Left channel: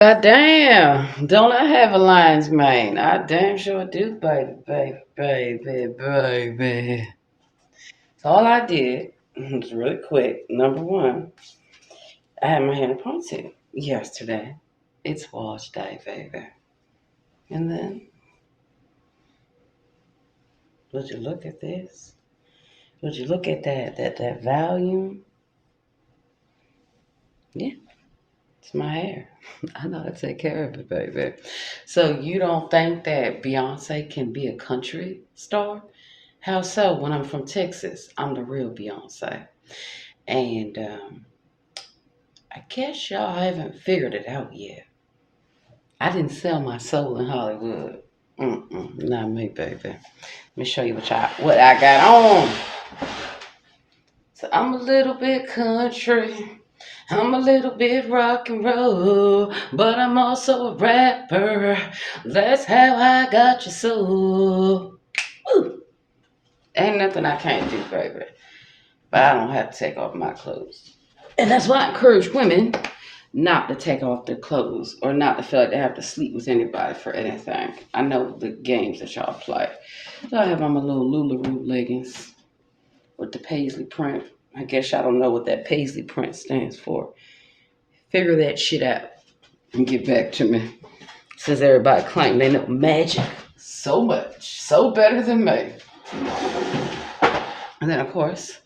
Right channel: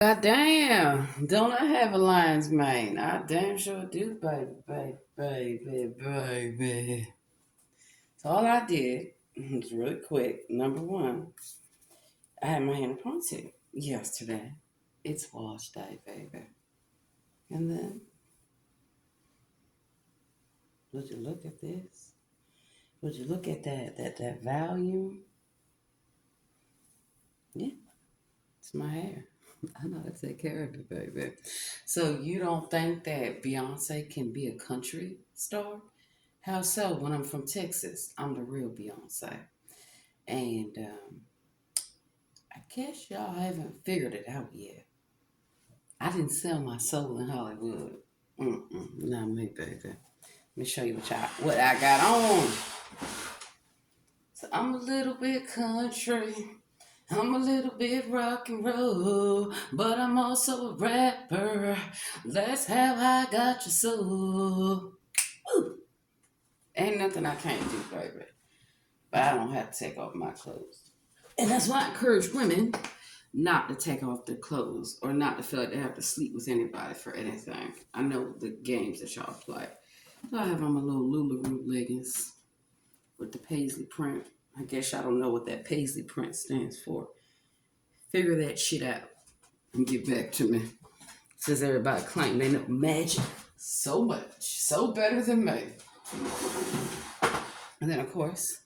God damn, don't I have a lion's mane? I damn sure do, baby, baby. So all I did was really quick. Number one, I had my hair in a ponytail yesterday. It's wash day, baby. And then, would you look at this? Would you look at that volume? Yeah, it's my hair. I know how to take care of it, baby. So you don't think that Beyonce can be a country star? How so? When I'm from Texas, I'm the real Beyonce. And I guess y'all haven't figured it out yet. I didn't sell my soul in Hollywood. Not me, baby. Let me show you what I got on. So I'm a little bit country. I'm a little bit rock and roll, but I'm also a rapper. That's how I got your soul. Woo. Ain't nothing I can't do, baby. But I don't have to take off my clothes. And that's why I encourage women not to take off their clothes or not to feel like they have to sleep with anybody for anything. I know the games that y'all play. So I have on my little Lularoe leggings with the paisley print. I guess y'all don't know what that paisley print stands for. Figure that shit out and get back to me. Since everybody claim they know magic so much, so better than me. And then, of course,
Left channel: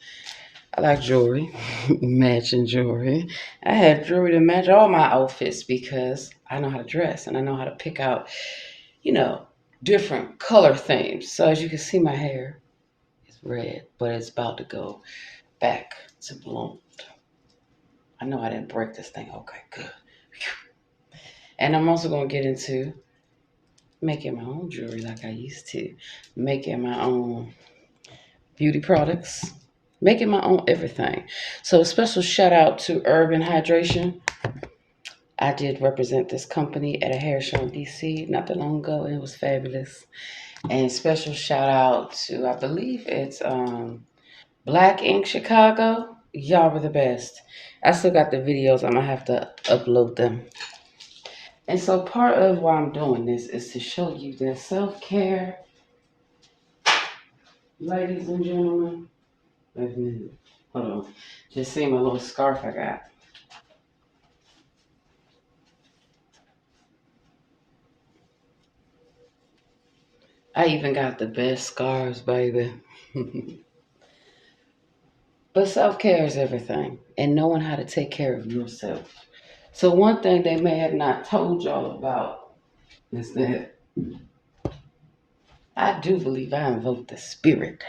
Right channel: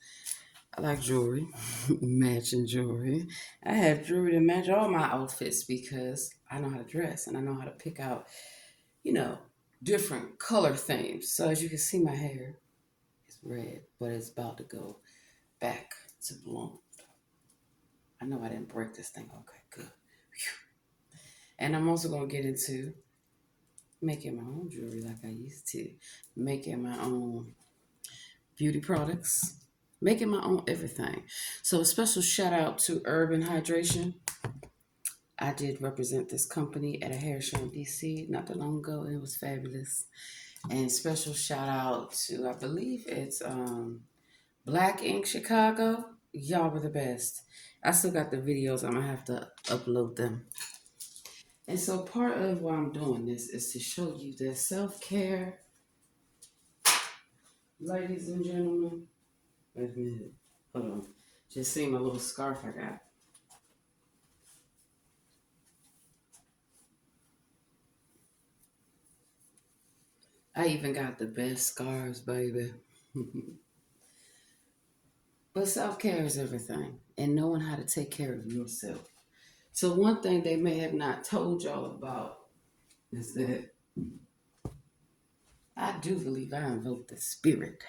I like jewelry, matching jewelry. I have jewelry to match all my outfits because I know how to dress and I know how to pick out, you know, different color themes. So as you can see, my hair is red, but it's about to go back to blonde. I know I didn't break this thing. Okay, good. And I'm also going to get into making my own jewelry like I used to, making my own beauty products, making my own everything. So a special shout out to Urban Hydration. I did represent this company at a hair show in DC not that long ago, and it was fabulous. And special shout out to, I believe it's Black Ink Chicago. Y'all were the best. I still got the videos. I'm gonna have to upload them. And so part of why I'm doing this is to show you that self care, ladies and gentlemen. Wait a minute. Hold on. Just see my little scarf I got. I even got the best scarves, baby. But self care is everything, and knowing how to take care of yourself. So, one thing they may have not told y'all about is that I do believe I invoke the spirit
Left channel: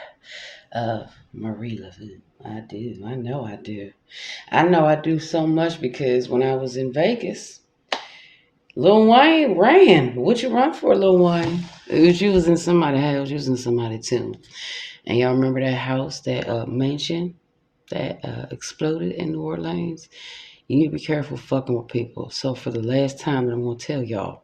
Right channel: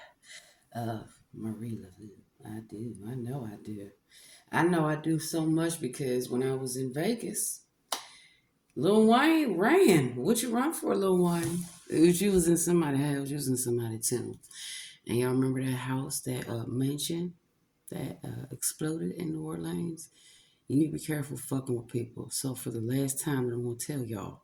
of Marie LaVue. I do. I know I do. I know I do so much because when I was in Vegas, Lil Wayne ran. What you run for, Lil Wayne? You was in somebody's house. You was in somebody's tomb. And y'all remember that house, that mansion that exploded in New Orleans? You need to be careful fucking with people. So for the last time, I'm gonna tell y'all,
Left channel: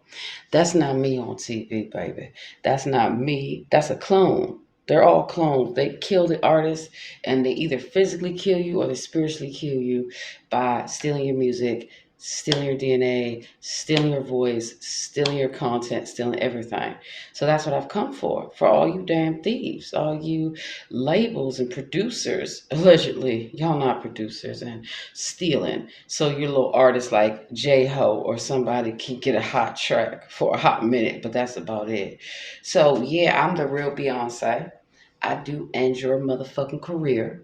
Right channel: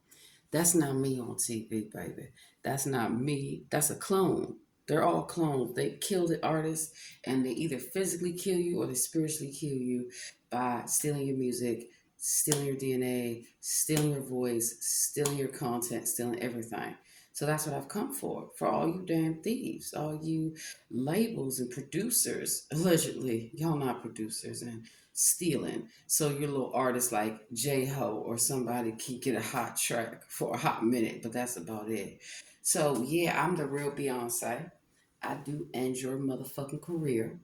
that's not me on TV, baby. That's not me. That's a clone. They're all clones. They kill the artist, and they either physically kill you or they spiritually kill you by stealing your music, stealing your DNA, stealing your voice, stealing your content, stealing everything. So that's what I've come for all you damn thieves, all you labels and producers, allegedly, y'all not producers, and stealing. So your little artists like J Ho or somebody can get a hot track for a hot minute, but that's about it. So yeah, I'm the real Beyonce. I do end your motherfucking career.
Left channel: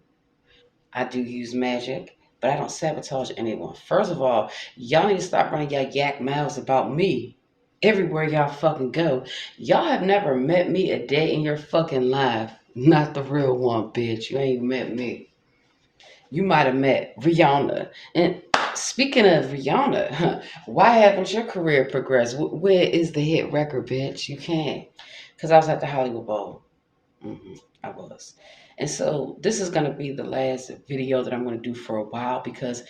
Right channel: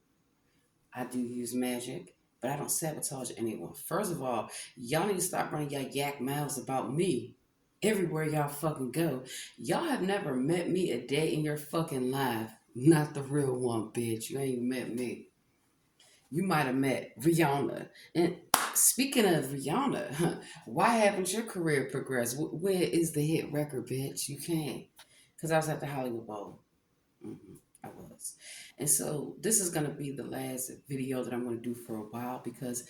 I do use magic, but I don't sabotage anyone. First of all, y'all need to stop running y'all yak mouths about me everywhere y'all fucking go. Y'all have never met me a day in your fucking life. Not the real one, bitch. You ain't met me. You might have met Rihanna. And speaking of Rihanna, why haven't your career progressed? Where is the hit record, bitch? You can't. Because I was at the Hollywood Bowl. I was. And so this is going to be the last video that I'm going to do for a while because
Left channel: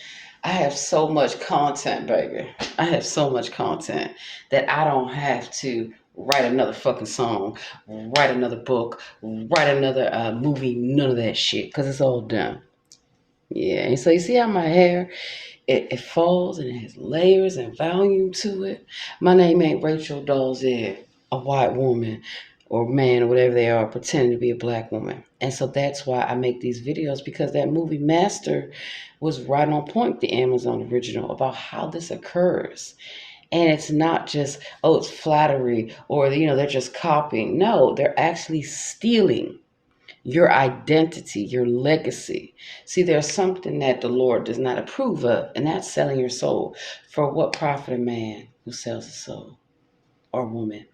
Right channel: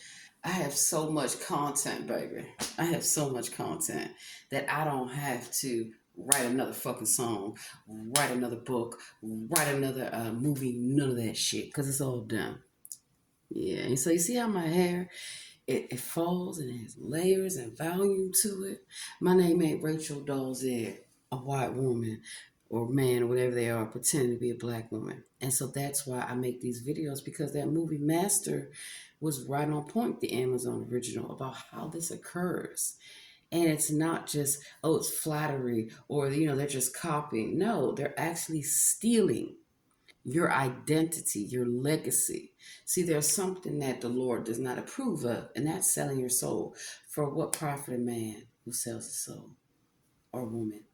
I have so much content, baby. I have so much content that I don't have to write another fucking song, write another book, write another movie, none of that shit because it's all done. Yeah, and so you see how my hair it falls and it has layers and volume to it. My name ain't Rachel Dolezal, a white woman or man or whatever they are, pretending to be a black woman. And so that's why I make these videos, because that movie Master was right on point, the Amazon original, about how this occurs. And it's not just, oh, it's flattery or, they're just copying. No, they're actually stealing your identity, your legacy. See, there's something that the Lord does not approve of, and that's selling your soul. For what profit a man who sells a soul, or woman?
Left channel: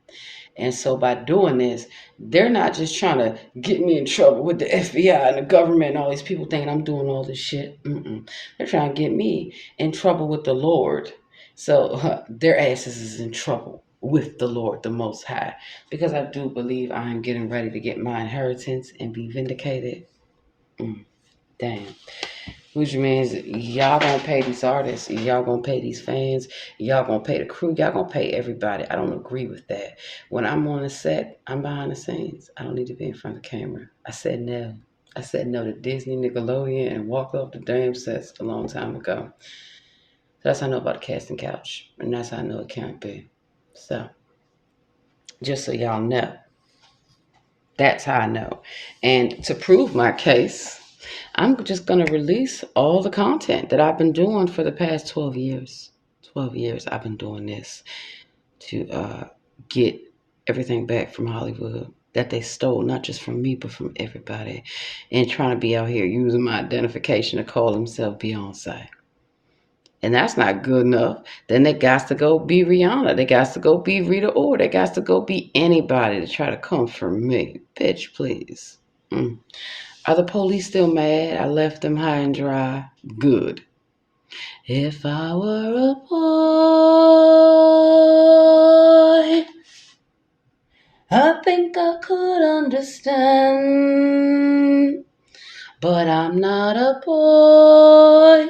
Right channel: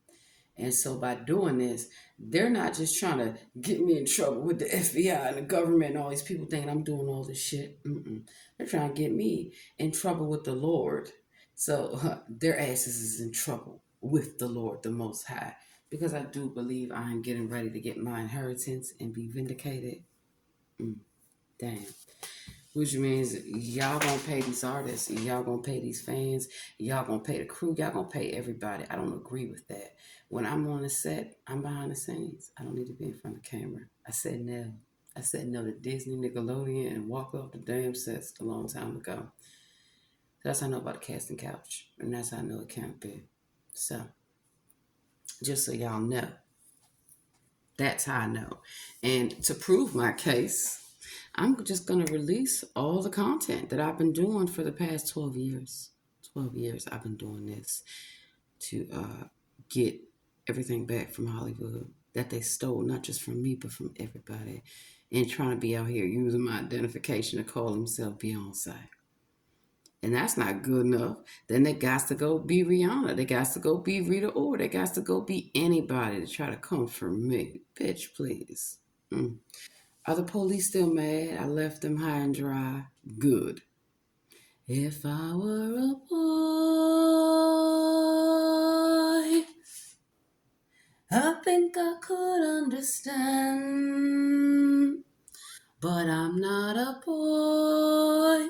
And so by doing this, they're not just trying to get me in trouble with the FBI and the government and all these people thinking I'm doing all this shit. They're trying to get me in trouble with the Lord. So their asses is in trouble with the Lord, the Most High, because I do believe I am getting ready to get my inheritance and be vindicated. Damn. Which means y'all gonna pay these artists, y'all gonna pay these fans, y'all gonna pay the crew, y'all gonna pay everybody. I don't agree with that. When I'm on the set, I'm behind the scenes. I don't need to be in front of the camera. I said no. I said no to Disney, Nickelodeon, and walked off the damn sets a long time ago. That's how I know about the casting couch, and that's how I know it can't be. So, just so y'all know, that's how I know. And to prove my case, I'm just going to release all the content that I've been doing for the past 12 years. 12 years I've been doing this to get everything back from Hollywood that they stole, not just from me, but from everybody. And trying to be out here using my identification to call himself Beyonce. And that's not good enough. Then they got to go be Rihanna. They got to go be Rita Ora. They got to go be anybody to try to come for me. Bitch, please. Are the police still mad? I left them high and dry. Good. If I were a boy, I think I could understand. But I'm not a boy,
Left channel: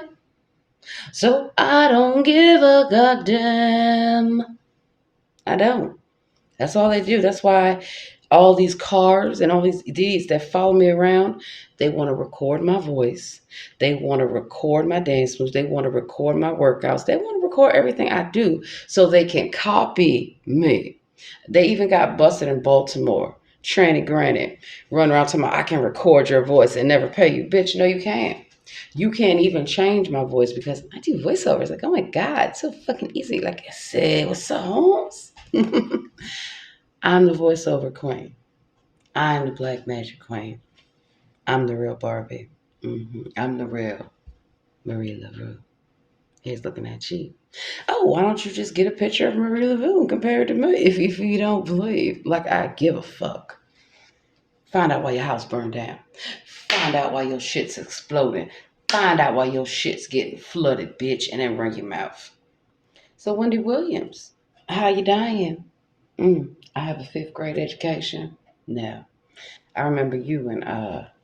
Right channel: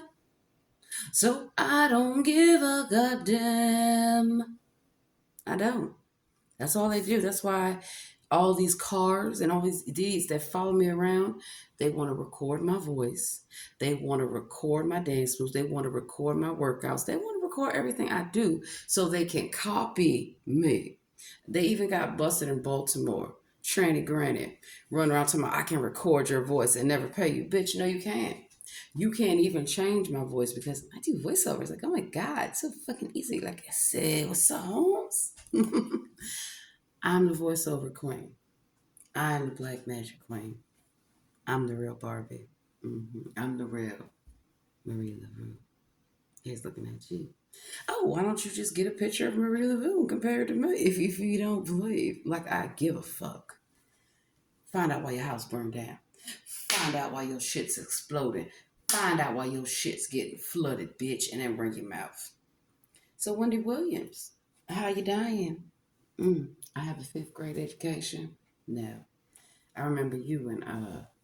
so I don't give a goddamn. I don't. That's all they do. That's why all these cars and all these idiots that follow me around, they want to record my voice. They want to record my dance moves. They want to record my workouts. They want to record everything I do so they can copy me. They even got busted in Baltimore. Tranny Granny run around talking about, I can record your voice and never pay you. Bitch, no, you can't. You can't even change my voice because I do voiceovers. Like, oh my God, it's so fucking easy. Like I said, what's up, Holmes? I'm the voiceover queen. I'm the black magic queen. I'm the real Barbie. I'm the real Marie LaRue. He's looking at you. Oh, why don't you just get a picture of Marie LaRue and compare it to me if you don't believe? Like, I give a fuck. Find out why your house burned down. Find out why your shit's exploding. Find out why your shit's getting flooded, bitch, and then run your mouth. So, Wendy Williams, how you dying? I have a fifth grade education. No. I remember you in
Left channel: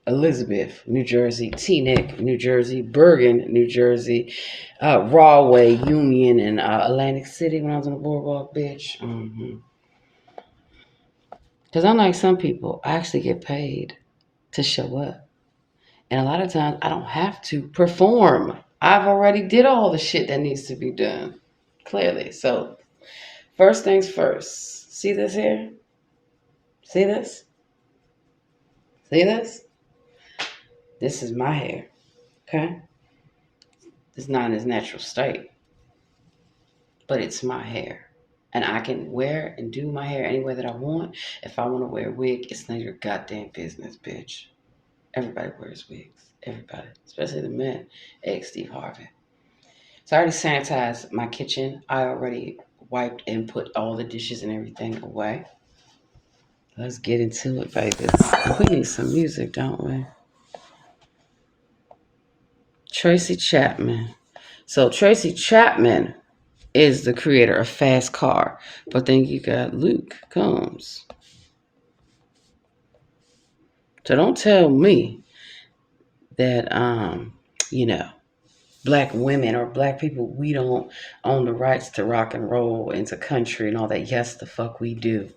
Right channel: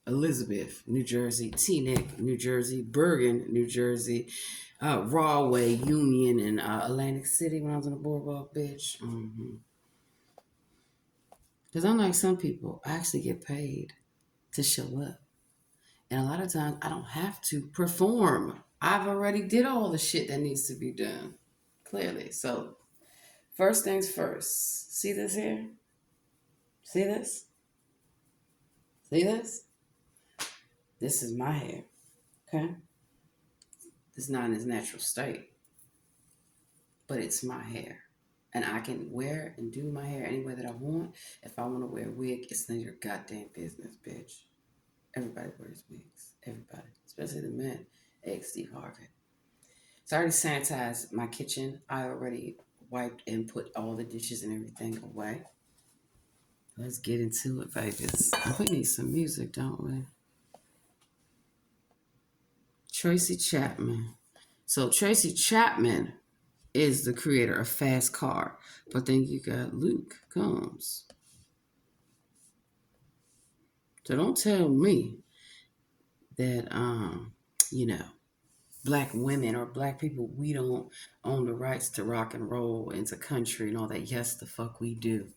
Elizabeth, New Jersey, Teaneck, New Jersey, Bergen, New Jersey, Rahway, Union, and Atlantic City when I was on the boardwalk, bitch. Because unlike some people, I actually get paid to show up. And a lot of times I don't have to perform. I've already did all the shit that needs to be done. Clearly. So first things first. See this here? See this? See this? This is my hair. Okay? It's not in its natural state. But it's my hair. And I can wear and do my hair any way that I want. If I want to wear a wig, it's none of your goddamn business, bitch. Everybody wears wigs. Everybody. Especially the men. Ex Steve Harvey. So I already sanitized my kitchen. I already wiped and put all the dishes and everything away. Let's get into it, babies. We need some music, don't we? Tracy Chapman. So Tracy Chapman is the creator of Fast Car. But then you got Luke Combs. So don't tell me that you know, black women or black people, we don't own the rights to rock and roll and to country and all that. Yes, the fuck we do.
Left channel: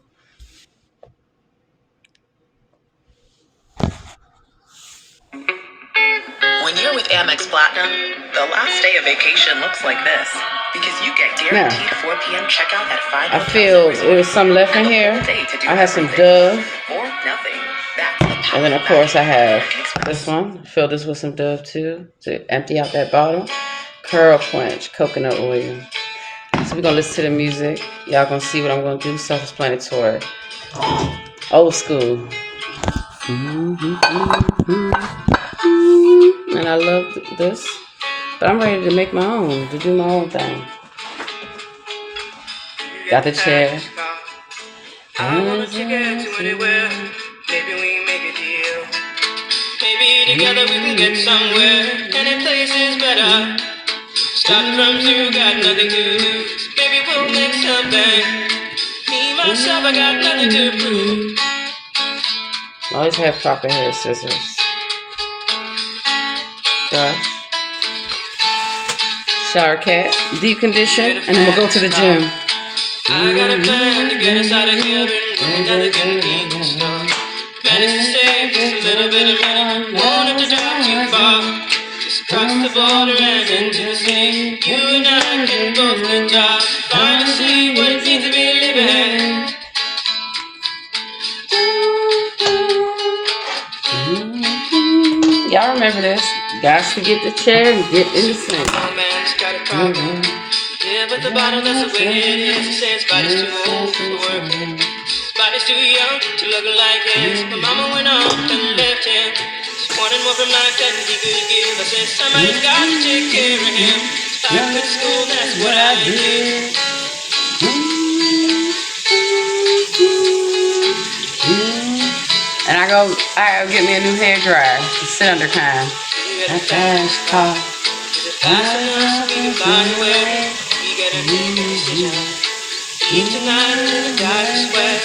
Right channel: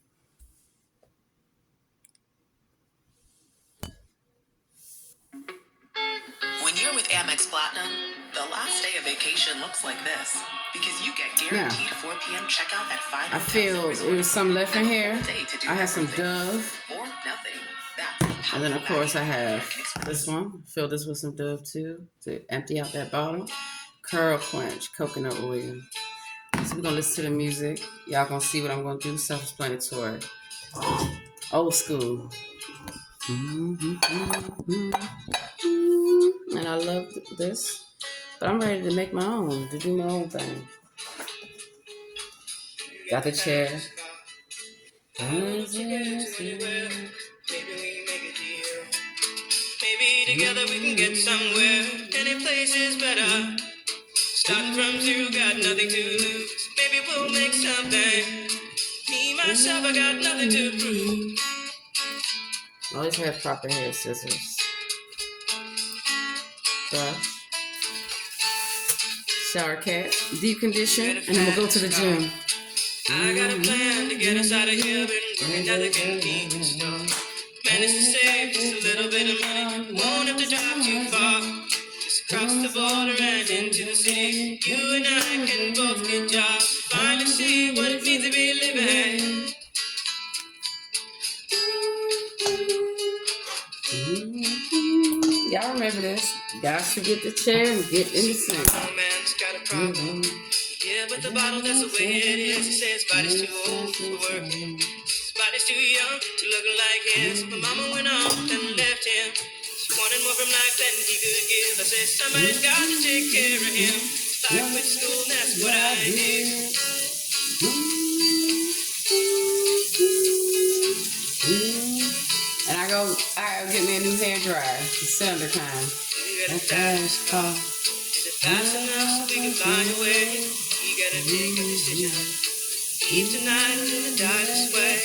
Amex Platinum, the last day of vacation looks like this. Because you get guaranteed 4 p.m. checkout at 5 I feel there was some left in here. I have some Dove. Or nothing. That's and then, of course, I have this one. Fill this with some Dove, too, to empty out that bottle. Curl Quench, coconut oil. So we're going to listen to the music. Y'all going to see what I'm going to do. Self-explanatory. Old school. And I love this. But I'm ready to make my own, to do my own thing. Got the chair. I wanna take it to anywhere. Maybe we make a deal. Maybe together we can get somewhere. Any place is better. Starting from zero, got nothing to lose. Maybe we'll make something. Me, myself, I got nothing to prove. Always have proper hair scissors. Brush. Shower cap. Deep condition. And then we'll go to the gym. I got a plan to get us out of here and another convenience store. Managed to save just a little bit of money. Won't have to drive too far. Just across the border and into the city. You and I can both get jobs. Finally see what it means to be living. Y'all remember this? Got to get the chair and get in the sink. My man's got a problem. Yeah, but the bottle, that's the way it is. He says body's too old for work. His body's too young to look like his. My mama went off and left him. She wanted more from life than he could give. I said somebody's got to take care of him. So I quit school, that's what I did. And I go get me a new hair dryer to sit under kind. You got a fast car. Is it fast enough so we can fly away? We gotta make a decision. Eat tonight till the die sweat.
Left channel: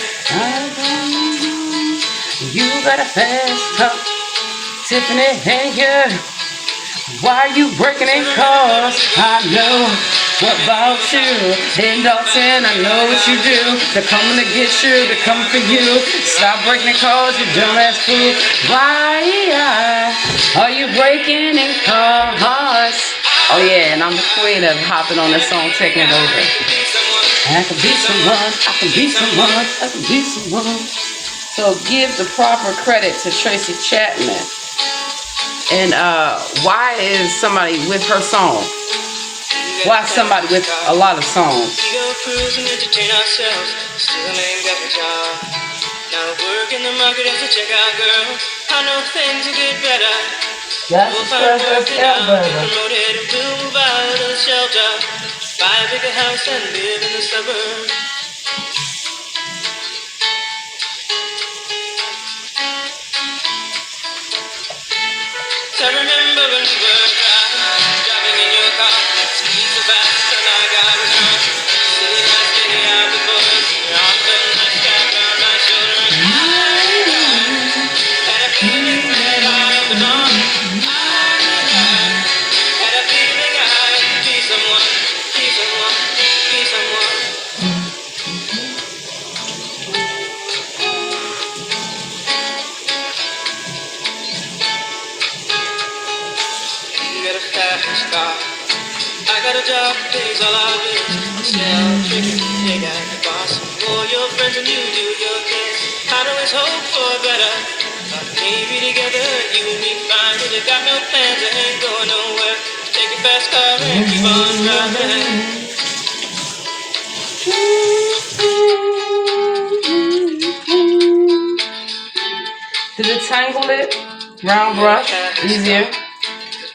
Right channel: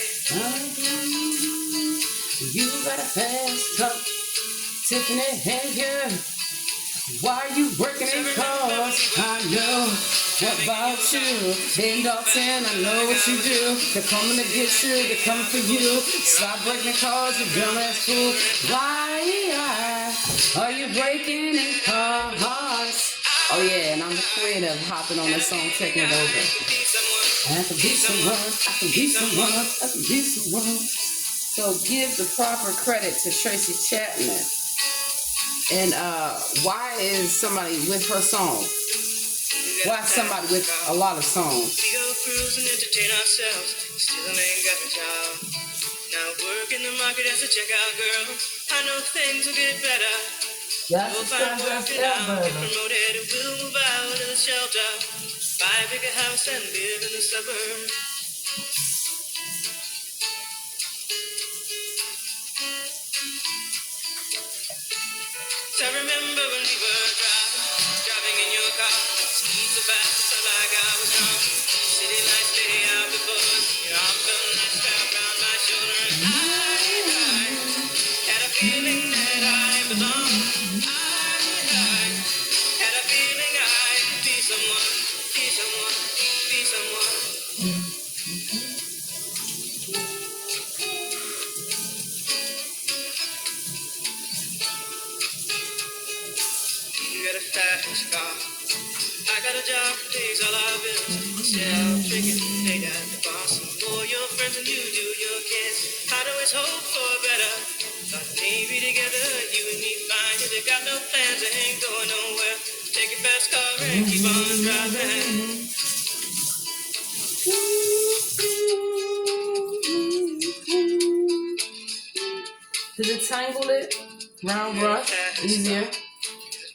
You got a fast car, Tiffany Hanger. Why are you breaking in cars? I know about you. In Dalton, I know what you do. They're coming to get you, they're coming for you. Stop breaking in cars, you dumbass fool. Why are you breaking in cars? Oh yeah, and I'm the queen of hopping on this song, taking it over. I can be someone, I can be someone, I can be someone. So give the proper credit to Tracy Chapman. And why is somebody with her song? Why is somebody with a lot of songs? We go cruise and entertain ourselves. Still ain't got the job. Now work in the market as a checkout girl. I know things will get better. We'll find work it out. Get promoted and we'll move out of the shelter. Buy a bigger house and live in the suburbs. I remember when we were driving in your car. Speed so fast and I got it wrong. City lights getting out before us. You're off the night strap on my shoulder. And I had a feeling that I belong. I had a feeling I'd be someone, be someone, be someone. You got a fast car. I got a job, pays all our bills. Sell chicken, they got the boss. More your friends than you do your kids. I'd always hope for better. Thought maybe together you and me find it. I got no plans, I ain't going nowhere. Take a fast car and keep on driving. Did it tangle it? Round brush, easier.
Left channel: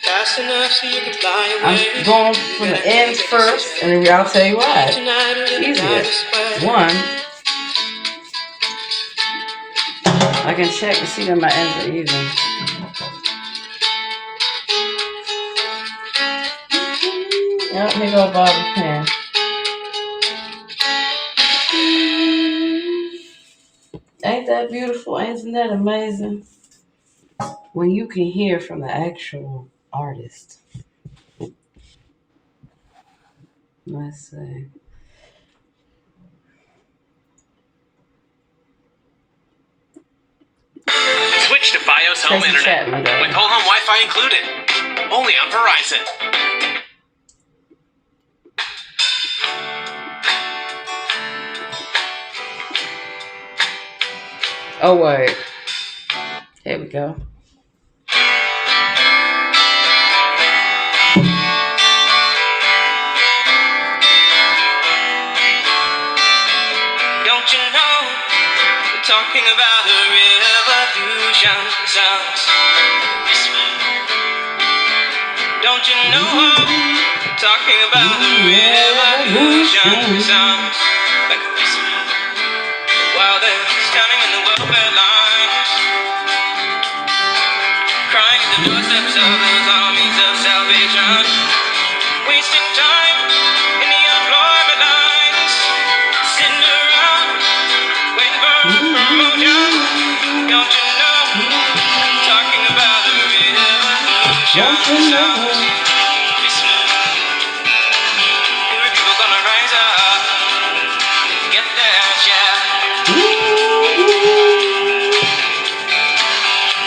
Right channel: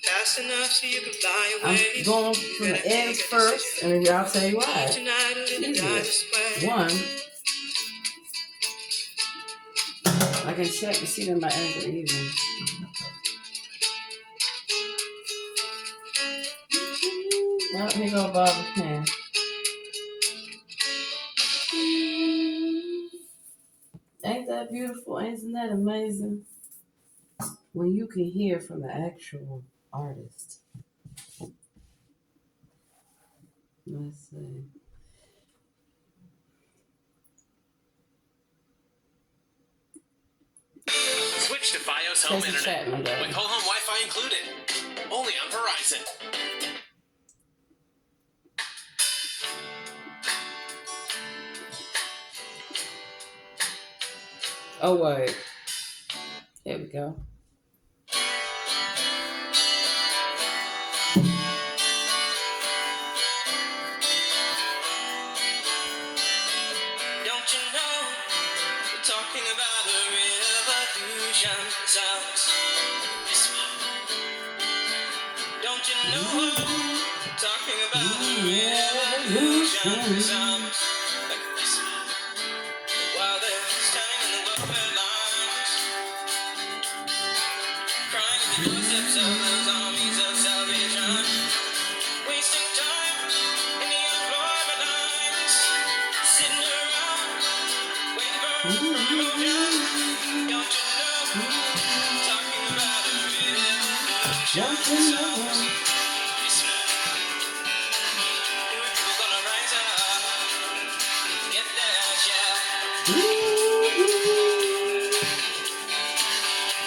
Fast enough so you can fly away. I'm going from the ends first, and then I'll tell you why. Easier. One, I can check to see that my ends are even. Yep, here go Bobby Pin. Ain't that beautiful? Isn't that amazing? When you can hear from the actual artist. Let's see. Switch to Fios Home Tracy Internet Chapman, with whole home Wi-Fi included. Only on Verizon. Oh, wait. Here we go. Don't you know we're talking about a revolution sounds. Don't you know we're talking about a revolution sounds like this. While they're standing in the welfare lines, crying at the doorsteps of those armies of salvation, wasting time in the unemployment lines, sitting around waiting for a promotion. Don't you know? Talking about the revolution sounds. Poor people gonna rise up, get their share.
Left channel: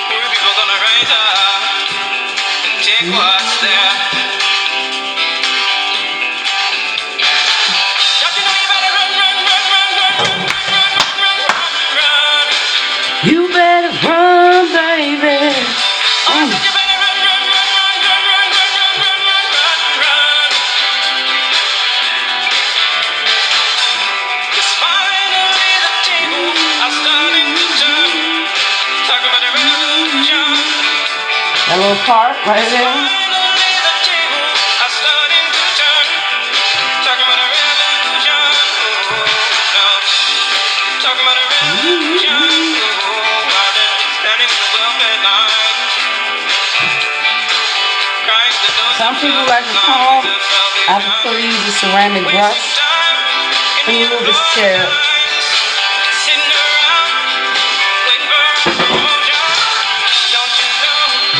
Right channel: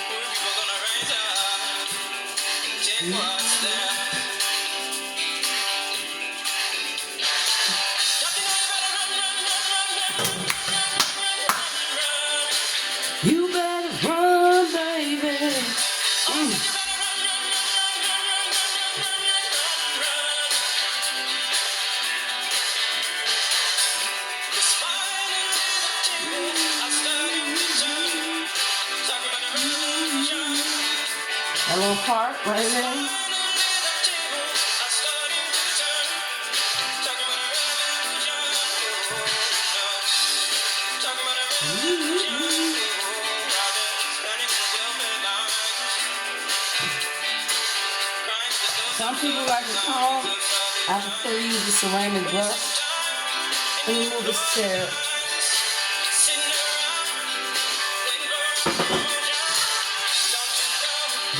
Poor people gonna rise up and take what's there. Don't you know you better run, run, run, run, run, run, run, run, run, run. You better run, baby. I said you better run, run, run, run, run, run, run, run, run, run, run. 'Cause finally the tables are starting to turn. Talk about a revolution. That little part right there. Finally the tables are starting to turn. Talk about a revolution. Oh, no. Talk about a revolution. Oh, while they're standing in the welfare line. Crying to those Some people like to comb. I prefer to use a ceramic brush. Let me move this chair.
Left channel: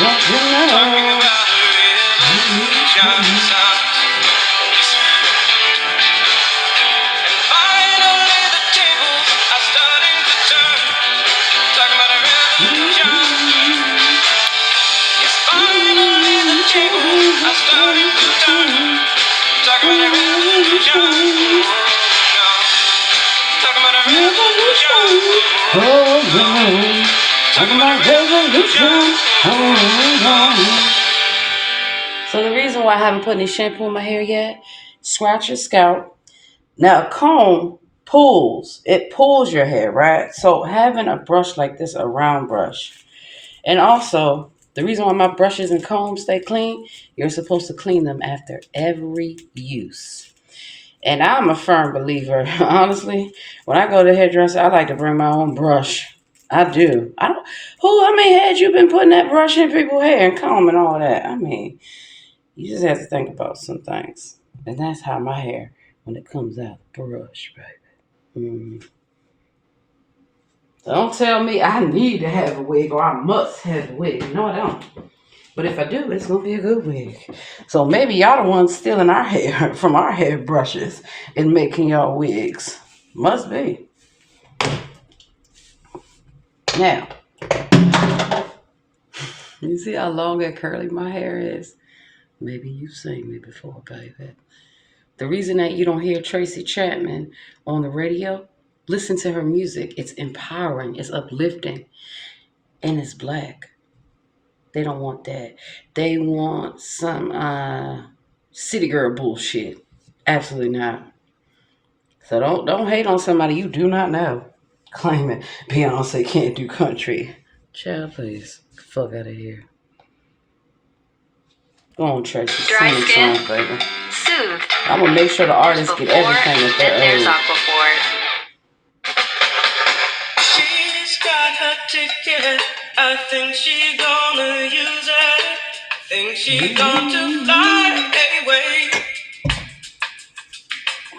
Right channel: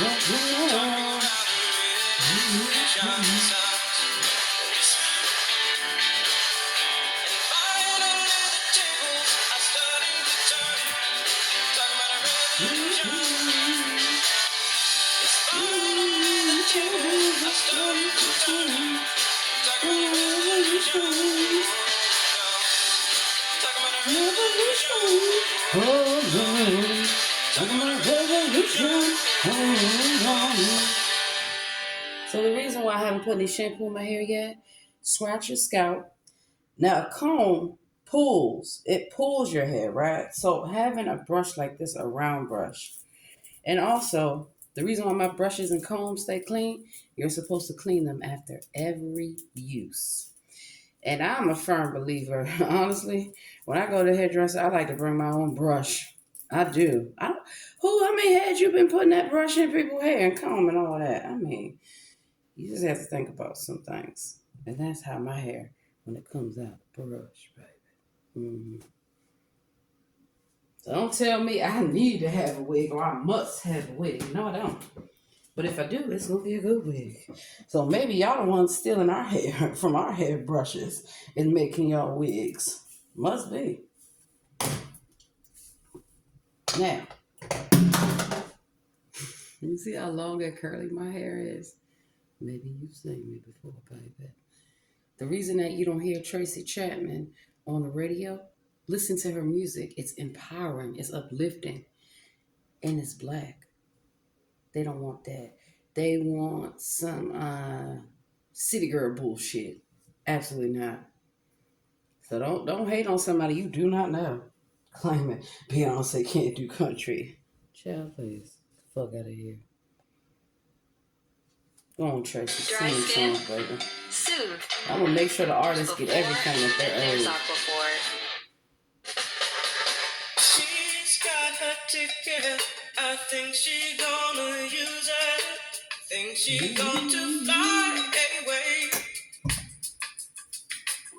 Don't you know? Talking about revolution. So the reason why I haven't put any shampoo in my hair yet, scratch your scalp. Now a comb pulls. It pulls your hair, right? So having a brush like this, a round brush. And also, the reason why my brushes and combs stay clean, you're supposed to clean them after every use. And I'm a firm believer, honestly. When I go to the hairdresser, I like to bring my own brush. I do. How many heads you been putting that brush in people's hair and comb and all that? I mean, you just have to think about some things. And that's how my hair, when it comes out, brush, baby. So don't tell me I need to have a wig or I must have a wig. No, I don't. But if I do, it's going to be a good wig. So maybe y'all the ones stealing our hair from our hair brushes and making y'all wigs. Must be. Now, you see how long and curly my hair is? Maybe you've seen me before, baby. The reason that you don't hear Tracy Chapman on the radio, listen to her music. It's empowering, it's uplifting, and it's black. They don't want that. They want some city girl bullshit. Absolutely not. So don't hate on somebody you do not know. Claiming Beyonce can't do country. Child, please. Fuck out of here. Go on, Tracy. Dry Sing skin? songs, baby. Soothe. I'm gonna make sure the artists get everything that Then there's they're owed. Aquaphor. She's got her ticket. I think she gonna use it. Think she going to fly away.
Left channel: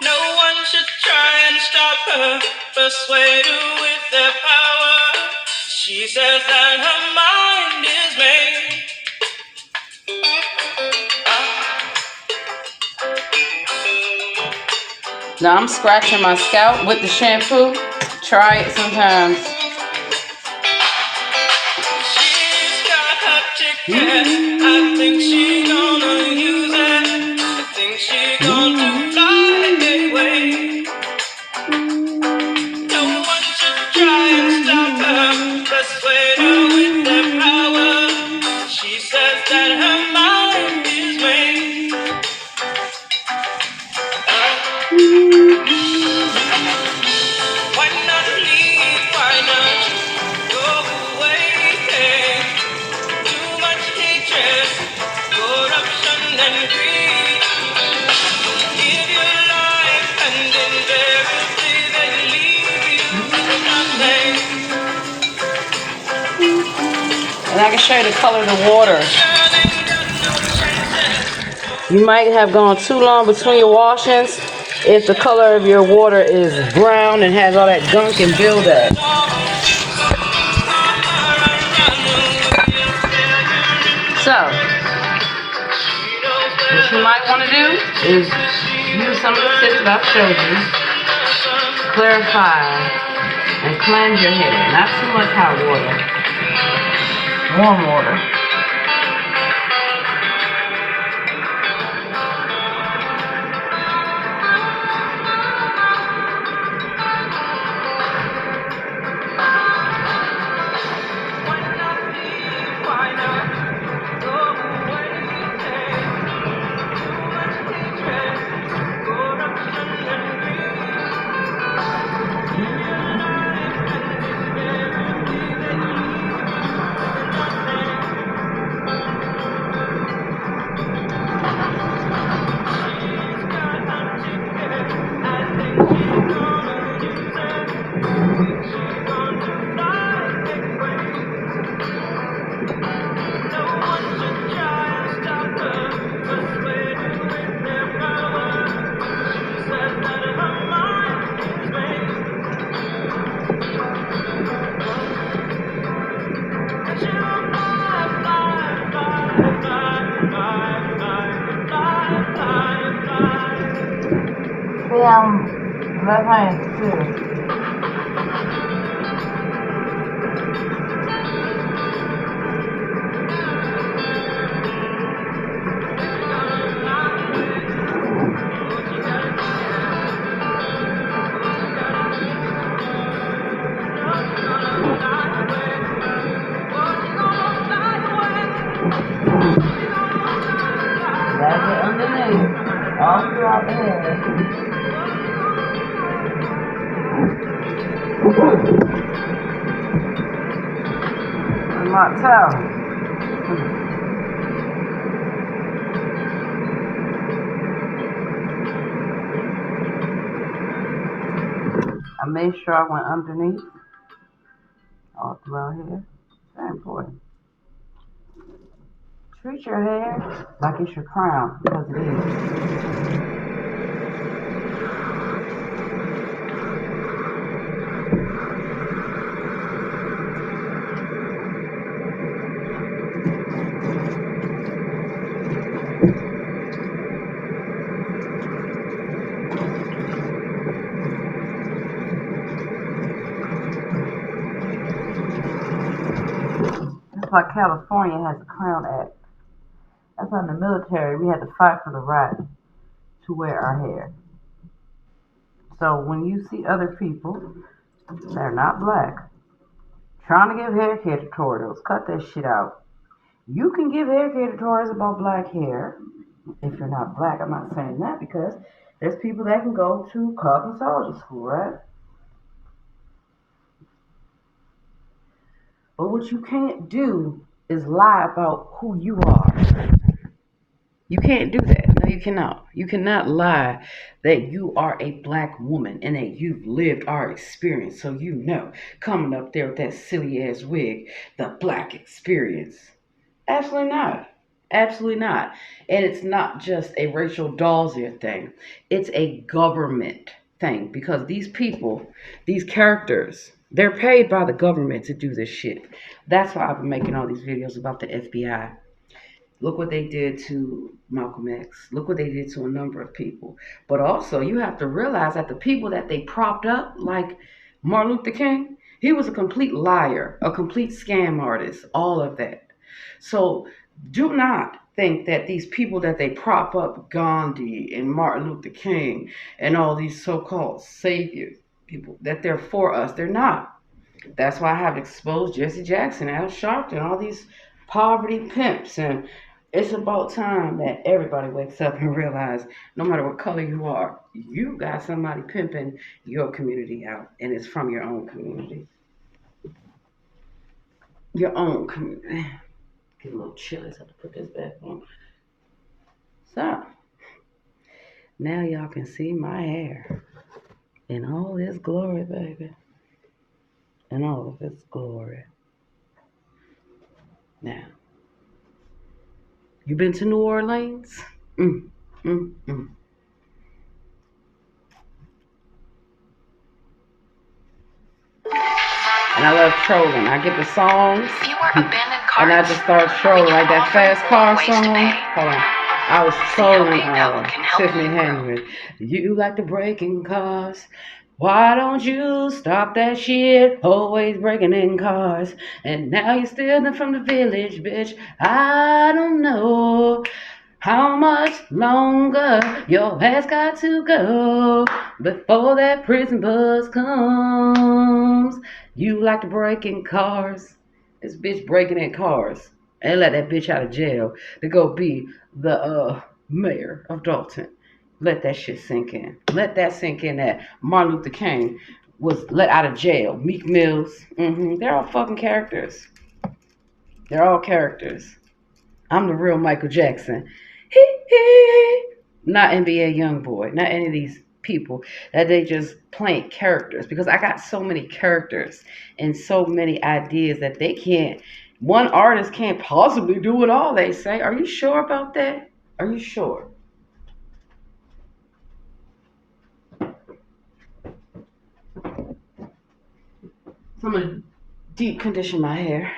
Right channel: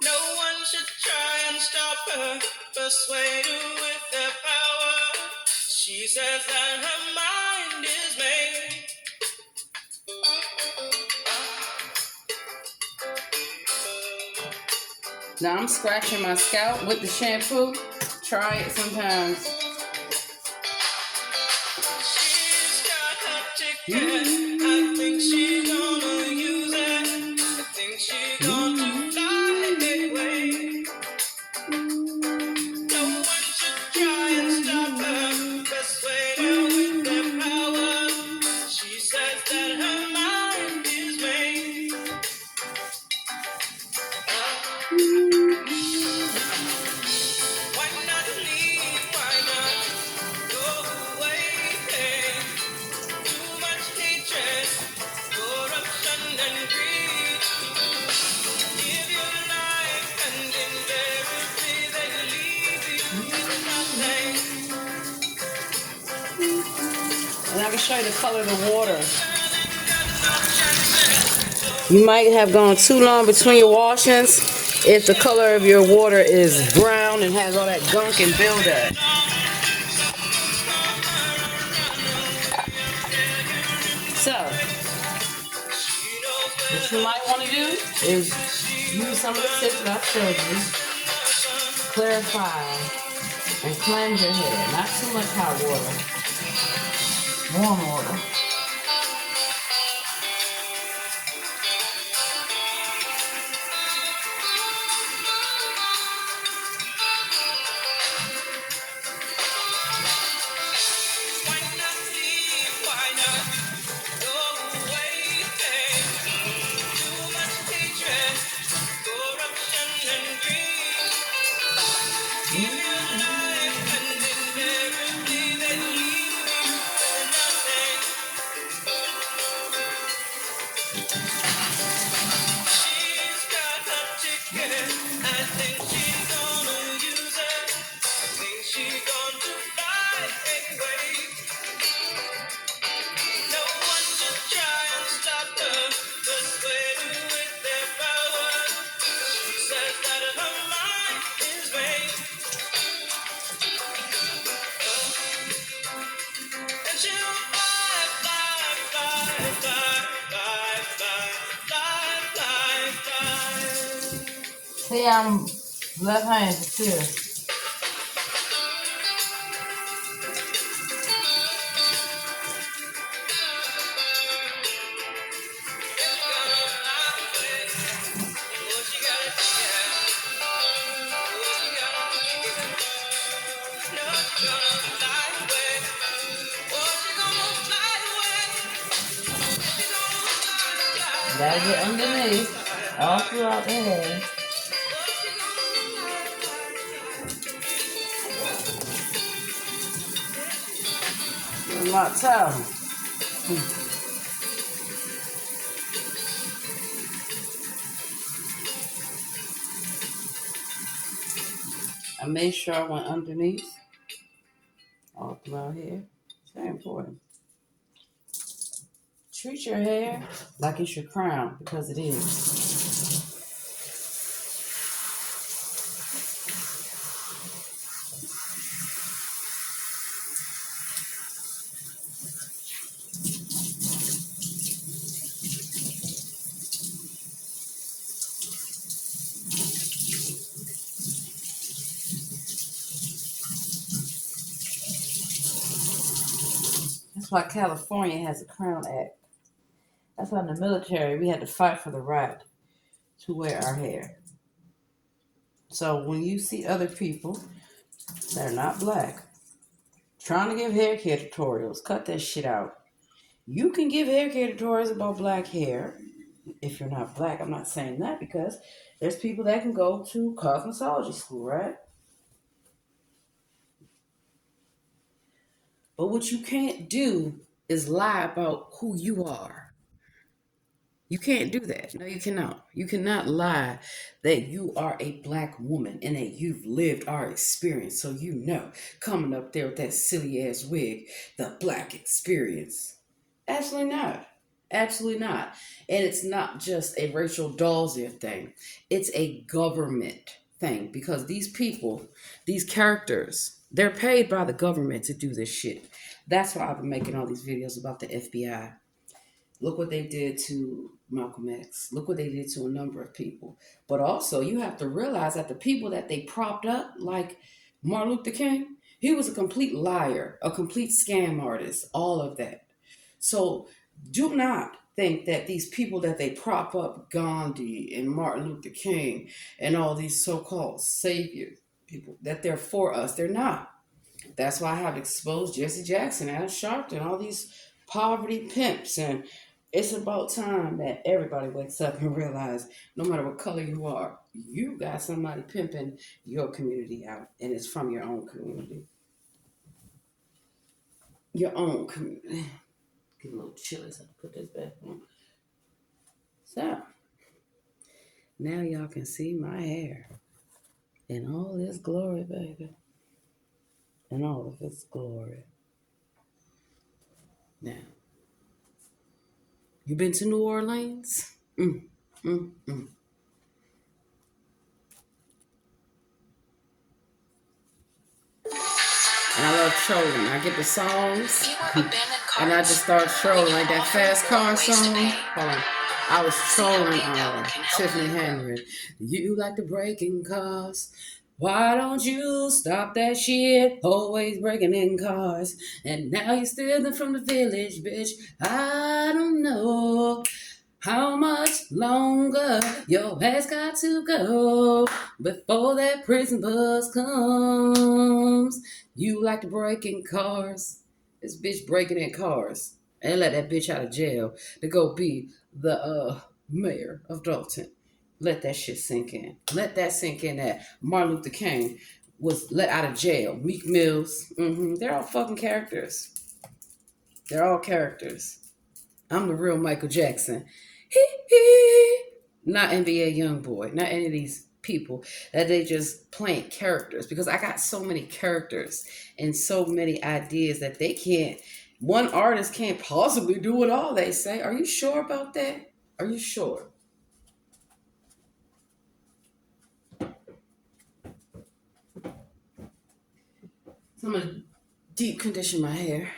No one should try and stop her. Persuade her with their power. She says that her mind is made. Now I'm scratching my scalp with the shampoo. Try it sometimes. She's got her ticket. I think she's gonna use it. I think she's gonna fly away. No one should try and stop her. Persuade her with their power. She says that her mind is made. Why not leave? Why not go away? Too much hatred, corruption, and greed. Give your life, and invariably they leave you with nothing. And I can show you the color of the water. You might have gone too long between your washings if the color of your water is brown and has all that gunk and buildup. So, what you might want to do is use some of the tips that I've showed you, clarify, and cleanse your hair. Not too much hot water, warm water. See, left hand too. Gotta get underneath, all throughout the head. Martel. I made sure I went underneath, all throughout here. It's very important. Treat your hair like it's your crown, because it is. That's why California has a Crown Act. That's why in the military we had to fight for the right to wear our hair. So when you see other people that are not black trying to give hair care tutorials, cut that shit out. You can give hair care tutorials about black hair if you're not black. I'm not saying that because there's people that can go to cosmetology school, right? But what you can't do is lie about who you are. You can't do that. No, you cannot. You cannot lie that you are a black woman and that you've lived our experience. So you know, coming up there with that silly ass wig, the black experience. Absolutely not. Absolutely not. And it's not just a Rachel Dolezal thing. It's a government thing because these people, these characters, they're paid by the government to do this shit. That's why I've been making all these videos about the FBI. Look what they did to Malcolm X. Look what they did to a number of people. But also, you have to realize that the people that they propped up, like Martin Luther King, he was a complete liar, a complete scam artist, all of that. So do not think that these people that they prop up, Gandhi and Martin Luther King and all these so-called savior people, that they're for us. They're not. That's why I have exposed Jesse Jackson, Al Sharpton, all these poverty pimps. And it's about time that everybody wakes up and realize no matter what color you are, you got somebody pimping your community out. And it's from your own community. Your own community. Get a little chilly, so I have to put this back on. So now y'all can see my hair in all its glory, baby. In all of its glory. Now, you been to New Orleans? Mm, mm. And I love trolling. I get the songs and I just start trolling like that fast car song. Hold on. I was trolling Tiffany Henry. You like to break in cars. Why don't you stop that shit? Always breaking in cars. And now you're stealing from the village, bitch. I don't know how much longer your ass got to go before that prison bus comes. You like to break in cars. This bitch breaking in cars. And let that bitch out of jail to go be the mayor of Dalton. Let that shit sink in. Let that sink in that Martin Luther King was let out of jail. Meek Mills. They're all fucking characters. They're all characters. I'm the real Michael Jackson. Not NBA Youngboy. Not any of these people that they just playing characters, because I got so many characters and so many ideas that they can't. One artist can't possibly do it all. They say. Are you sure about that? Are you sure? So I'm gonna deep condition my hair.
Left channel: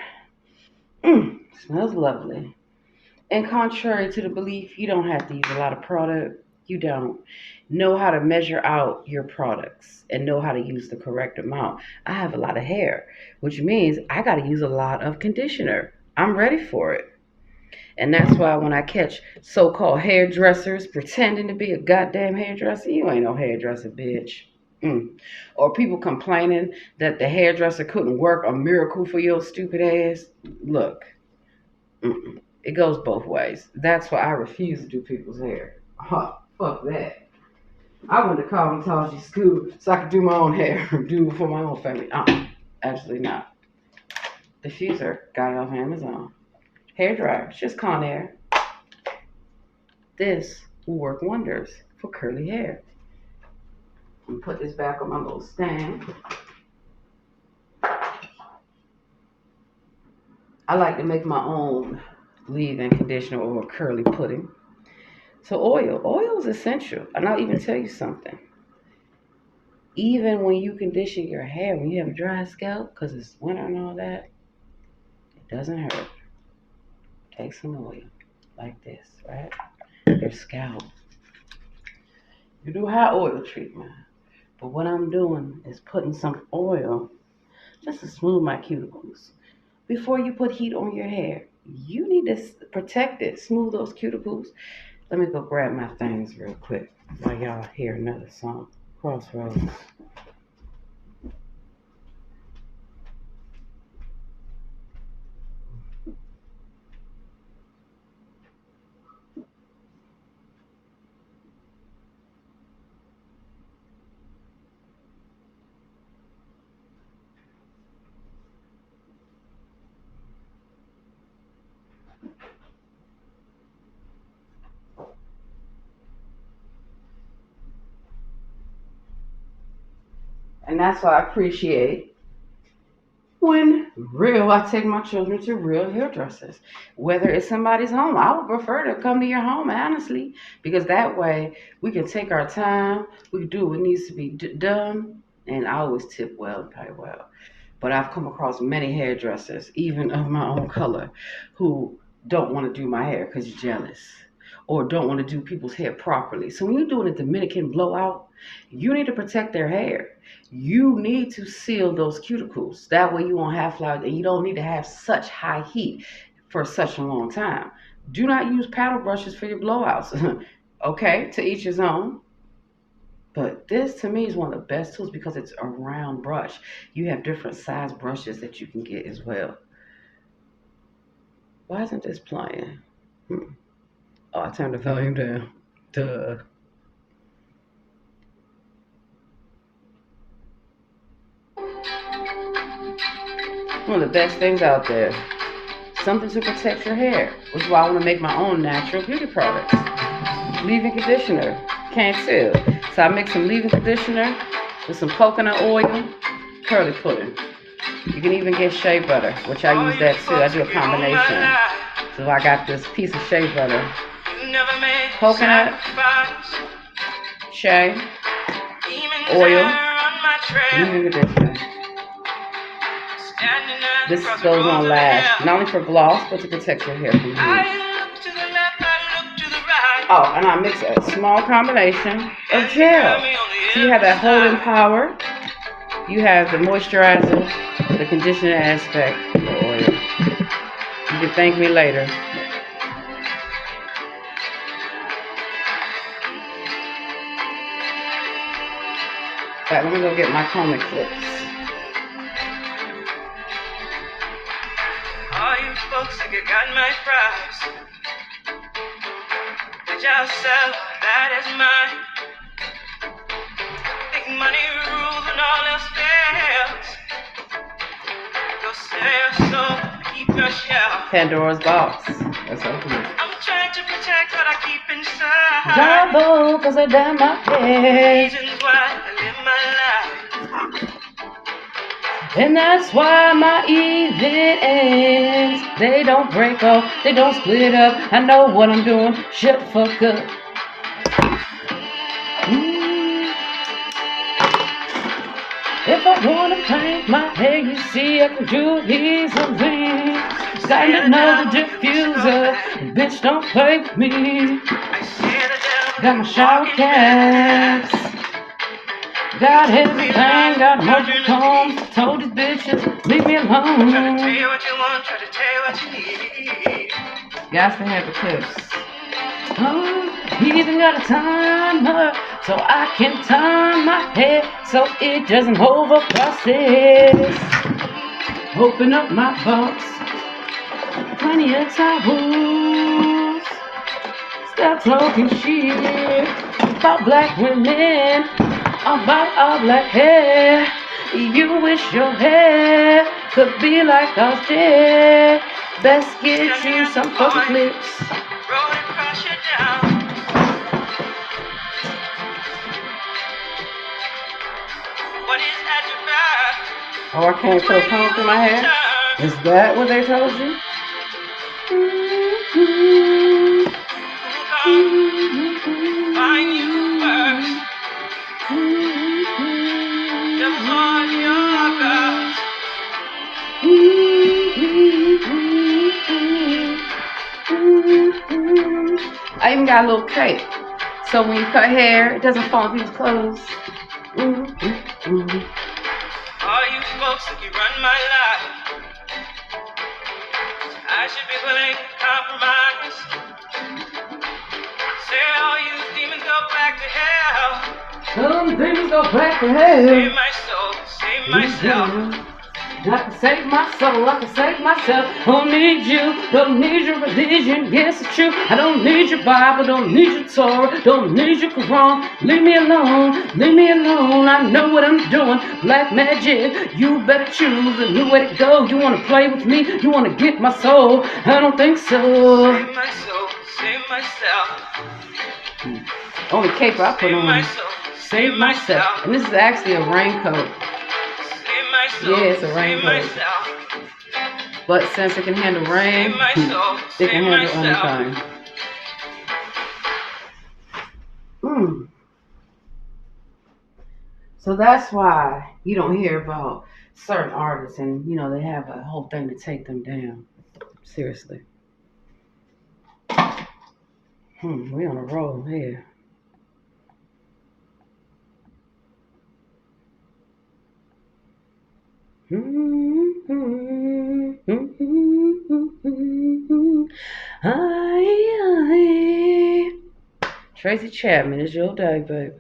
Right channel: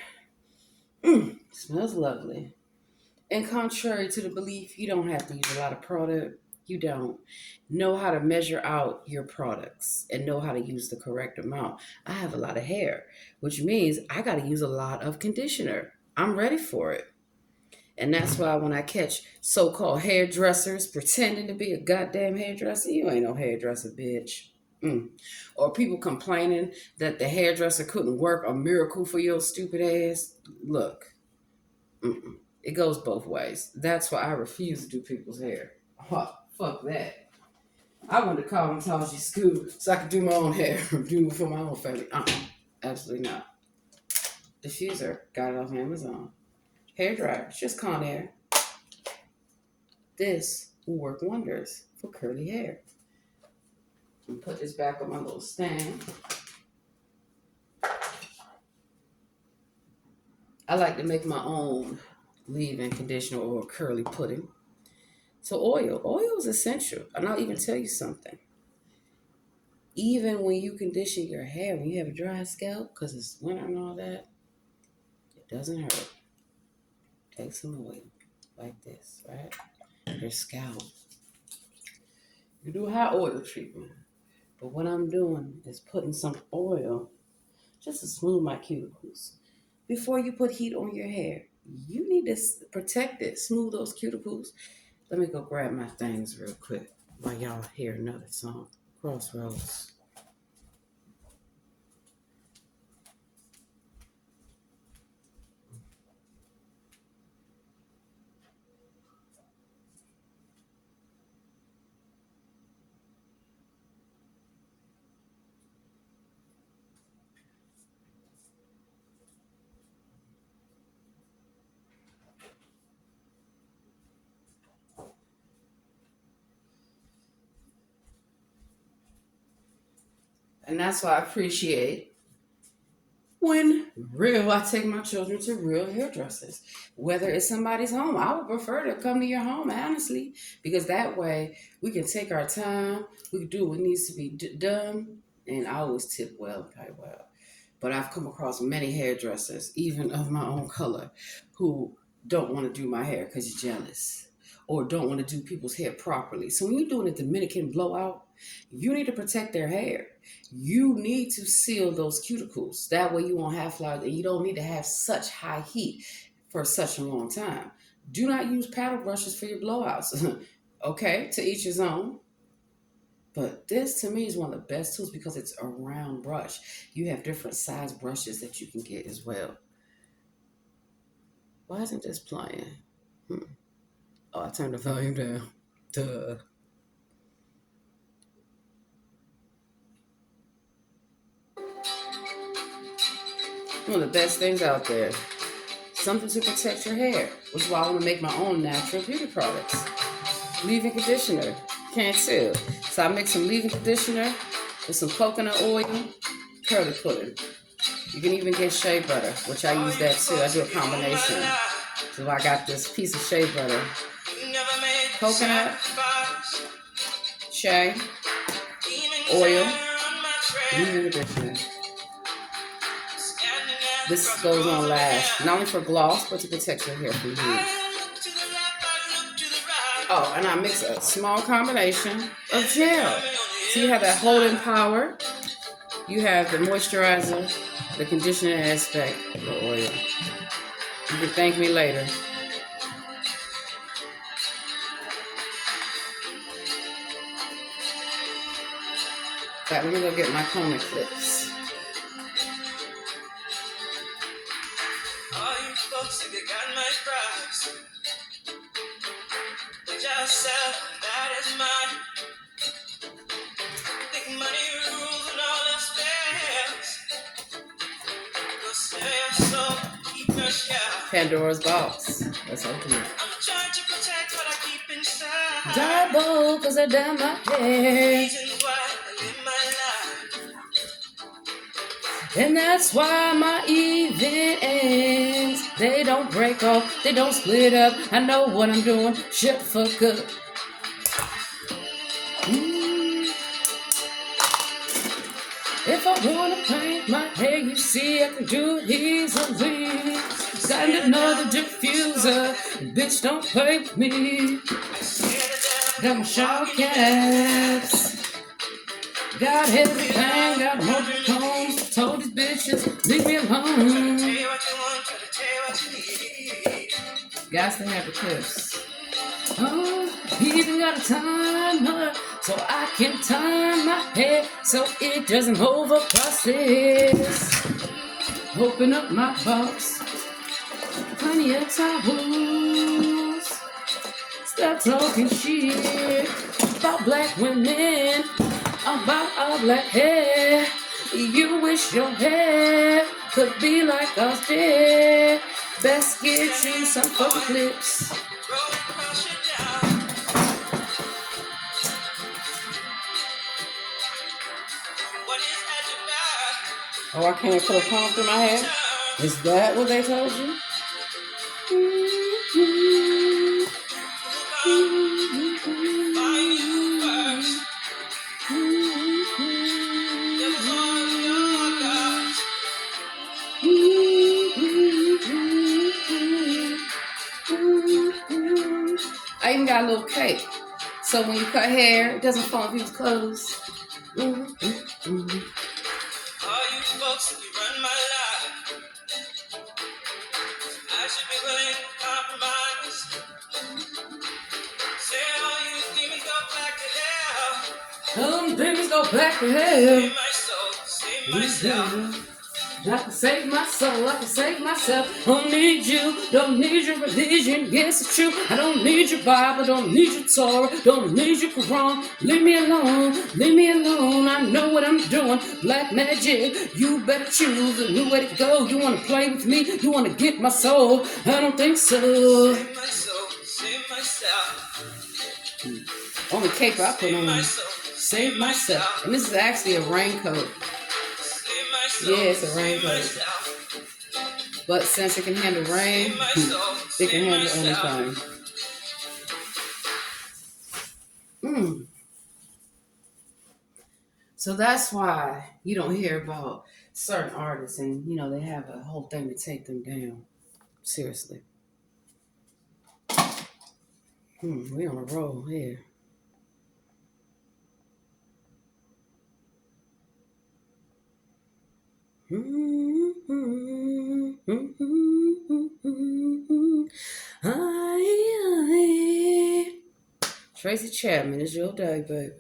Smells lovely. And contrary to the belief, you don't have to use a lot of product. You don't. Know how to measure out your products and know how to use the correct amount. I have a lot of hair, which means I got to use a lot of conditioner. I'm ready for it. And that's why when I catch so called hairdressers pretending to be a goddamn hairdresser, you ain't no hairdresser, bitch. Mm. Or people complaining that the hairdresser couldn't work a miracle for your stupid ass. Look, it goes both ways. That's why I refuse to do people's hair. Huh, fuck that. I went to cosmetology school so I could do my own hair, do it for my own family. Absolutely not. Diffuser, got it off Amazon. Hair dryer, it's just Conair. This will work wonders for curly hair. I'm gonna put this back on my little stand. I like to make my own leave-in conditioner or curly pudding. So oil is essential. And I'll even tell you something. Even when you condition your hair, when you have a dry scalp, because it's winter and all that, it doesn't hurt. Take some oil like this, right? Your scalp. You do hot oil treatment. But what I'm doing is putting some oil just to smooth my cuticles. Before you put heat on your hair, you need to protect it, smooth those cuticles. Let me go grab my things real quick while y'all hear another song, Crossroads. And that's why I appreciate when I take my children to real hairdressers. Whether it's somebody's home, I would prefer to come to your home, honestly, because that way we can take our time, we can do what needs to be done, and I always tip well and pay well. But I've come across many hairdressers, even of my own color, who don't want to do my hair because you're jealous or don't want to do people's hair properly. So when you're doing a Dominican blowout, you need to protect their hair. You need to seal those cuticles. That way you won't have flowers and you don't need to have such high heat. for such a long time. Do not use paddle brushes for your blowouts. Okay, to each his own. But this to me is one of the best tools because it's a round brush. You have different size brushes that you can get as well. Why isn't this playing? Hmm. Oh, I turned the volume down. Duh. One of the best things out there. Something to protect your hair, which is why I want to make my own natural beauty products. Leave-in conditioner. Can't tell. So I mix some leave-in conditioner with some coconut oil, curly pudding. You can even get shea butter, which I use that too. I do a combination. So I got this piece of shea butter, coconut, shea, oil, leave-in conditioner. This goes on last, not only for gloss, but to protect your hair from heat. Oh, and I mix a small combination of gel. So you have that holding power, you have the moisturizer, the conditioner aspect, the oil. You can thank me later. In fact, let me go get my comb clips. All you folks think you got my prize. Did y'all sell that is mine? Think money rules and all else fails. Go sell your soul, keep your shell. Pandora's box. That's open. I'm trying to protect what I keep inside. Double, cause I done my hair. Reasons why I live my life. And that's why my event ends. They don't break off, they don't split up. I know what I'm doing, shut the fuck up. If I wanna paint my hair, you see I can do it easily. Gotta know the diffuser, bitch don't play with me. Got my shower caps. Got everything, got multiple combs. Told these bitches, leave me alone. Try to tell you what you want, try to tell you what you need. Got to have the clips. Oh, he even got a timer, so I can time my hair so it doesn't over process. Open up my box, plenty of towels. Stop talking shit about black women. About all black hair. You wish your hair could be like ours dead. Best get you some fucking clips. Oh, I can't put a comb through my hair? Is that what they told you? I even got a little cape. So when you cut hair, it doesn't fall on people's clothes. All you folks think you run my life. I should be willing to compromise. Say all you demons go back to hell. Demons go back to hell. Save my soul, save myself. I can save my soul, I can save myself. Don't need you, don't need your religion. Yes, it's true. I don't need your Bible, don't need your Torah, don't need your Quran. Leave me alone, leave me alone. I know what I'm doing. Black magic, you better choose a new way to go. You wanna play with me? You wanna get my soul? I don't think so. Save my soul, save myself. Only cape I put on. Save myself. And this is actually a raincoat. Yeah, it's a raincoat. But since it can handle rain, it can handle anything. So that's why you don't hear about certain artists and, they have a whole thing to take them down. Seriously. We on a roll here. Tracy Chapman is your day, baby.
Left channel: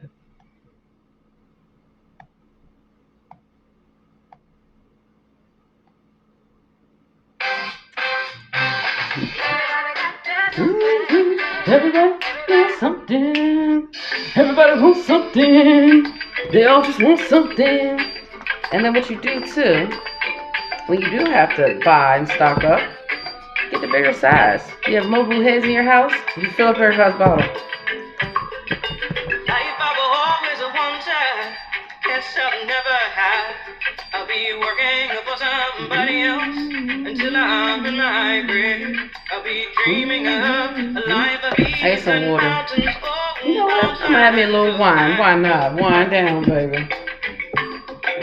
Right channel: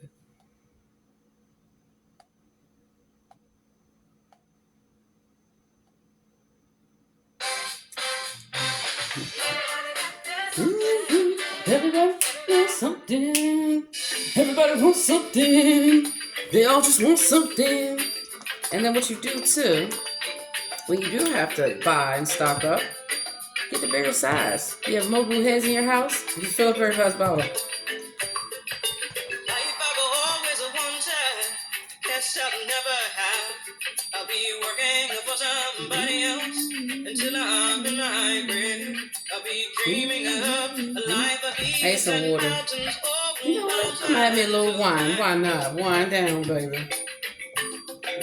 Everybody wants something. Everybody wants something. They all just want something. And then what you do too, when you do have to buy and stock up, get the bigger size. You have multiple heads in your house, you fill up everybody's bottle. I'll be working for somebody else until I'm in my grave. I'll be dreaming of a life of ease. I get some water. You know what? I'm gonna have me a little wine. Why not? Wine down, baby.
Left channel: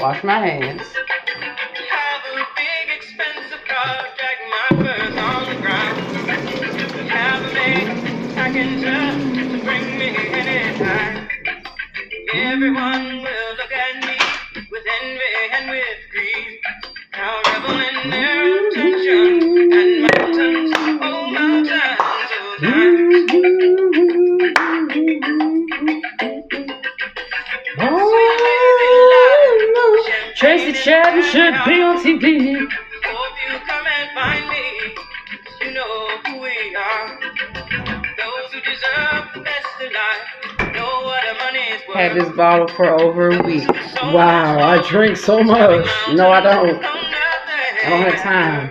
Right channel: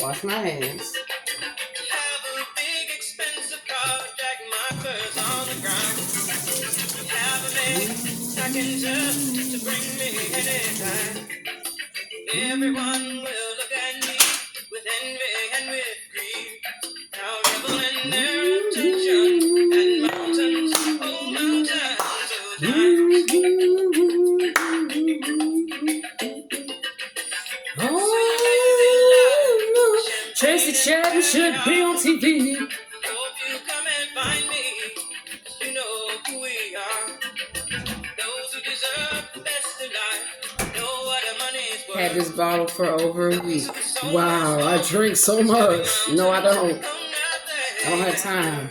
Wash my hands. Have a big expensive car, drag my purse on the ground. Have a big package to bring me anytime. Everyone will look at me with envy and with greed. Now revel in their attention and mountains, oh mountains, oh times. Oh, Tracy Chapman should be on TV. Hope you come and find me, 'cause you know who we are. Those who deserve the best of life know what a money's worth. Had this bottle for over a week. Wow, I drink so much. No, I don't. I don't have time.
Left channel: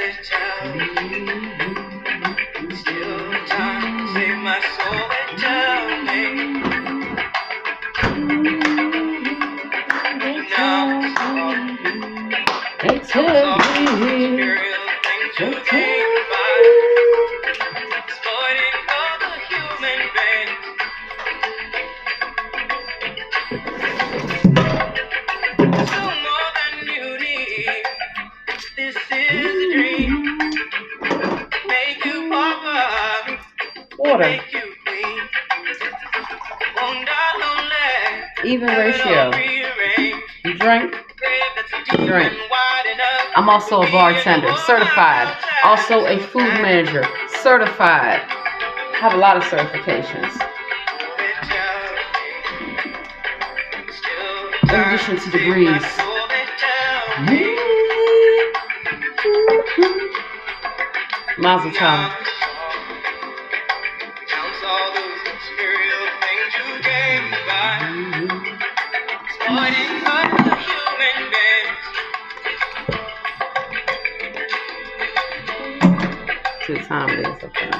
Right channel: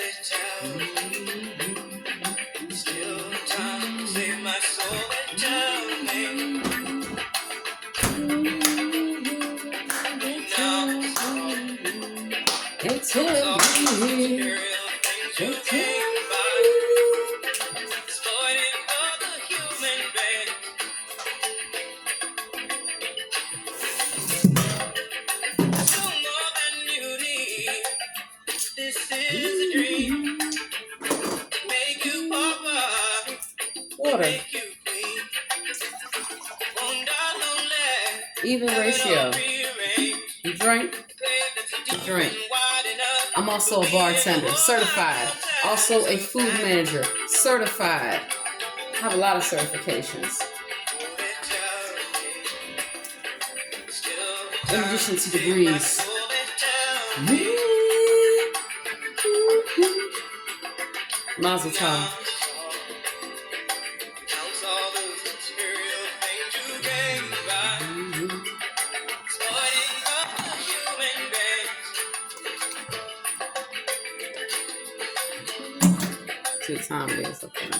They tell me. They tell me. Water. Even ratio. You drink? You drink. I'm also a bartender, certified. Also a food manager, certified. Have a lot of certifications. In addition to degrees. Mazel tov. To the time it is, okay.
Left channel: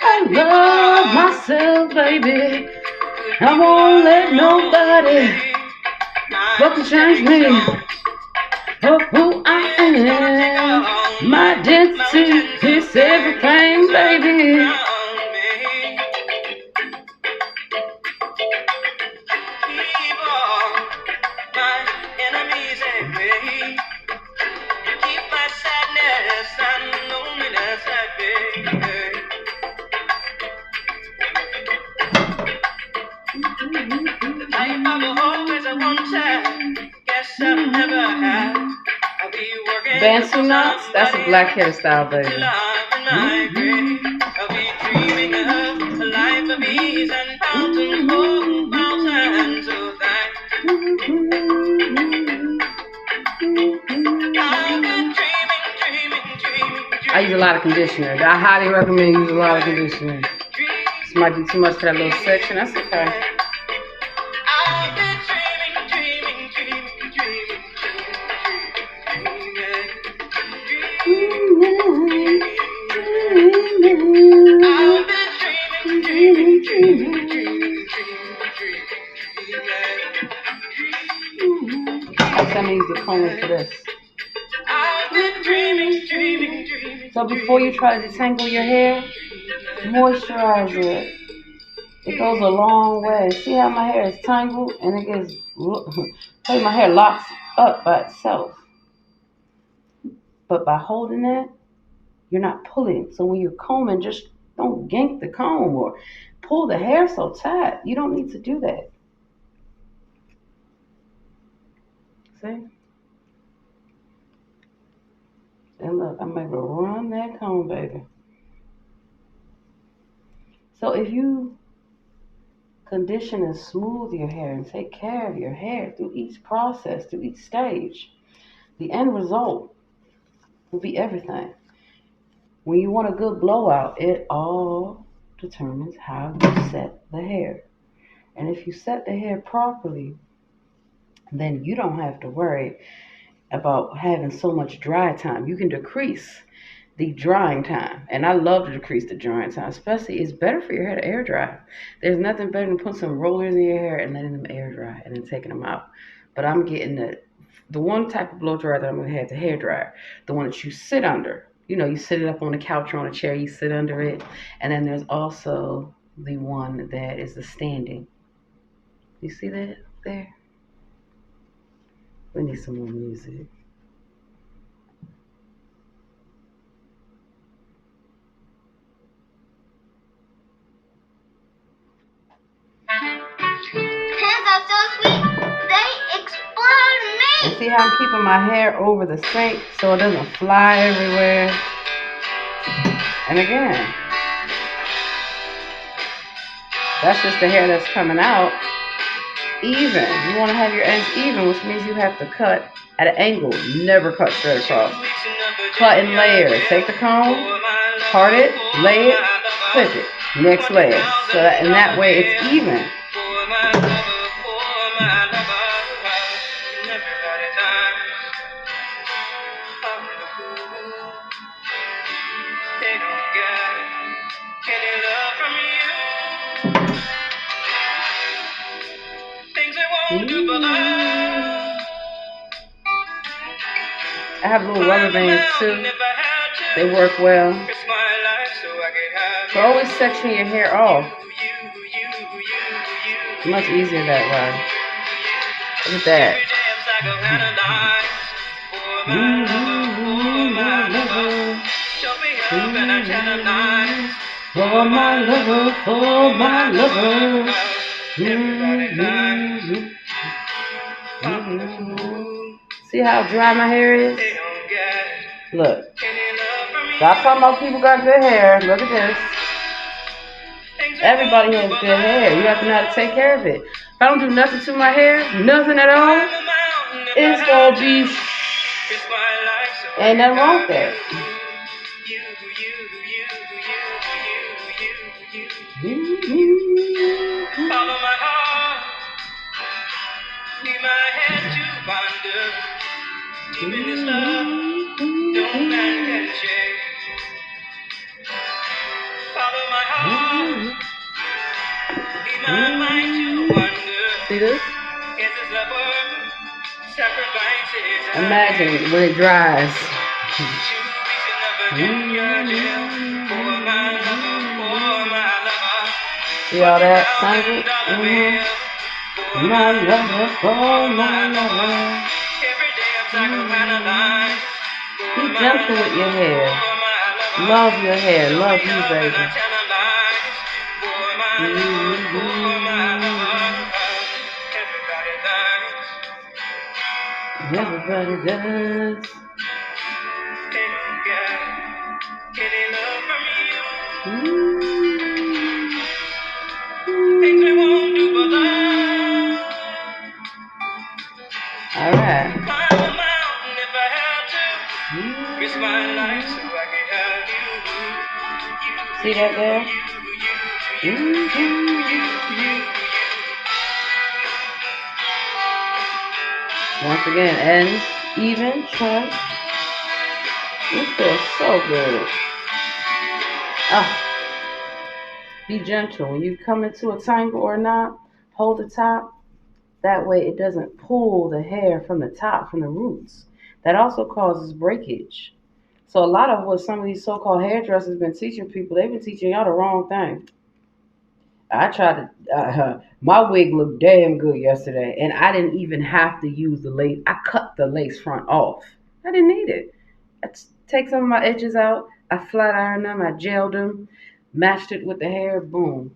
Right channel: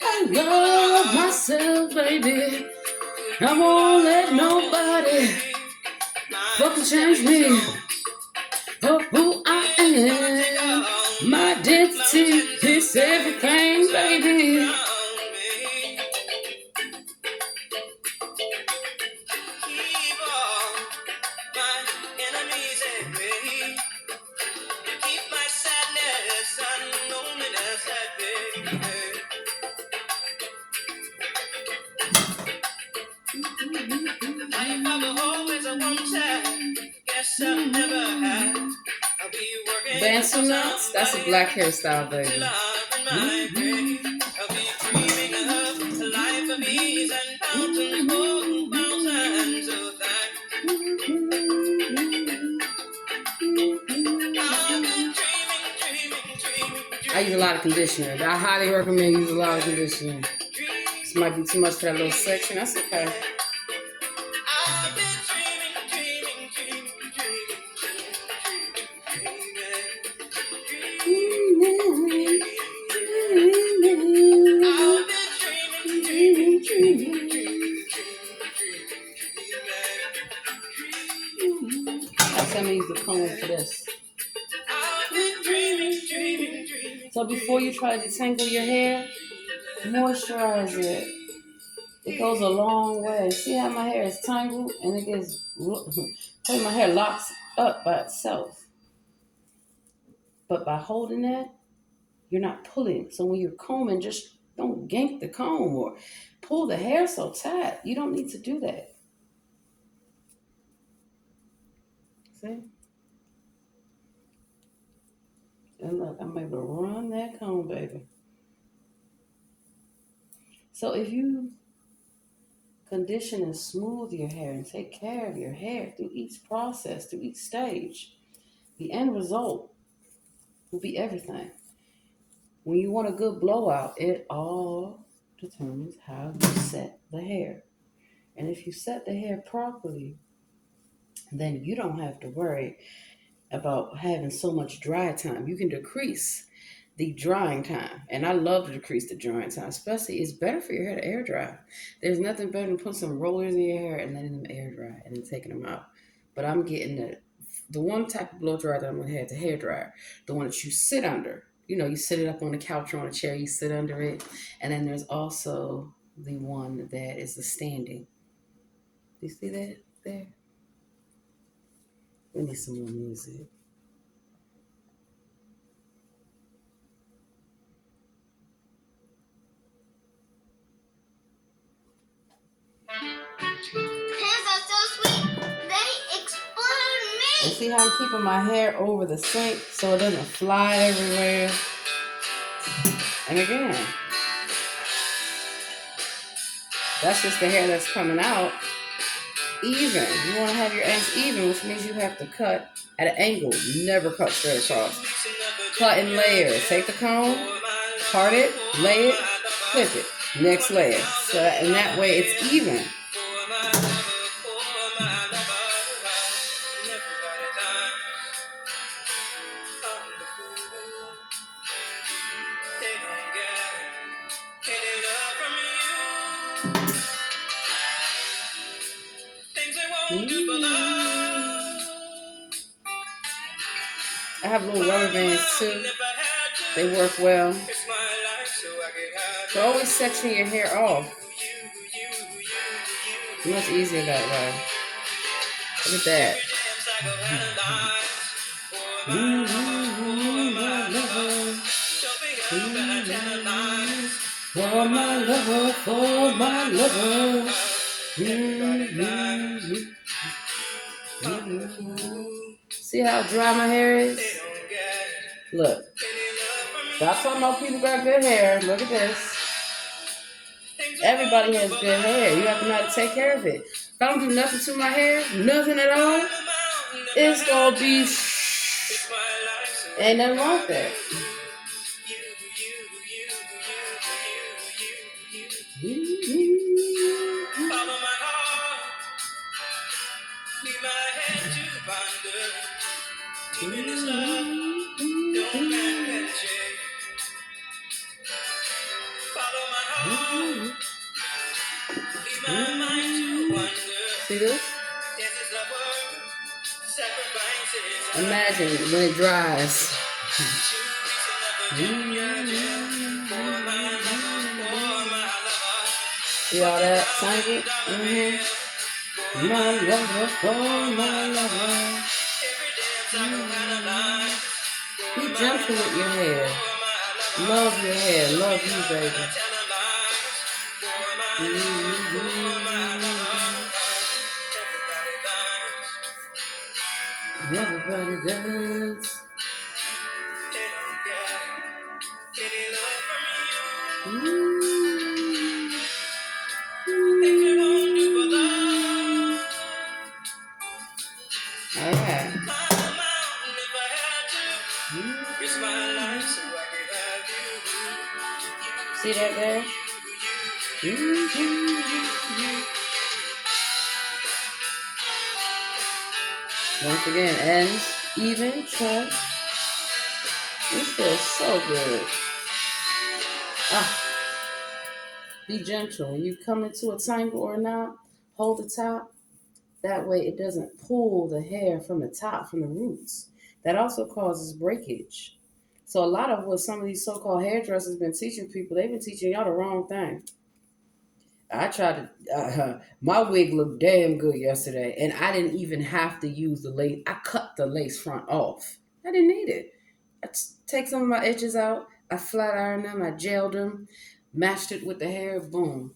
I love myself, baby. I won't let nobody fucking change me. Oh, who I am. My identity is everything, baby. Bantu knots? That's a black hairstyle, baby. I use a lot of conditioner. I highly recommend using a lot of conditioner. This might be too much for that little section. That's okay. Let me use the comb for this. So before you try to detangle your hair, moisturize it. It goes a long way. See how my hair is tangled and it gets, my hair locks up by itself. But by holding it, you're not pulling. So when you're combing, just don't yank the comb or pull the hair so tight. You don't need to do that. See? And look, I'm able to run that comb, baby. So if you condition and smooth your hair and take care of your hair through each process, through each stage, the end result will be everything. When you want a good blowout, it all determines how you set the hair. And if you set the hair properly, then you don't have to worry about having so much dry time. You can decrease the drying time. And I love to decrease the drying time, especially it's better for your hair to air dry. There's nothing better than putting some rollers in your hair and letting them air dry and then taking them out. But I'm getting the one type of blow dryer that I'm gonna have, the hair dryer, the one that you sit under. You know, you sit it up on a couch or on a chair, you sit under it. And then there's also the one that is the standing. You see that there? We need some more music. Hands are so sweet, they explode And me. see how I'm keeping my hair over the sink so it doesn't fly everywhere. And again, that's just the hair that's coming out even. You want to have your ends even, which means you have to cut at an angle. Never cut straight across. Cut in layers. Take the comb, part it, lay it, clip it. Next layer. So that, and that way it's even. I have little rubber bands too. They work well. So always section your hair off. It's much easier that way. Look at that. For my lover, for my lover. See how dry my hair is? Look. Stop talking about people got good hair. Look at this. Everybody has good hair. You have to know how to take care of it. If I don't do nothing to my hair, nothing at all, it's gonna be ain't nothing wrong with that. Follow my heart, leave my head to wander. Even this love, don't man can shake. Follow my heart, leave my mind to wander. See this? Is this love worth sacrifices? Imagine when it dries. See all that tangled? My lover, for my lover. Be gentle with your hair. Love your hair. Love you, baby. Everybody does. All right. See that there? Once again, ends, even, trim. This feels so good. Oh, be gentle. When you come into a tangle or knot, hold the top. That way it doesn't pull the hair from the top, from the roots. That also causes breakage. So a lot of what some of these so-called hairdressers been teaching people, they've been teaching y'all the wrong thing. I tried to, my wig looked damn good yesterday, and I didn't even have to use the lace. I cut the lace front off. I didn't need it. Take some of my edges out. I flat ironed them. I gelled them, matched it with the hair. Boom.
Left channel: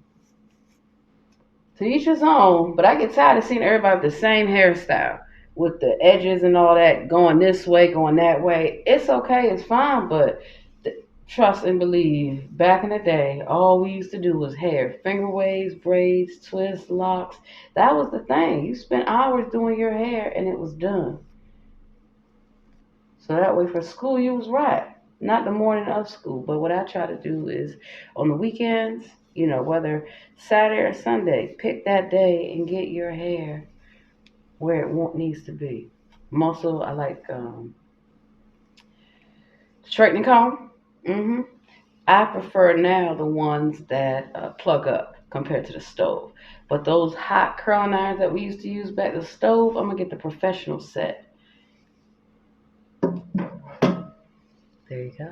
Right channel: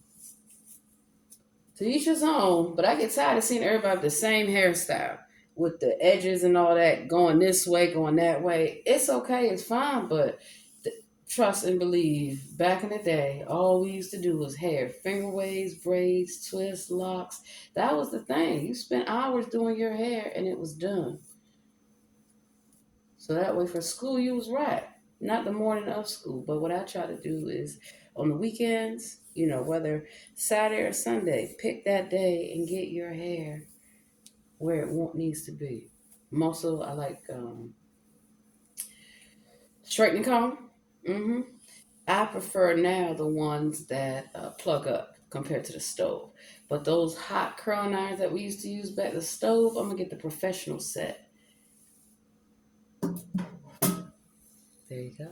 To each his own, but I get tired of seeing everybody with the same hairstyle, with the edges and all that going this way, going that way. It's okay, it's fine, but trust and believe, back in the day, all we used to do was hair, finger waves, braids, twists, locks. That was the thing. You spent hours doing your hair and it was done. So that way for school, you was right. Not the morning of school, but what I try to do is on the weekends, whether Saturday or Sunday, pick that day and get your hair where needs to be. Also, I like straightening comb. hmm I prefer now the ones that plug up compared to the stove. But those hot curling irons that we used to use back the stove, I'm gonna get the professional set. There you go.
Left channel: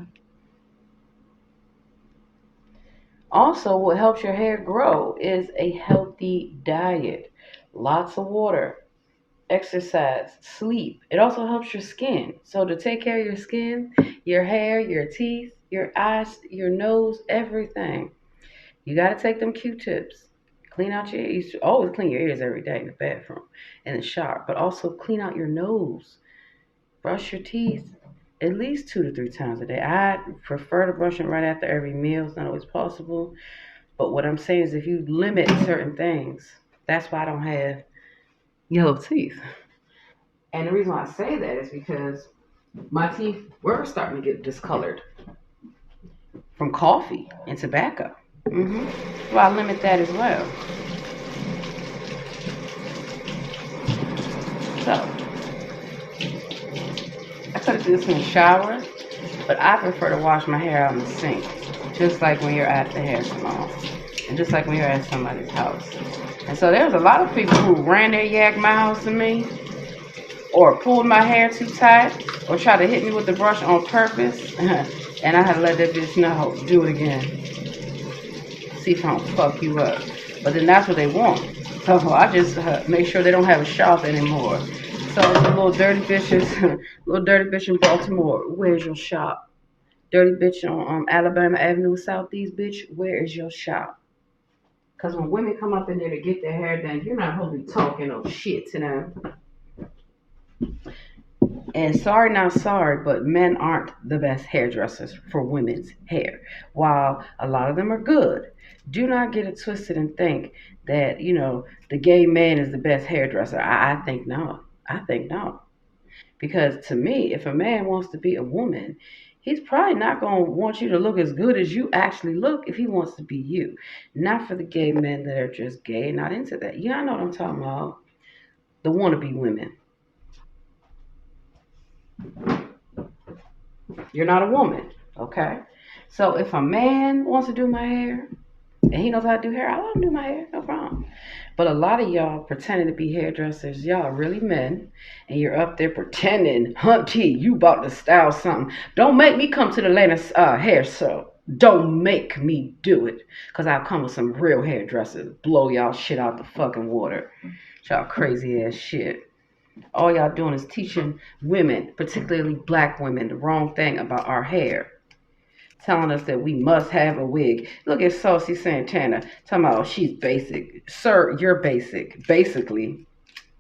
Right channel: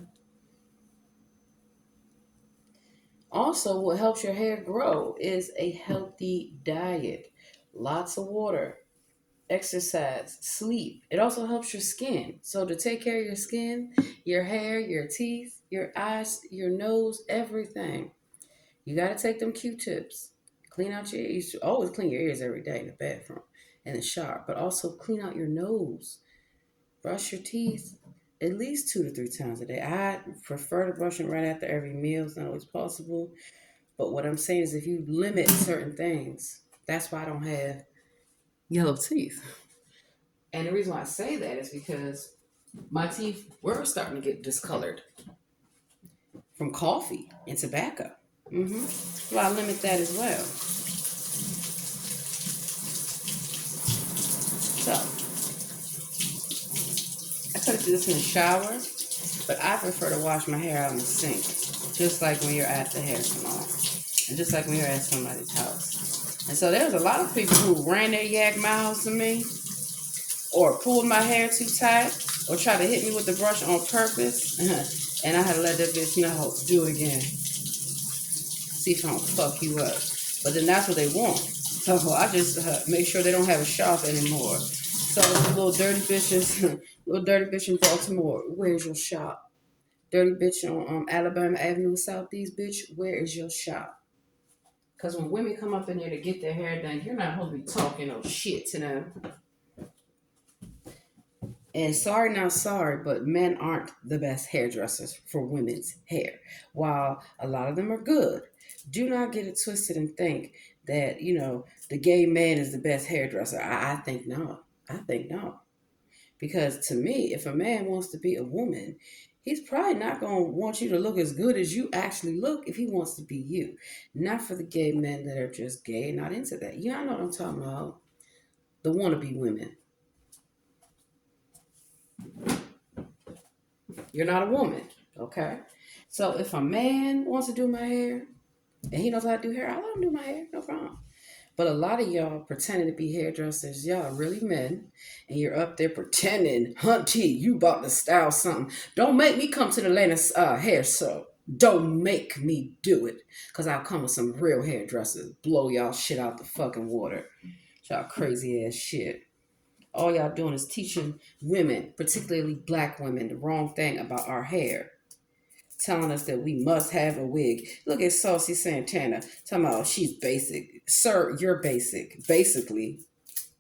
Also, what helps your hair grow is a healthy diet, lots of water, exercise, sleep. It also helps your skin. So, to take care of your skin, your hair, your teeth, your eyes, your nose, everything, you got to take them Q tips. Clean out your ears. You should always clean your ears every day in the bathroom and the shower, but also clean out your nose. Brush your teeth at least 2 to 3 times a day. I prefer to brush them right after every meal. It's not always possible. But what I'm saying is, if you limit certain things, that's why I don't have yellow teeth. And the reason why I say that is because my teeth were starting to get discolored from coffee and tobacco. Well, I limit that as well. So I could have did this in the shower, but I prefer to wash my hair out in the sink, just like when you're at the hair salon, and just like when you're at somebody's house. And so there's a lot of people who ran their yak mouths to me, or pulled my hair too tight, or tried to hit me with the brush on purpose, and I had to let that bitch know, do it again. See if I don't fuck you up. But then that's what they want. So I just make sure they don't have a shop anymore. So the little dirty bitches, little dirty bitch in Baltimore, where's your shop? Dirty bitch on Alabama Avenue Southeast, bitch, where is your shop? Because when women come up in there to get their hair done, you're not supposed to be talking no shit to them. And sorry, not sorry, but men aren't the best hairdressers for women's hair. While a lot of them are good, do not get it twisted and think that, the gay man is the best hairdresser. I think no. I think no. Because to me, if a man wants to be a woman, he's probably not going to want you to look as good as you actually look if he wants to be you. Not for the gay men that are just gay, not into that. Yeah, I know what I'm talking about. The wannabe women. You're not a woman, okay? So if a man wants to do my hair and he knows how to do hair, I'll let him do my hair, no problem. But a lot of y'all pretending to be hairdressers, y'all are really men, and you're up there pretending, Hunty, you about to style something. Don't make me come to the latest hair show. Don't make me do it, because I'll come with some real hairdressers, blow y'all shit out the fucking water. Y'all crazy ass shit. All y'all doing is teaching women, particularly black women, the wrong thing about our hair. Telling us that we must have a wig. Look at Saucy Santana talking about, oh, she's basic. Sir, you're basic. Basically,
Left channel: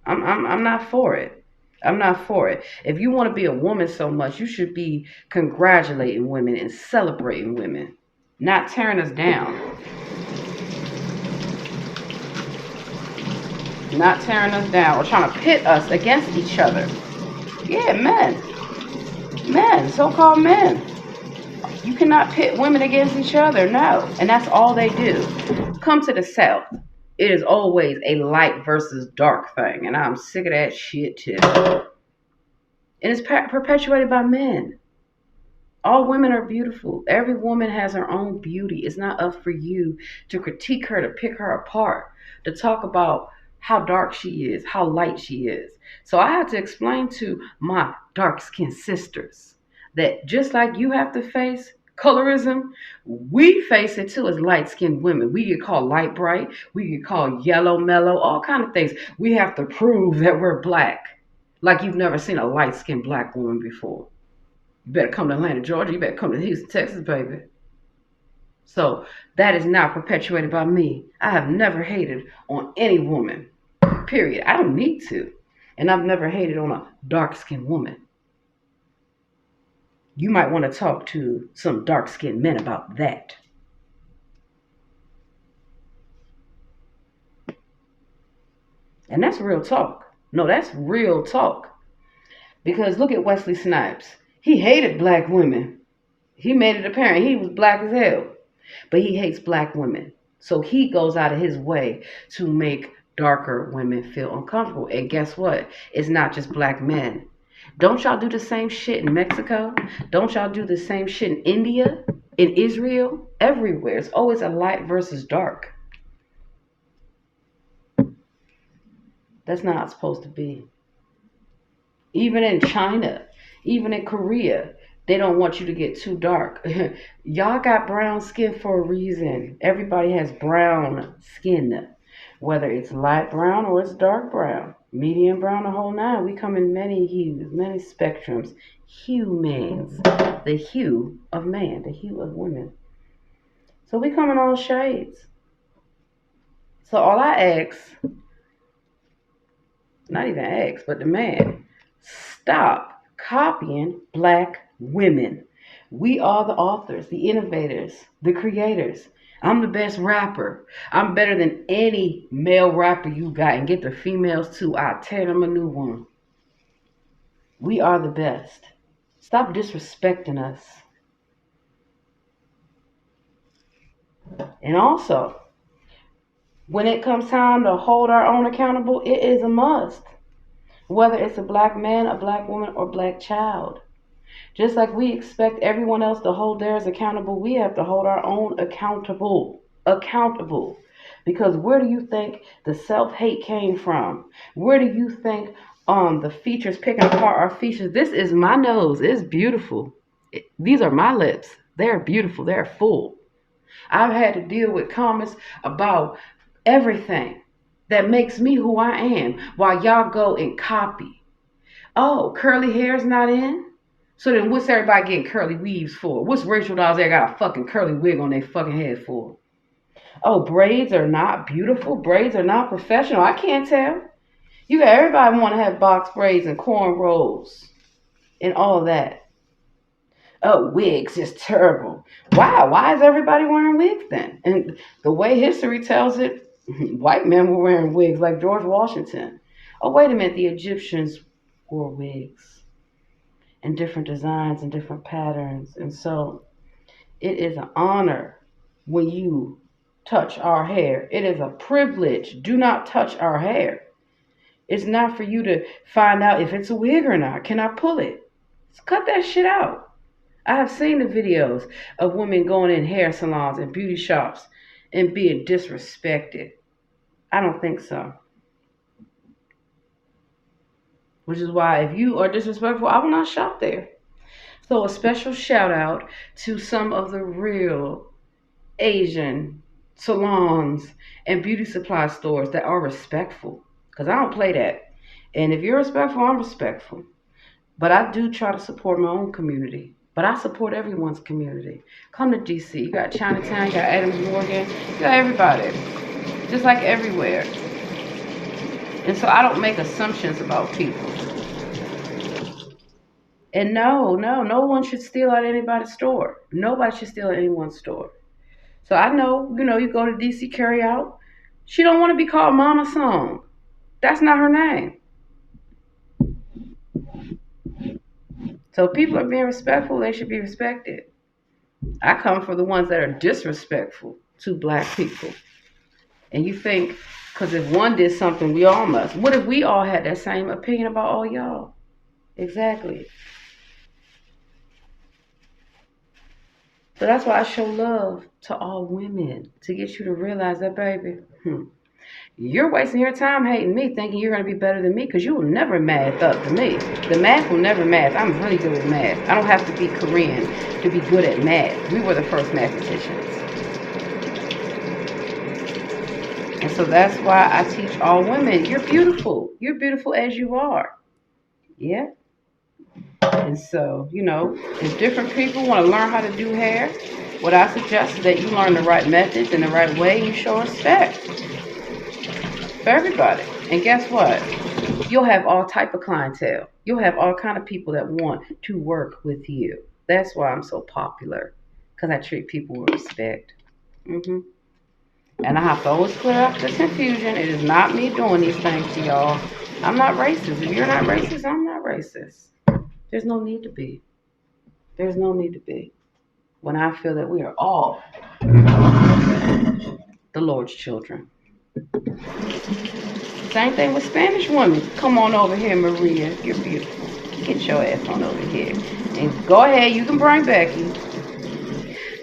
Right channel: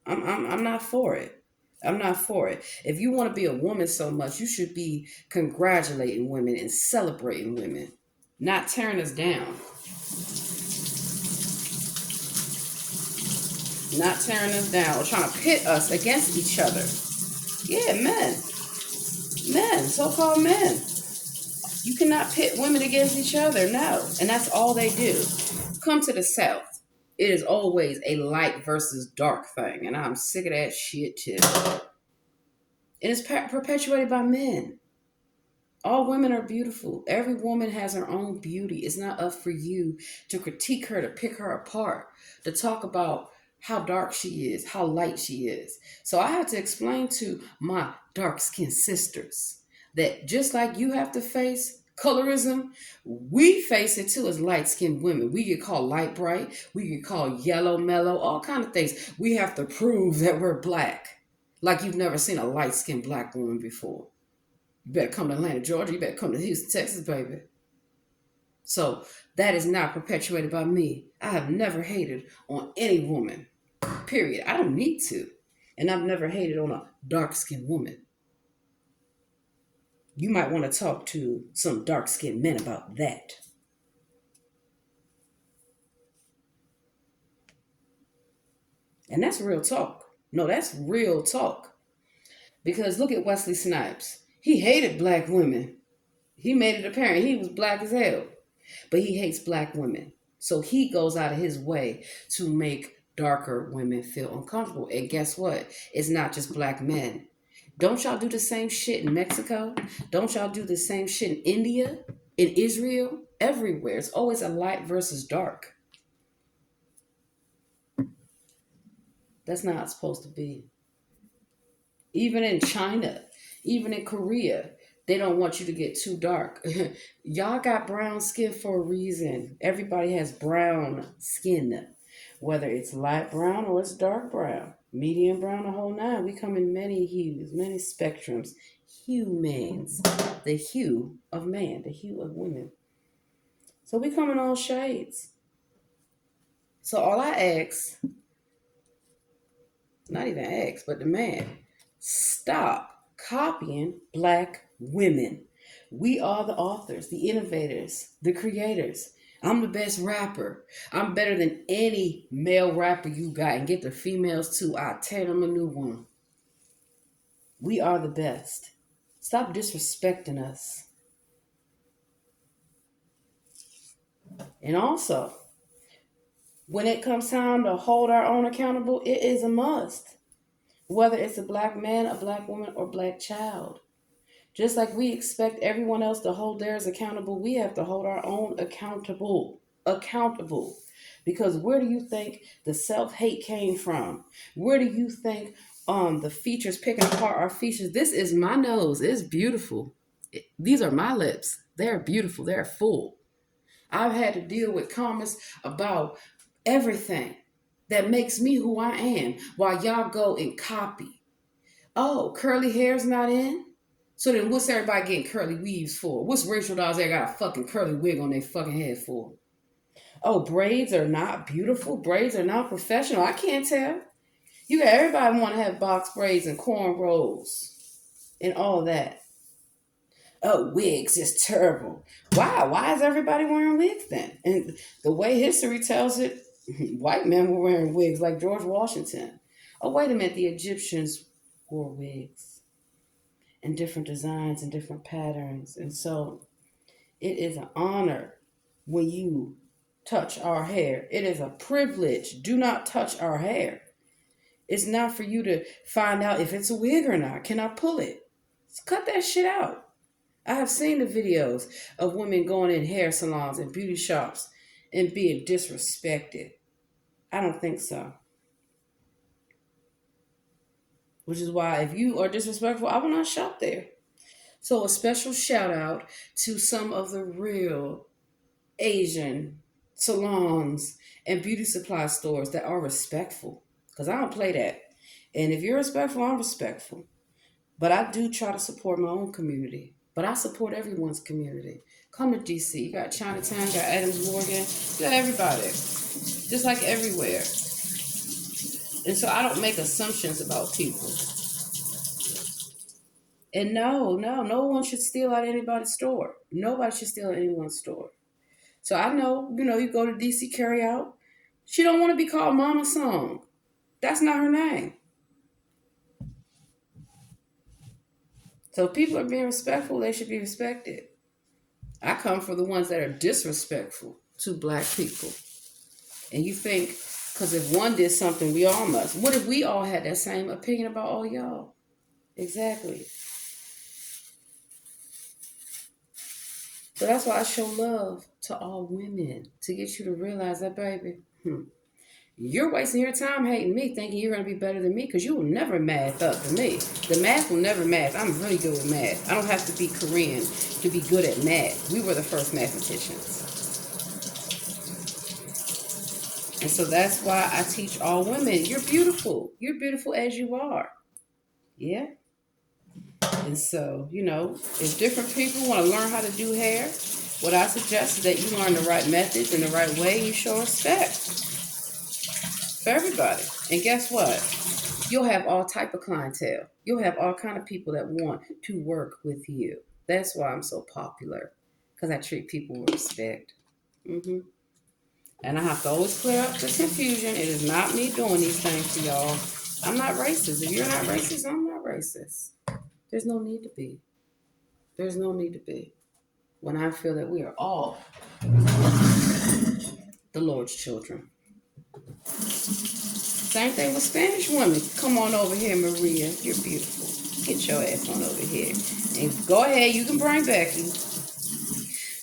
I'm not for it. I'm not for it. If you want to be a woman so much, you should be congratulating women and celebrating women, not tearing us down. Not tearing us down or trying to pit us against each other. Yeah, men. Men, so called men. You cannot pit women against each other, no. And that's all they do. Come to the South. It is always a light versus dark thing. And I'm sick of that shit too. And it's perpetuated by men. All women are beautiful. Every woman has her own beauty. It's not up for you to critique her, to pick her apart, to talk about how dark she is, how light she is. So I have to explain to my dark skinned sisters that just like you have to face colorism, we face it too as light skinned women. We get called light bright, we get called yellow mellow, all kind of things. We have to prove that we're black, like you've never seen a light skinned black woman before. You better come to Atlanta, Georgia. You better come to Houston, Texas, baby. So that is not perpetuated by me. I have never hated on any woman, period. I don't need to. And I've never hated on a dark skinned woman. You might want to talk to some dark skinned men about that. And that's real talk. No, that's real talk. Because look at Wesley Snipes. He hated black women. He made it apparent he was black as hell. But he hates black women. So he goes out of his way to make darker women feel uncomfortable. And guess what? It's not just black men. Don't y'all do the same shit in Mexico? Don't y'all do the same shit in India, in Israel? Everywhere. It's always a light versus dark. That's not supposed to be. Even in China, even in Korea, they don't want you to get too dark. Y'all got brown skin for a reason. Everybody has brown skin, whether it's light brown or it's dark brown, medium brown, the whole nine. We come in many hues, many spectrums. Humans, the hue of man, the hue of women. So we come in all shades. So all I ask, not even ask, but demand, stop copying black women. We are the authors, the innovators, the creators. I'm the best rapper. I'm better than any male rapper you got. And get the females too. I'll tear them a new one. We are the best. Stop disrespecting us. And also, when it comes time to hold our own accountable, it is a must. Whether it's a black man, a black woman, or black child. Just like we expect everyone else to hold theirs accountable, we have to hold our own accountable. Accountable. Because where do you think the self-hate came from? Where do you think the features picking apart our features? This is my nose. It's beautiful. These are my lips. They're beautiful. They're full. I've had to deal with comments about everything that makes me who I am while y'all go and copy. Oh, curly hair's not in? So then what's everybody getting curly weaves for? What's Rachel Dolls there got a fucking curly wig on their fucking head for? Oh, braids are not beautiful? Braids are not professional? I can't tell. You got everybody want to have box braids and cornrows and all of that. Oh, wigs is terrible. Wow, why is everybody wearing wigs then? And the way history tells it, white men were wearing wigs like George Washington. Oh, wait a minute, the Egyptians wore wigs and different designs and different patterns. And so it is an honor when you touch our hair. It is a privilege. Do not touch our hair. It's not for you to find out if it's a wig or not. Can I pull it? Just cut that shit out. I have seen the videos of women going in hair salons and beauty shops and being disrespected. I don't think so. Which is why if you are disrespectful, I will not shop there. So a special shout out to some of the real Asian salons and beauty supply stores that are respectful. Because I don't play that. And if you're respectful, I'm respectful. But I do try to support my own community. But I support everyone's community. Come to DC. You got Chinatown, you got Adams Morgan, you got everybody. Just like everywhere. And so I don't make assumptions about people. And no one should steal at anybody's store. Nobody should steal at anyone's store. So I know, you go to DC carry out. She don't want to be called Mama Song. That's not her name. So if people are being respectful, they should be respected. I come for the ones that are disrespectful to black people. And you think, because if one did something, we all must. What if we all had that same opinion about all y'all? Exactly. So that's why I show love to all women, to get you to realize that, baby, you're wasting your time hating me, thinking you're going to be better than me, because you will never math up to me. The math will never math. I'm really good with math. I don't have to be Korean to be good at math. We were the first mathematicians. And so that's why I teach all women, you're beautiful. You're beautiful as you are. Yeah. And so, if different people want to learn how to do hair, What I suggest is that you learn the right methods and the right way and you show respect for everybody. And guess what? You'll have all type of clientele. You'll have all kind of people that want to work with you. That's why I'm so popular, because I treat people with respect. hmm And I have to always clear up this confusion. It is not me doing these things to y'all. I'm not racist. If you're not racist, I'm not racist. There's no need to be. There's no need to be. When I feel that we are all the Lord's children. Same thing with Spanish women. Come on over here, Maria. You're beautiful. Get your ass on over here. And go ahead, you can bring Becky.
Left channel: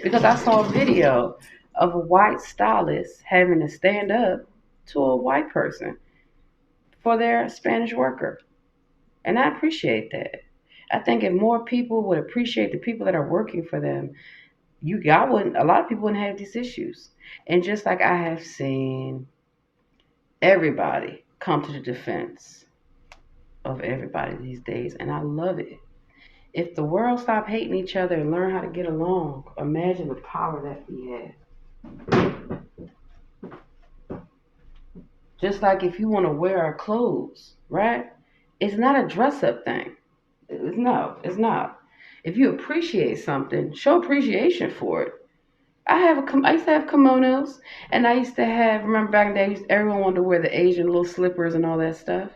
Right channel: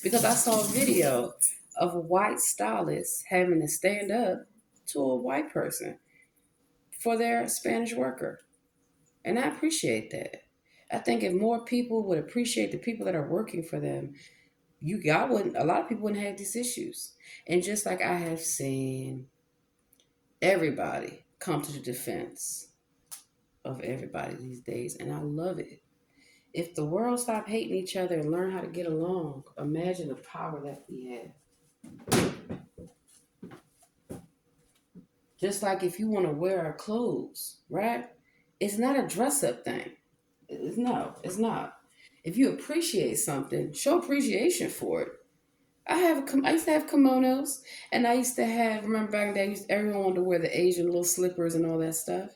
Because I saw a video of a white stylist having to stand up to a white person for their Spanish worker. And I appreciate that. I think if more people would appreciate the people that are working for them, I wouldn't a lot of people wouldn't have these issues. And just like I have seen everybody come to the defense of everybody these days, and I love it. If the world stopped hating each other and learn how to get along, imagine the power that we have. Just like if you want to wear our clothes, right? It's not a dress up thing. No, it's not. If you appreciate something, show appreciation for it. I used to have kimonos, and I used to have. Remember back in the day, everyone wanted to wear the Asian little slippers and all that stuff.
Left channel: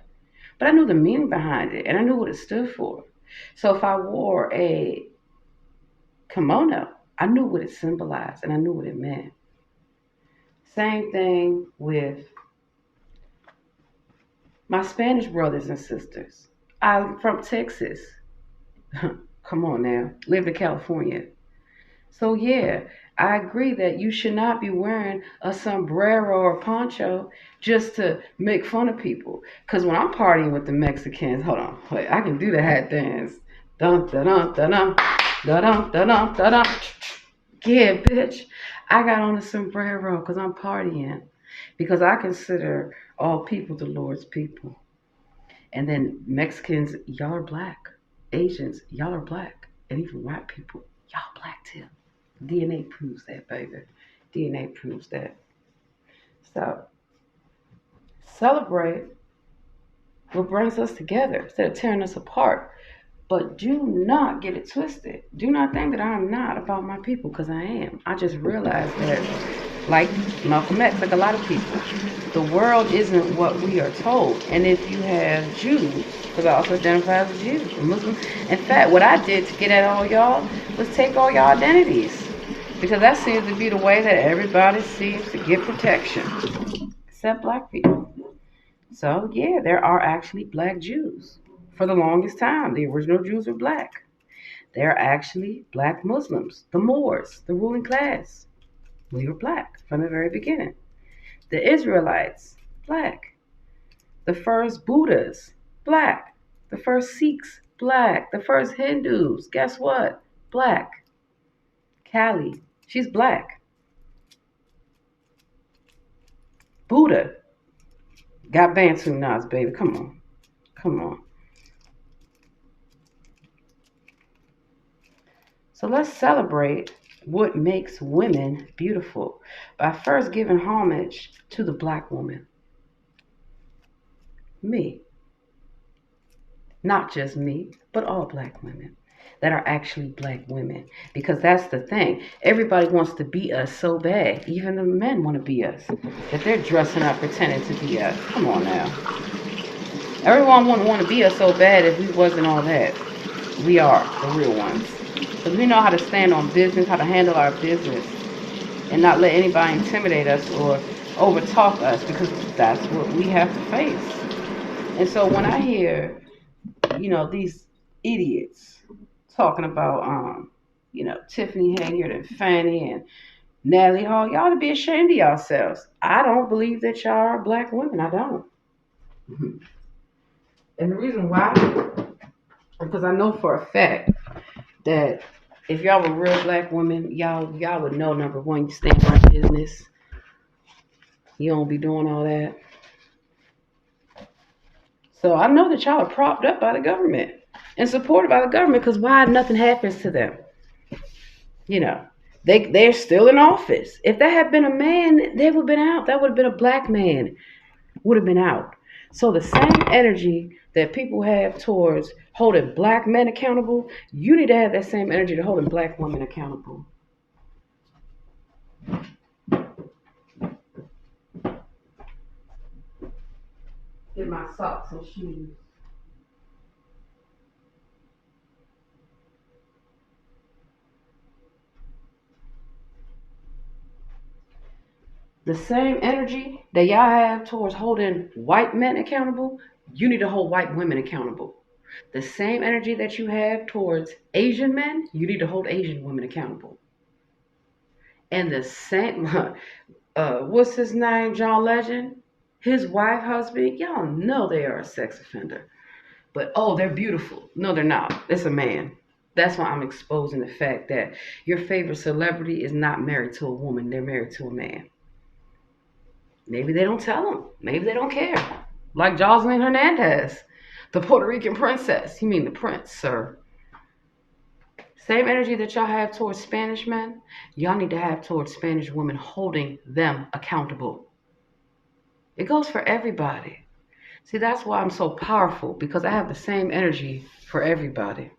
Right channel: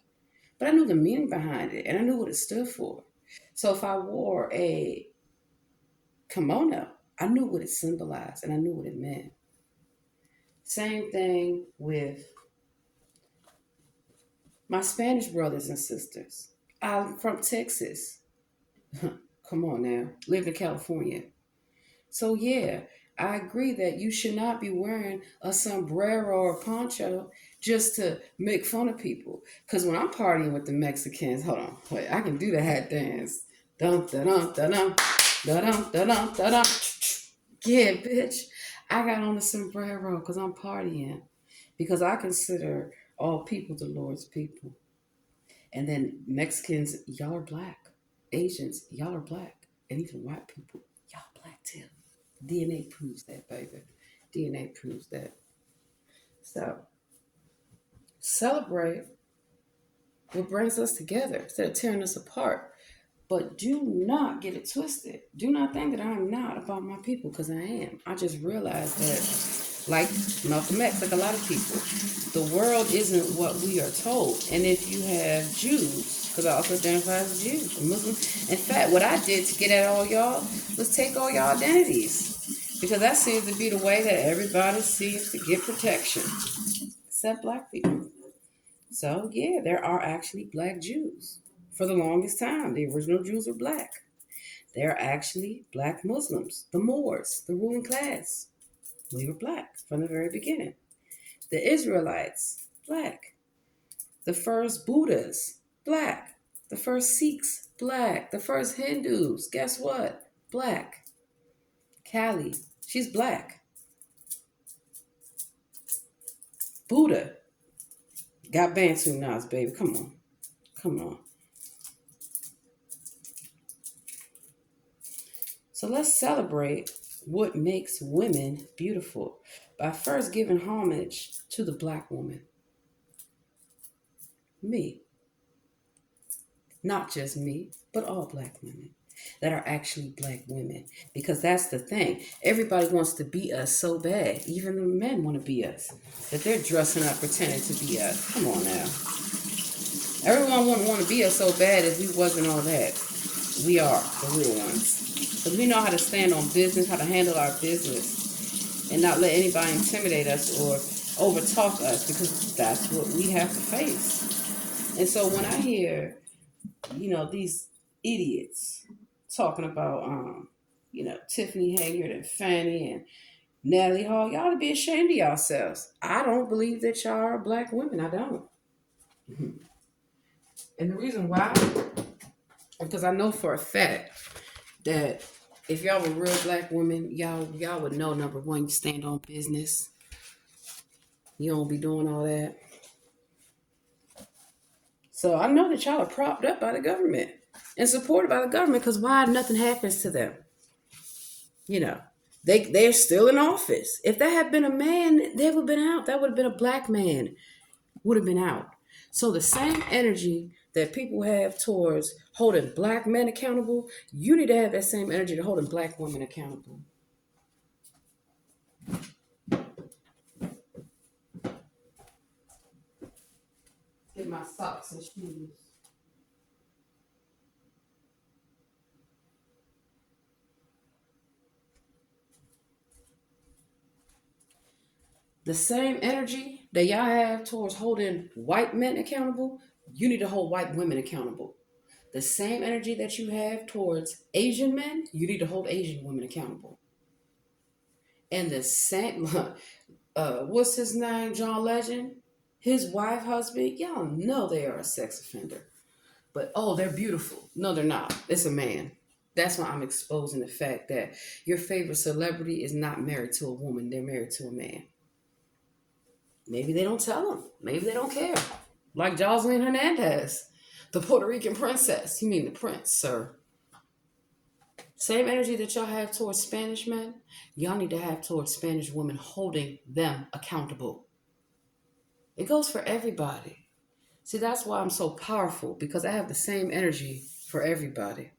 But I knew the meaning behind it, and I knew what it stood for. So if I wore a kimono, I knew what it symbolized, and I knew what it meant. Same thing with my Spanish brothers and sisters. I'm from Texas. Come on now, lived in California. So yeah, I agree that you should not be wearing a sombrero or poncho just to make fun of people. Cause when I'm partying with the Mexicans, hold on, wait, I can do the hat dance. Dun dun dun dun dun dun dun dun dun dun. Dun. Yeah, bitch. I got on a sombrero because I'm partying. Because I consider all people the Lord's people. And then Mexicans, y'all are black. Asians, y'all are black. And even white people, y'all black too. DNA proves that, baby. DNA proves that. So celebrate what brings us together instead of tearing us apart. But do not get it twisted. Do not think that I'm not about my people, because I am. I just realized that, like Malcolm X, like a lot of people, the world isn't what we are told. And if you have Jews, because I also identify as a Jew, a Muslim. In fact, what I did to get at all y'all was take all y'all identities. Because that seems to be the way that everybody sees to get protection, except black people. So, yeah, there are actually black Jews. For the longest time, the original Jews were black. They're actually black Muslims, the Moors, the ruling class. We were black from the very beginning. The Israelites, black. The first Buddhas, black. The first Sikhs, black. The first Hindus, guess what? Black. Kali, she's black. Buddha got Bantu knots, baby. Come on. Come on. So let's celebrate what makes women beautiful by first giving homage to the black woman. Me. Not just me, but all black women that are actually black women. Because that's the thing. Everybody wants to be us so bad. Even the men want to be us. That they're dressing up pretending to be us. Come on now. Everyone wouldn't want to be us so bad if we wasn't all that. We are the real ones. Because we know how to stand on business, how to handle our business, and not let anybody intimidate us or overtalk us, because that's what we have to face. And so when I hear, these idiots talking about, Tiffany Haggard and Fannie and Natalie Hall, y'all ought to be ashamed of yourselves. I don't believe that y'all are black women. I don't. And the reason why, because I know for a fact that if y'all were real black women, y'all would know, number one, you stand on business. You don't be doing all that. So I know that y'all are propped up by the government and supported by the government, because why nothing happens to them? You know. They're still in office. If that had been a man, they would have been out. That would have been a black man, would have been out. So the same energy that people have towards holding black men accountable, you need to have that same energy to holding black women accountable. Get my socks and shoes. The same energy that y'all have towards holding white men accountable, you need to hold white women accountable. The same energy that you have towards Asian men, you need to hold Asian women accountable. And the same, what's his name, John Legend? His wife, husband, y'all know they are a sex offender. But oh, they're beautiful. No, they're not. It's a man. That's why I'm exposing the fact that your favorite celebrity is not married to a woman, they're married to a man. Maybe they don't tell them. Maybe they don't care. Like Jocelyn Hernandez, the Puerto Rican princess. You mean the prince, sir. Same energy that y'all have towards Spanish men, y'all need to have towards Spanish women holding them accountable. It goes for everybody. See, that's why I'm so powerful because I have the same energy for everybody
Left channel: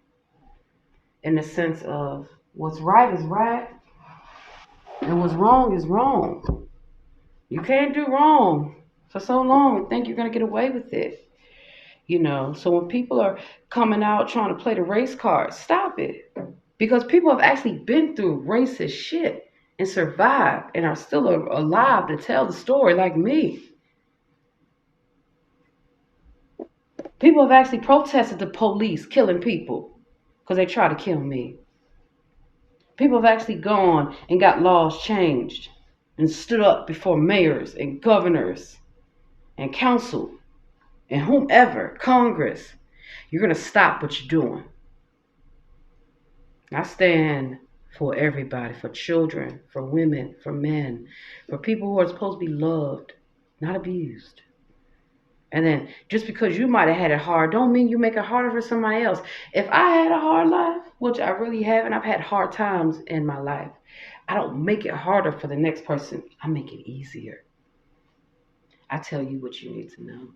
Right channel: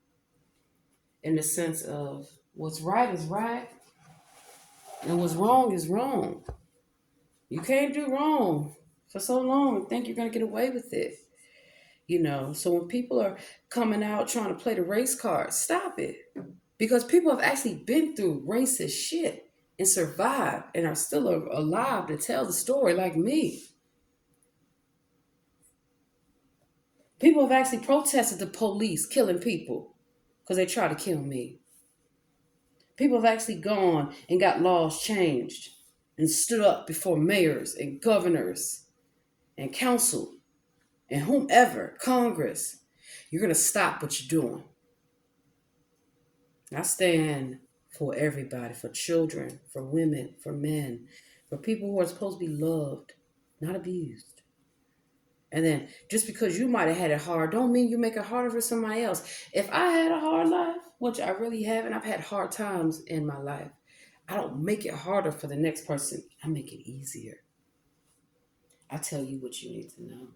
in the sense of what's right is right and what's wrong is wrong. You can't do wrong for so long and think you're going to get away with it. So when people are coming out trying to play the race card, stop it. Because people have actually been through racist shit and survived and are still alive to tell the story like me. People have actually protested the police killing people because they try to kill me. People have actually gone and got laws changed and stood up before mayors and governors and council and whomever, Congress. You're going to stop what you're doing. I stand for everybody, for children, for women, for men, for people who are supposed to be loved, not abused. And then just because you might have had it hard, don't mean you make it harder for somebody else. If I had a hard life, which I really haven't, I've had hard times in my life. I don't make it harder for the next person. I make it easier. I tell you what you need to know.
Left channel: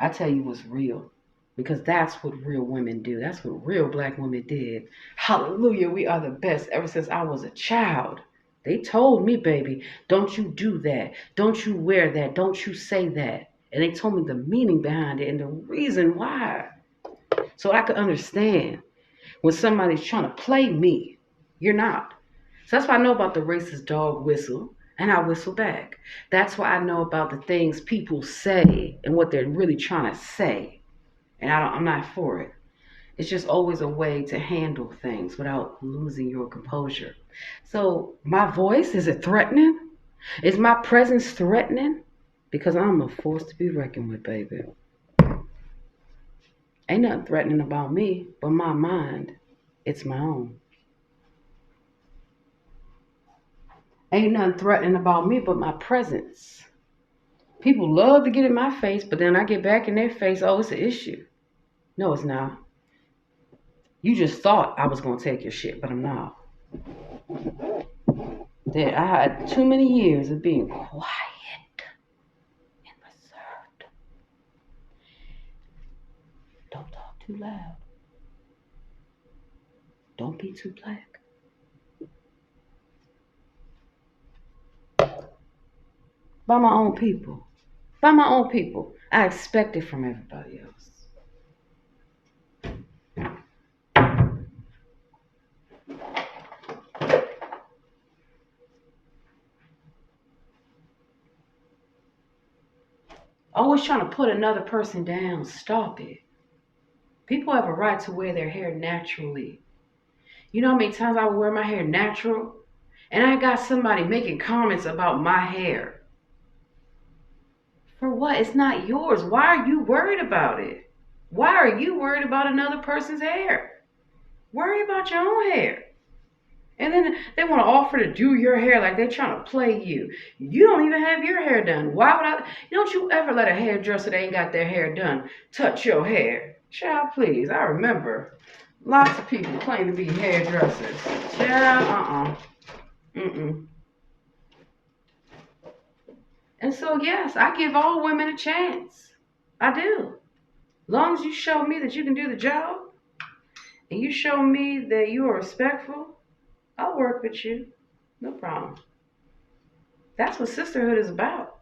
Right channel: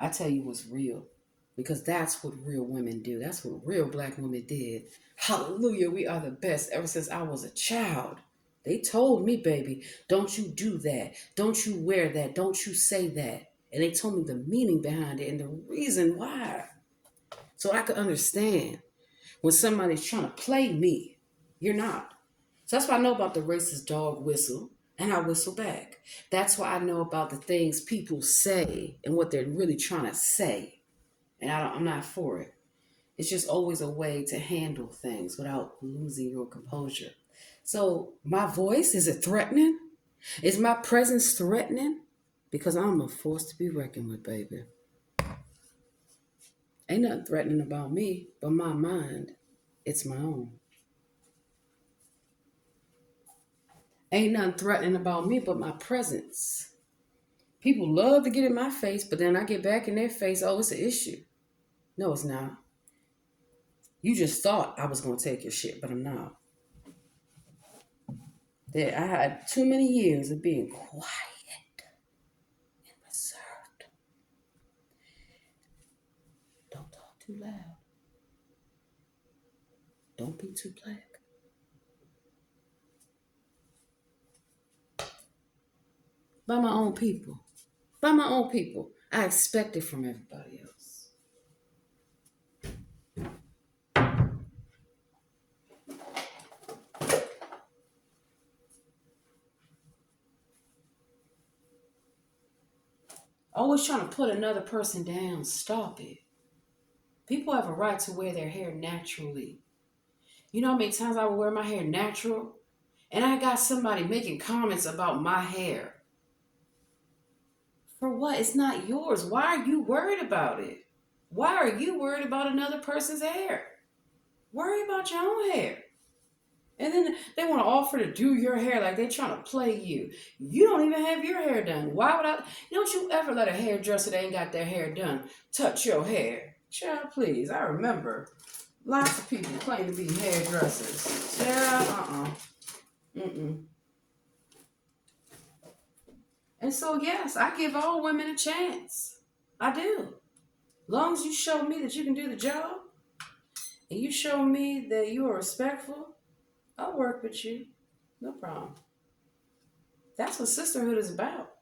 I tell you what's real. Because that's what real women do. That's what real black women did. Hallelujah, we are the best ever since I was a child. They told me, baby, don't you do that. Don't you wear that. Don't you say that. And they told me the meaning behind it and the reason why. So I could understand when somebody's trying to play me. You're not. So that's why I know about the racist dog whistle. And I whistle back. That's why I know about the things people say and what they're really trying to say. And I'm not for it. It's just always a way to handle things without losing your composure. So my voice, is it threatening? Is my presence threatening? Because I'm a force to be reckoned with, baby. Ain't nothing threatening about me but my mind. It's my own. Ain't nothing threatening about me but my presence. People love to get in my face, but then I get back in their face, oh, it's an issue. No, it's not. You just thought I was going to take your shit, but I'm not. That I had too many years of being quiet and reserved. Don't talk too loud. Don't be too black. By my own people. By my own people. I expect it from everybody else. Always trying to put another person down. Stop it. People have a right to wear their hair naturally. You know how many times I would wear my hair natural? And I got somebody making comments about my hair. For what? It's not yours. Why are you worried about it? Why are you worried about another person's hair? Worry about your own hair. And then they want to offer to do your hair like they're trying to play you. You don't even have your hair done. Why would I? Don't you ever let a hairdresser that ain't got their hair done touch your hair. Child, please. I remember. Lots of people claim to be hairdressers. Yeah, Mm-mm. And so, yes, I give all women a chance. I do. Long as you show me that you can do the job and you show me that you are respectful, I'll work with you. No problem. That's what sisterhood is about.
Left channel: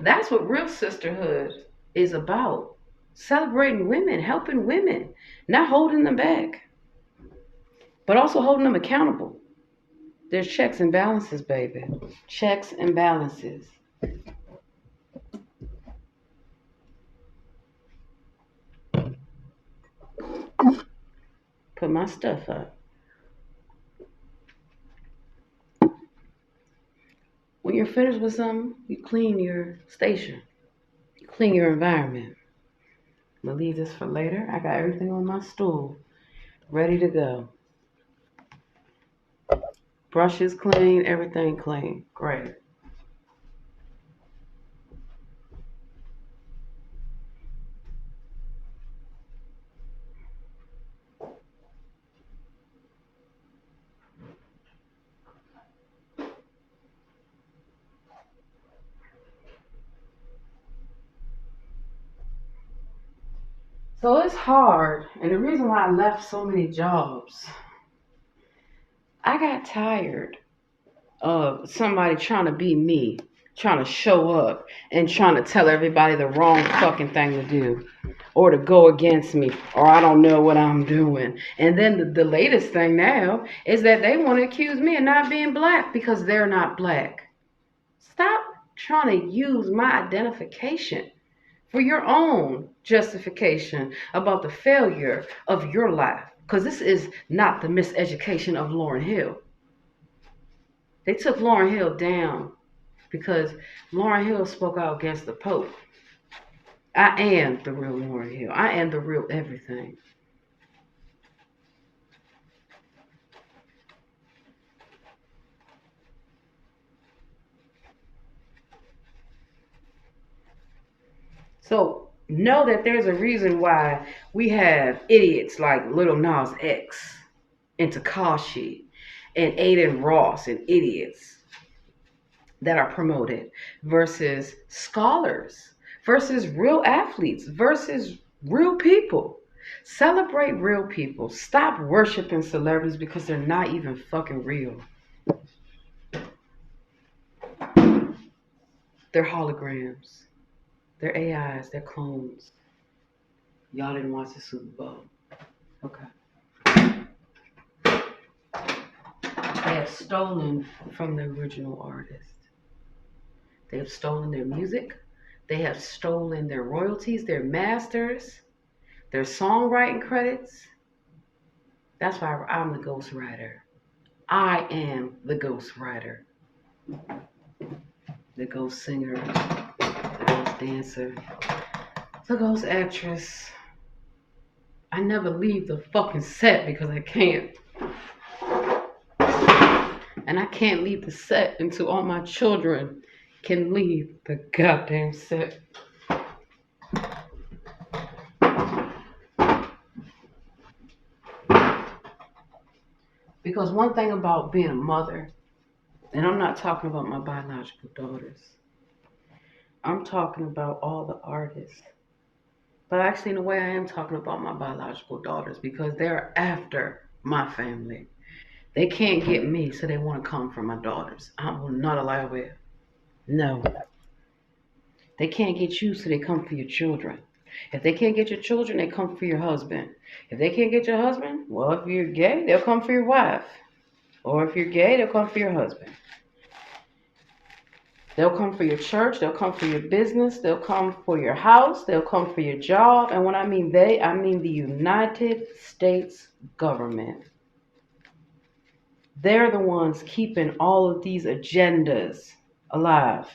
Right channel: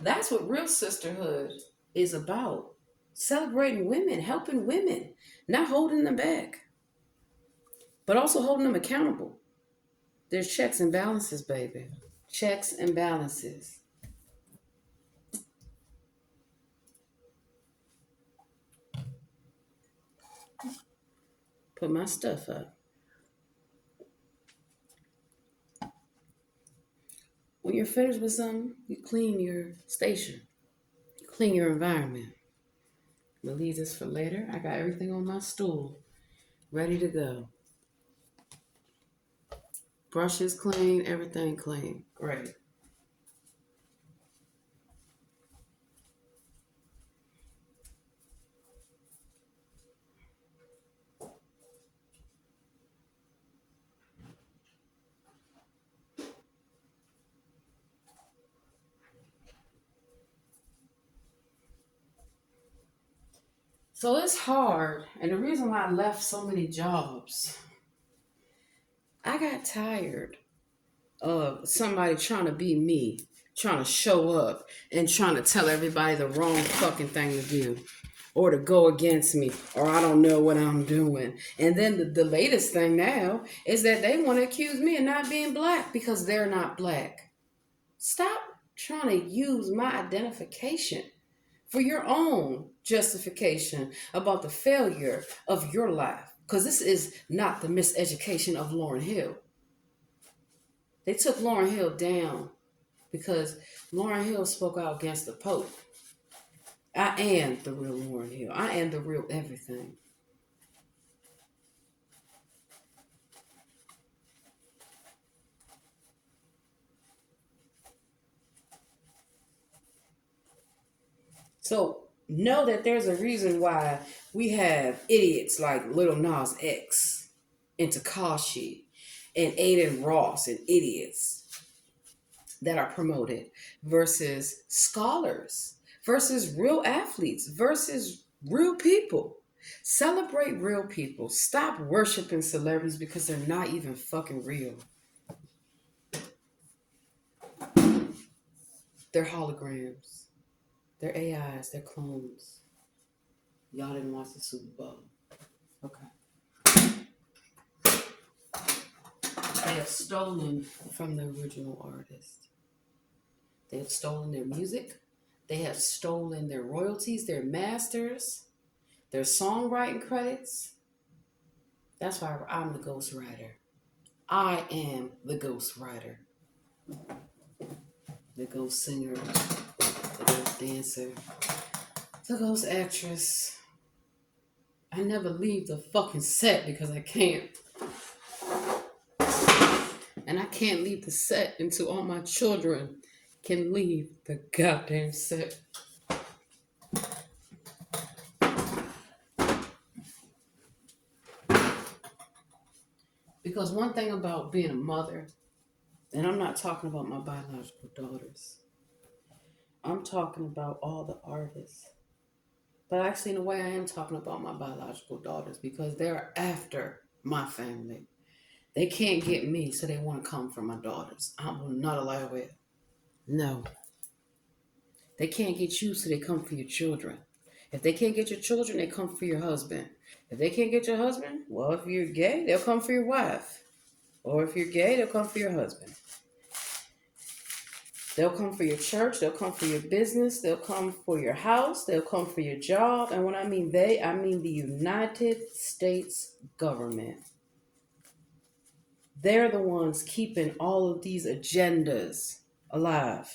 That's what real sisterhood is about. Celebrating women, helping women, not holding them back, but also holding them accountable. There's checks and balances, baby. Checks and balances. Put my stuff up. When you're finished with something, you clean your station, you clean your environment. I'm gonna leave this for later. I got everything on my stool, ready to go. Brushes clean, everything clean. Great. So it's hard, and the reason why I left so many jobs, I got tired of somebody trying to be me, trying to show up, and trying to tell everybody the wrong fucking thing to do, or to go against me, or I don't know what I'm doing. And then the latest thing now is that they want to accuse me of not being black because they're not black. Stop trying to use my identification for your own justification about the failure of your life. Because this is not the miseducation of Lauryn Hill. They took Lauryn Hill down because Lauryn Hill spoke out against the Pope. I am the real Lauryn Hill. I am the real everything. So know that there's a reason why we have idiots like Little Nas X and Takashi and Aiden Ross and idiots that are promoted versus scholars versus real athletes versus real people. Celebrate real people. Stop worshiping celebrities because they're not even fucking real. They're holograms. They're AIs. They're clones. Y'all didn't watch the Super Bowl. Okay. They have stolen from the original artist. They have stolen their music. They have stolen their royalties, their masters, their songwriting credits. That's why I'm the ghostwriter. I am the ghostwriter, the ghost singer, the ghost dancer, the ghost actress. I never leave the fucking set because I can't. And I can't leave the set until all my children can leave the goddamn set. Because one thing about being a mother, and I'm not talking about my biological daughters, I'm talking about all the artists. But actually, in a way, I am talking about my biological daughters because they're after my family. They can't get me, so they want to come for my daughters. I will not allow it. No. They can't get you, so they come for your children. If they can't get your children, they come for your husband. If they can't get your husband, well, if you're gay, they'll come for your wife. Or if you're gay, they'll come for your husband. They'll come for your church. They'll come for your business. They'll come for your house. They'll come for your job. And when I mean they, I mean the United States government. They're the ones keeping all of these agendas alive.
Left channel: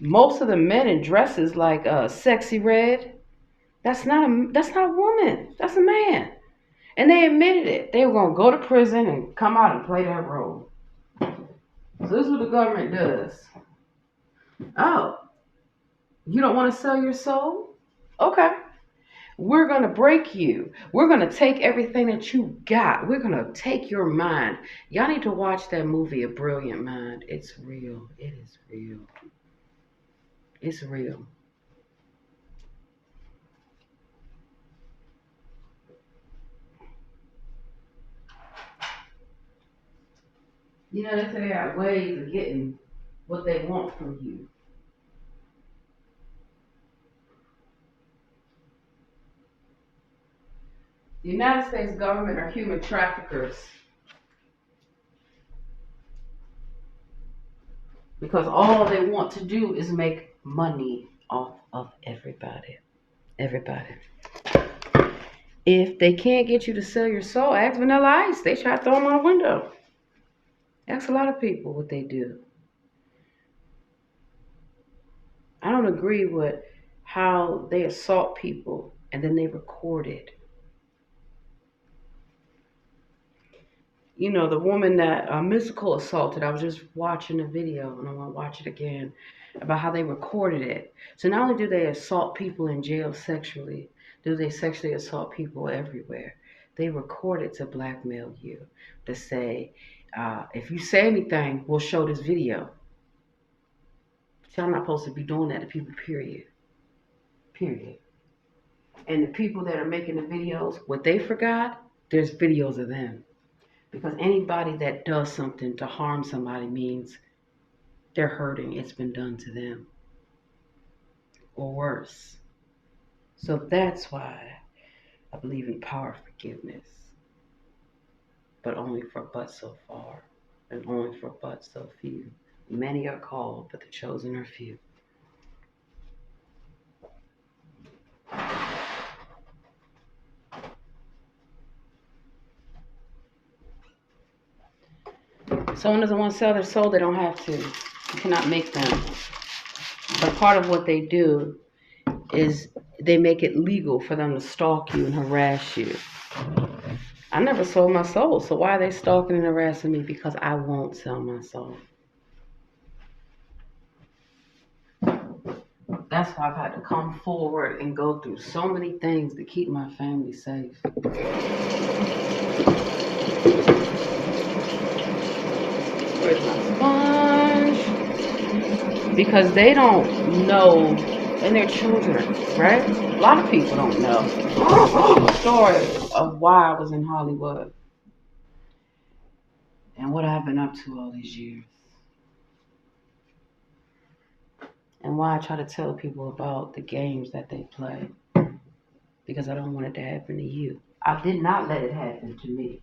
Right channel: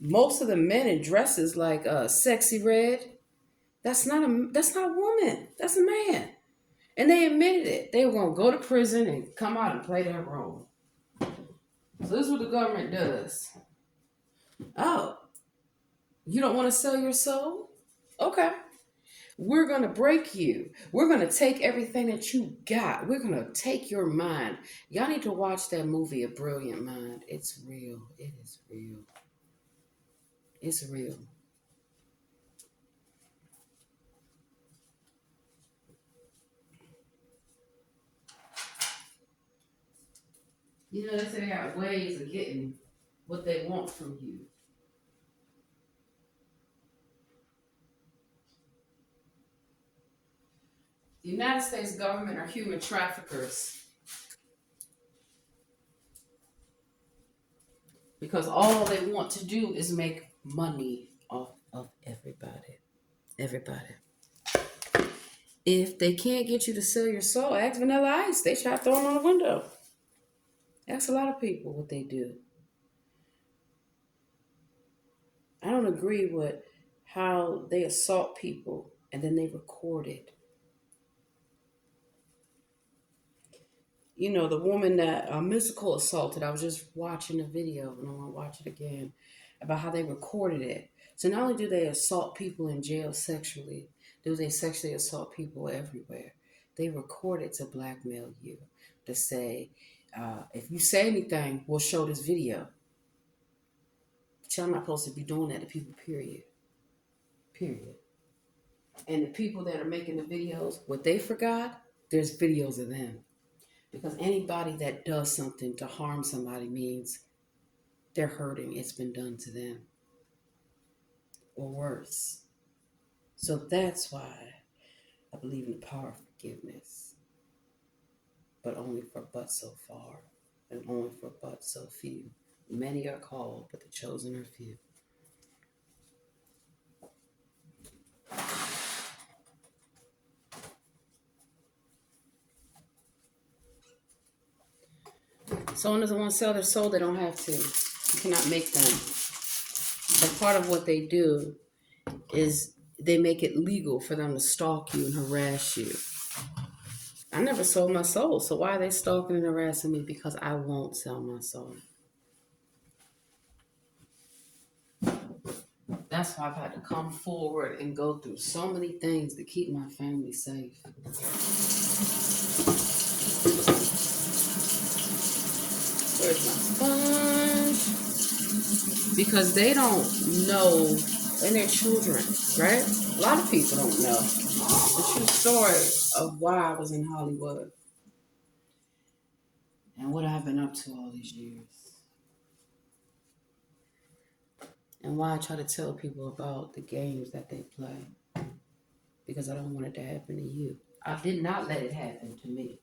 Most of the men in dresses like Sexy Red, that's not a woman. That's a man. And they admitted it. They were gonna go to prison and come out and play that role. So this is what the government does. Oh, you don't want to sell your soul? Okay. We're going to break you. We're going to take everything that you got. We're going to take your mind. Y'all need to watch that movie, A Brilliant Mind. It's real. It is real. It's real. You know, they say they have ways of getting what they want from you. The United States government are human traffickers because all they want to do is make money off of everybody. Everybody. If they can't get you to sell your soul, ask Vanilla Ice. They try to throw them out a window. Ask a lot of people what they do. I don't agree with how they assault people and then they record it. You know, the woman that Mystical assaulted, I was just watching a video and I want to watch it again about how they recorded it. So not only do they assault people in jail sexually, do they sexually assault people everywhere? They record it to blackmail you to say, if you say anything, we'll show this video. But y'all not supposed to be doing that to people, period. Period. And the people that are making the videos, what they forgot, there's videos of them. Because anybody that does something to harm somebody means they're hurting. It's been done to them. Or worse. So that's why I believe in power of forgiveness. But only for but so far. And only for but so few. Many are called, but the chosen are few. Someone doesn't want to sell their soul, they don't have to. You cannot make them. But part of what they do is they make it legal for them to stalk you and harass you. I never sold my soul, so why are they stalking and harassing me? Because I won't sell my soul. That's why I've had to come forward and go through so many things to keep my family safe. Where's my sponge? Because they don't know, and their children, right? A lot of people don't know the story of why I was in Hollywood and what I've been up to all these years. And why I try to tell people about the games that they play. Because I don't want it to happen to you. I did not let it happen to me.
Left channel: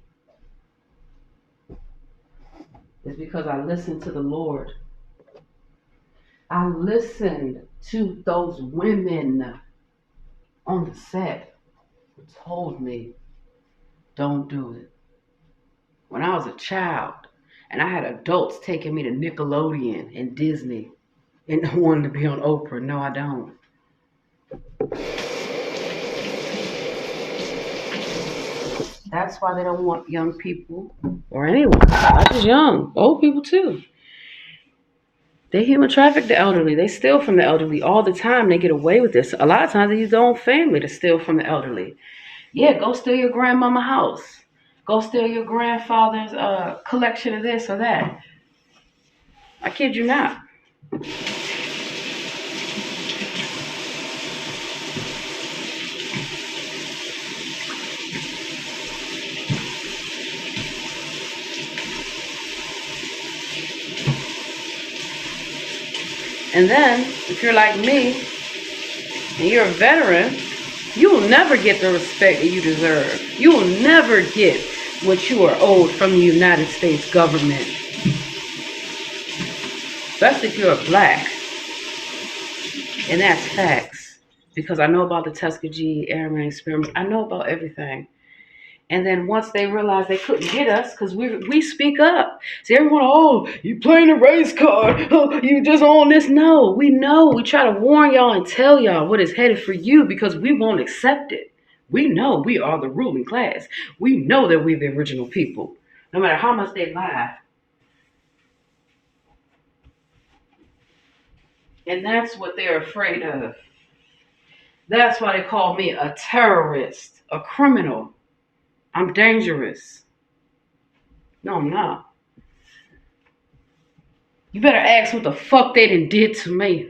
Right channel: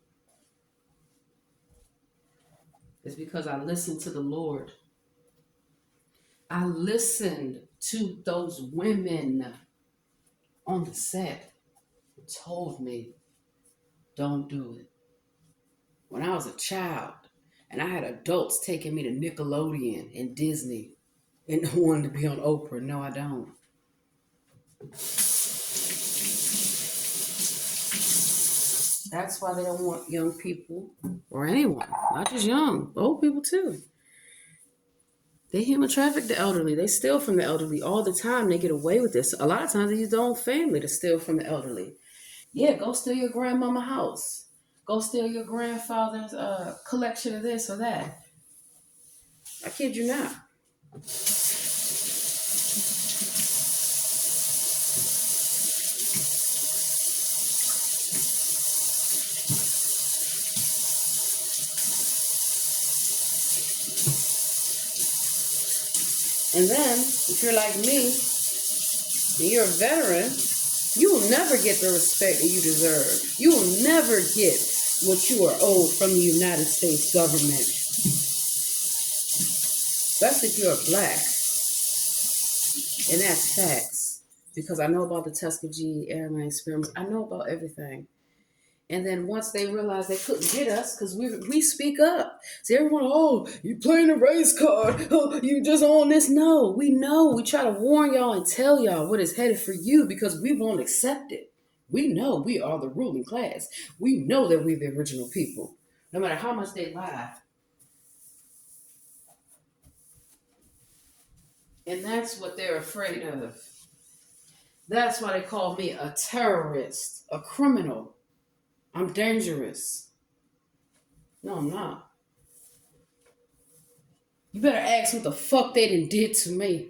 It's because I listened to the Lord. I listened to those women on the set who told me, don't do it. When I was a child, and I had adults taking me to Nickelodeon and Disney and wanting to be on Oprah. No, I don't. That's why they don't want young people or anyone, not just young, old people too. They human traffic the elderly. They steal from the elderly all the time. They get away with this. A lot of times they use their own family to steal from the elderly. Yeah, go steal your grandmama house. Go steal your grandfather's collection of this or that. I kid you not. And then, if you're like me, and you're a veteran, you will never get the respect that you deserve. You will never get what you are owed from the United States government. Especially if you're a black. And that's facts. Because I know about the Tuskegee Airmen experiment. I know about everything. And then once they realized they couldn't get us, because we speak up. See, everyone, oh, you playing a race card. Oh, you just on this. No, we know. We try to warn y'all and tell y'all what is headed for you because we won't accept it. We know we are the ruling class. We know that we're the original people. No matter how much they lie. And that's what they're afraid of. That's why they call me a terrorist, a criminal. I'm dangerous. No, I'm not. You better ask what the fuck they done did to me.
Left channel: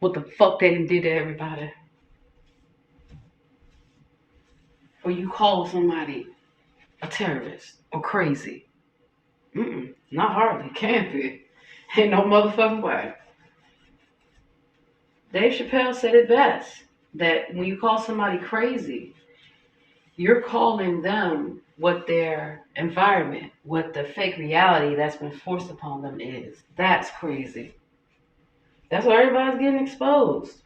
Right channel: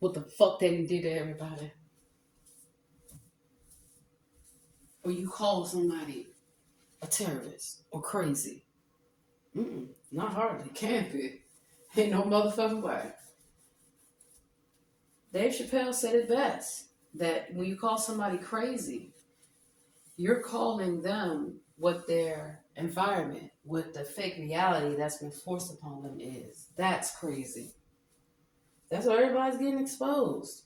What the fuck they done did to everybody. Or you call somebody a terrorist or crazy. Not hardly. Can't be. Ain't no motherfucking way. Dave Chappelle said it best. That when you call somebody crazy, you're calling them what their environment, what the fake reality that's been forced upon them is. That's crazy. That's why everybody's getting exposed.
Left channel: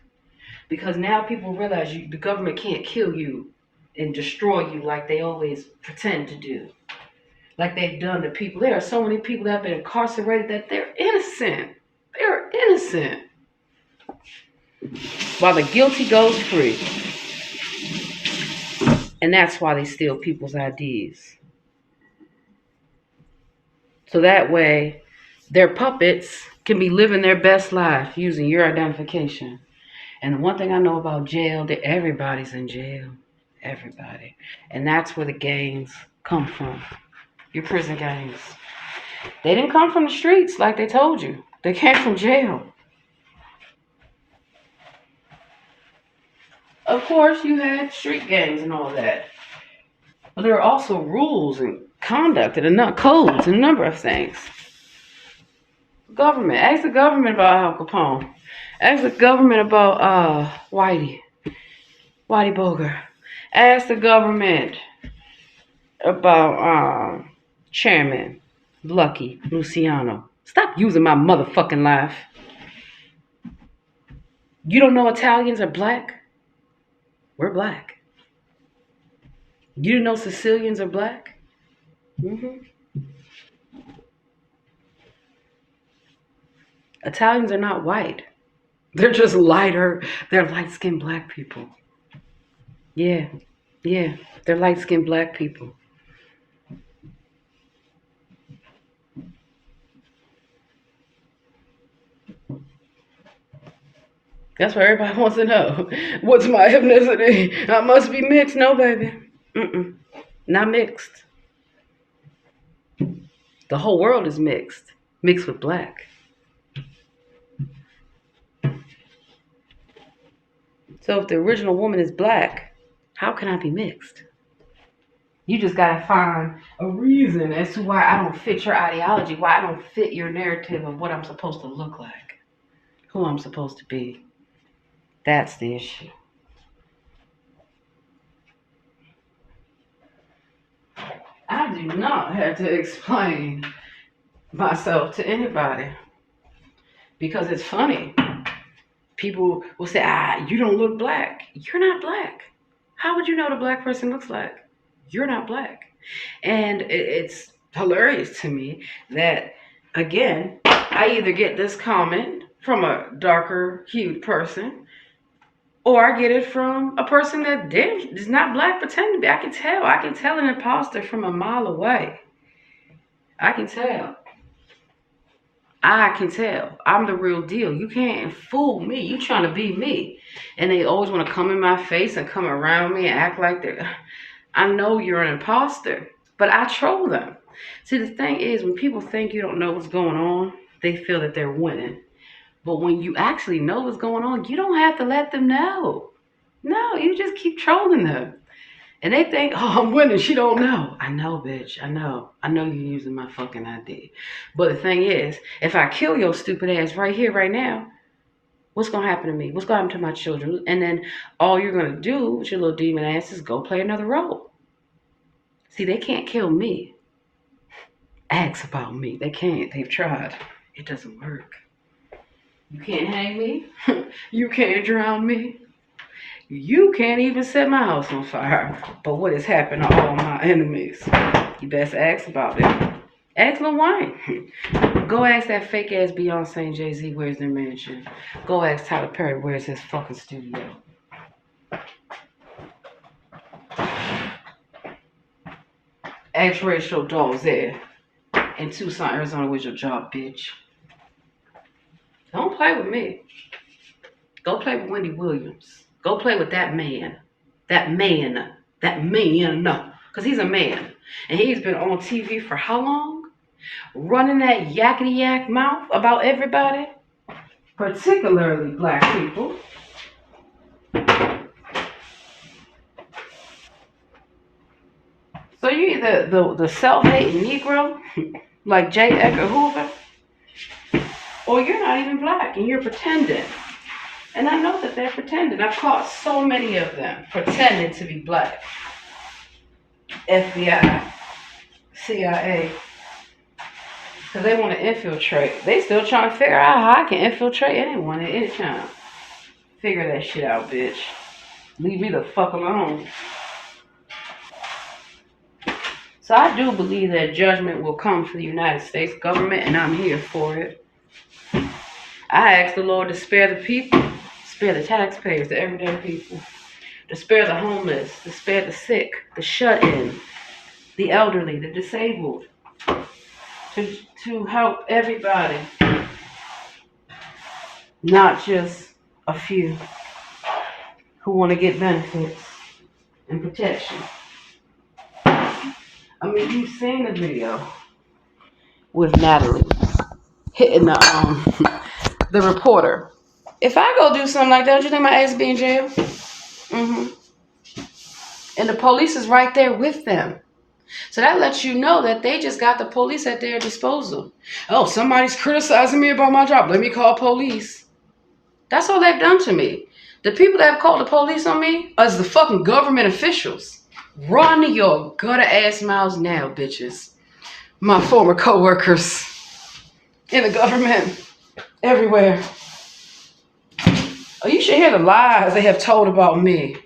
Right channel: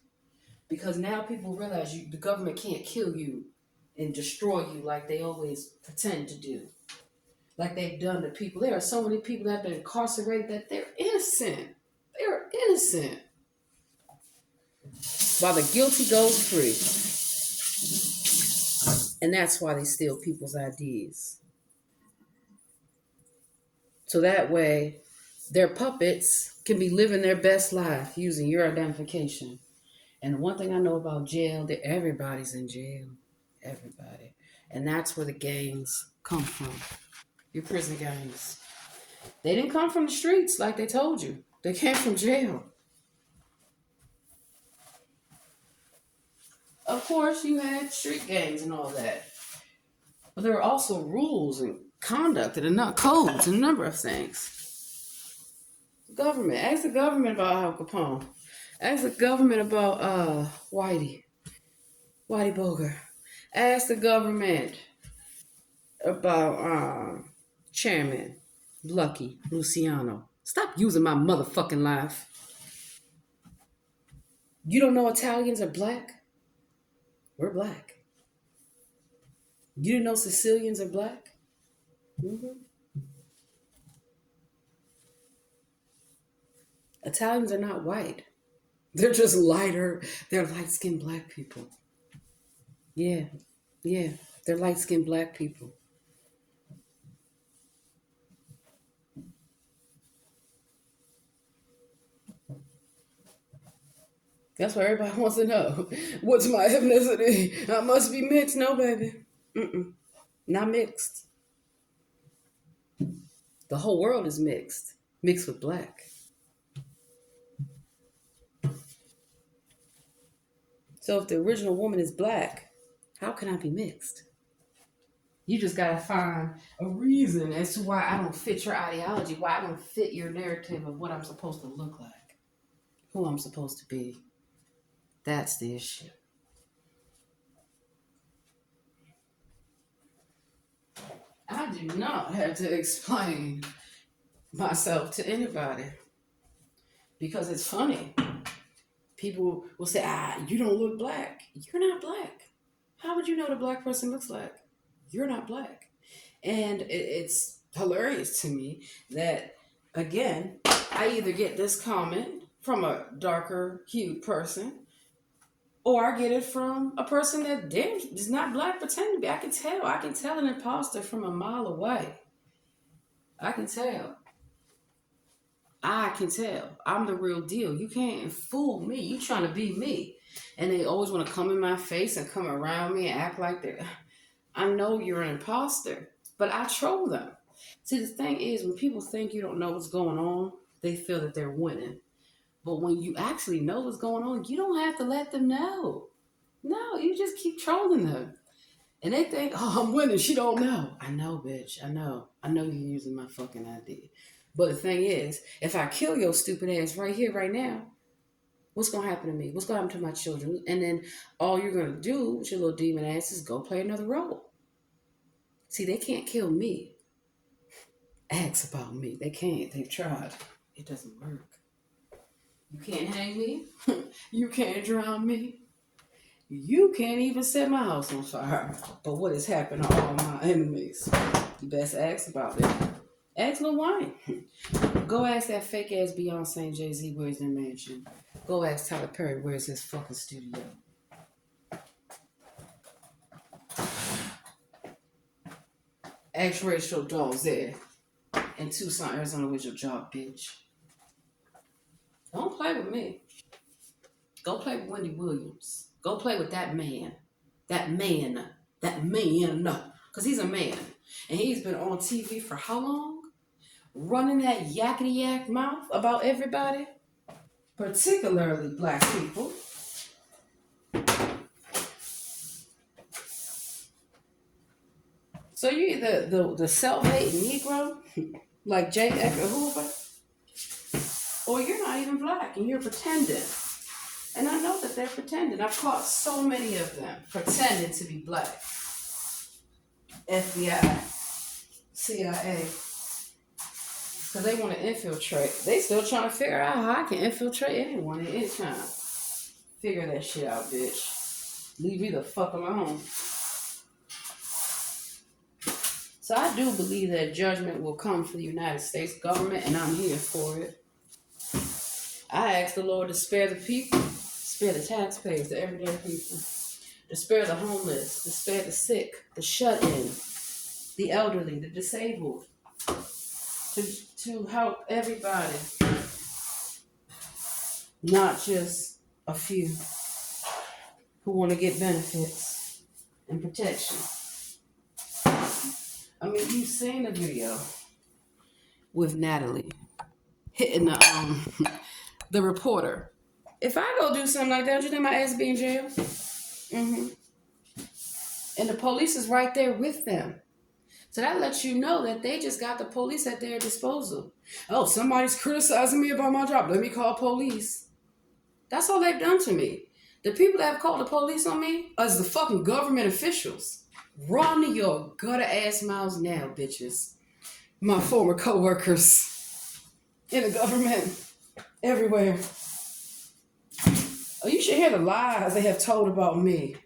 Because now people realize the government can't kill you and destroy you like they always pretend to do. Like they've done to people. There are so many people that have been incarcerated that they're innocent. They're innocent. While the guilty goes free. And that's why they steal people's IDs. So that way, their puppets can be living their best life using your identification. And the one thing I know about jail, that everybody's in jail. Everybody. And that's where the gangs come from. Your prison gangs. They didn't come from the streets like they told you. They came from jail. Of course, you had street gangs and all that. But there are also rules and conduct and codes and a number of things. Government. Ask the government about Al Capone. Ask the government about Whitey Bulger. Ask the government about Chairman Lucky Luciano. Stop using my motherfucking life. You don't know Italians are black? We're black. You didn't know Sicilians are black? Mm-hmm. Italians are not white. They're just lighter. They're light-skinned black people. Yeah. They're light-skinned black people. That's what everybody wants to know. What's my ethnicity? I must be mixed. No, baby. Not mixed. The whole world is mixed. Mixed with black. So if the original woman is black, how can I be mixed? You just gotta find a reason as to why I don't fit your ideology, why I don't fit your narrative of what I'm supposed to look like, who I'm supposed to be. That's the issue. I do not have to explain myself to anybody because it's funny. People will say, you don't look black. You're not black. How would you know what a black person looks like? You're not black. And it's hilarious to me that, again, I either get this comment from a darker hued person or I get it from a person that is not black pretending to be. I can tell an imposter from a mile away. I can tell. I'm the real deal. You can't fool me. You trying to be me. And they always want to come in my face and come around me and act like I know you're an imposter, but I troll them. See, the thing is, when people think you don't know what's going on, they feel that they're winning. But when you actually know what's going on, you don't have to let them know. No, you just keep trolling them. And they think, I'm winning. She don't know. I know, bitch. I know. I know you're using my fucking ID. But the thing is, if I kill your stupid ass right here, right now, what's going to happen to me? What's going to happen to my children? And then all you're going to do with your little demon ass is go play another role. See, they can't kill me. Ask about me. They can't. They've tried. It doesn't work. You can't hang me. You can't drown me. You can't even set my house on fire. But what has happened to all my enemies? You best ask about it. Ask Lil Wayne. Go ask that fake ass Beyonce and Jay-Z where's their mansion. Go ask Tyler Perry where's his fucking studio. Ask Rachel Dolezal in Tucson, Arizona, where's your job, bitch? Don't play with me. Go play with Wendy Williams. Go play with that man. That man. That man. Because he's a man. And he's been on TV for how long? Running that yakety yak mouth about everybody, particularly black people. So you either the self-hating Negro, like J. Edgar Hoover, or you're not even black and you're pretending. And I know that they're pretending. I've caught so many of them pretending to be black. FBI, CIA, because they want to infiltrate. They still trying to figure out how I can infiltrate anyone at any time. Figure that shit out, bitch. Leave me the fuck alone. So I do believe that judgment will come for the United States government, and I'm here for it. I ask the Lord to spare the people, spare the taxpayers, the everyday people, to spare the homeless, to spare the sick, the shut-in, the elderly, the disabled, to help everybody, not just a few who want to get benefits and protection. I mean, you've seen the video with Natalie hitting the reporter. If I go do something like that, do you think my ass be in jail? Mm-hmm. And the police is right there with them. So that lets you know that they just got the police at their disposal. Oh, somebody's criticizing me about my job. Let me call police. That's all they've done to me. The people that have called the police on me is the fucking government officials. Run your gutter ass mouths now, bitches. My former co-workers in the government, everywhere. Oh, you should hear the lies they have told about me.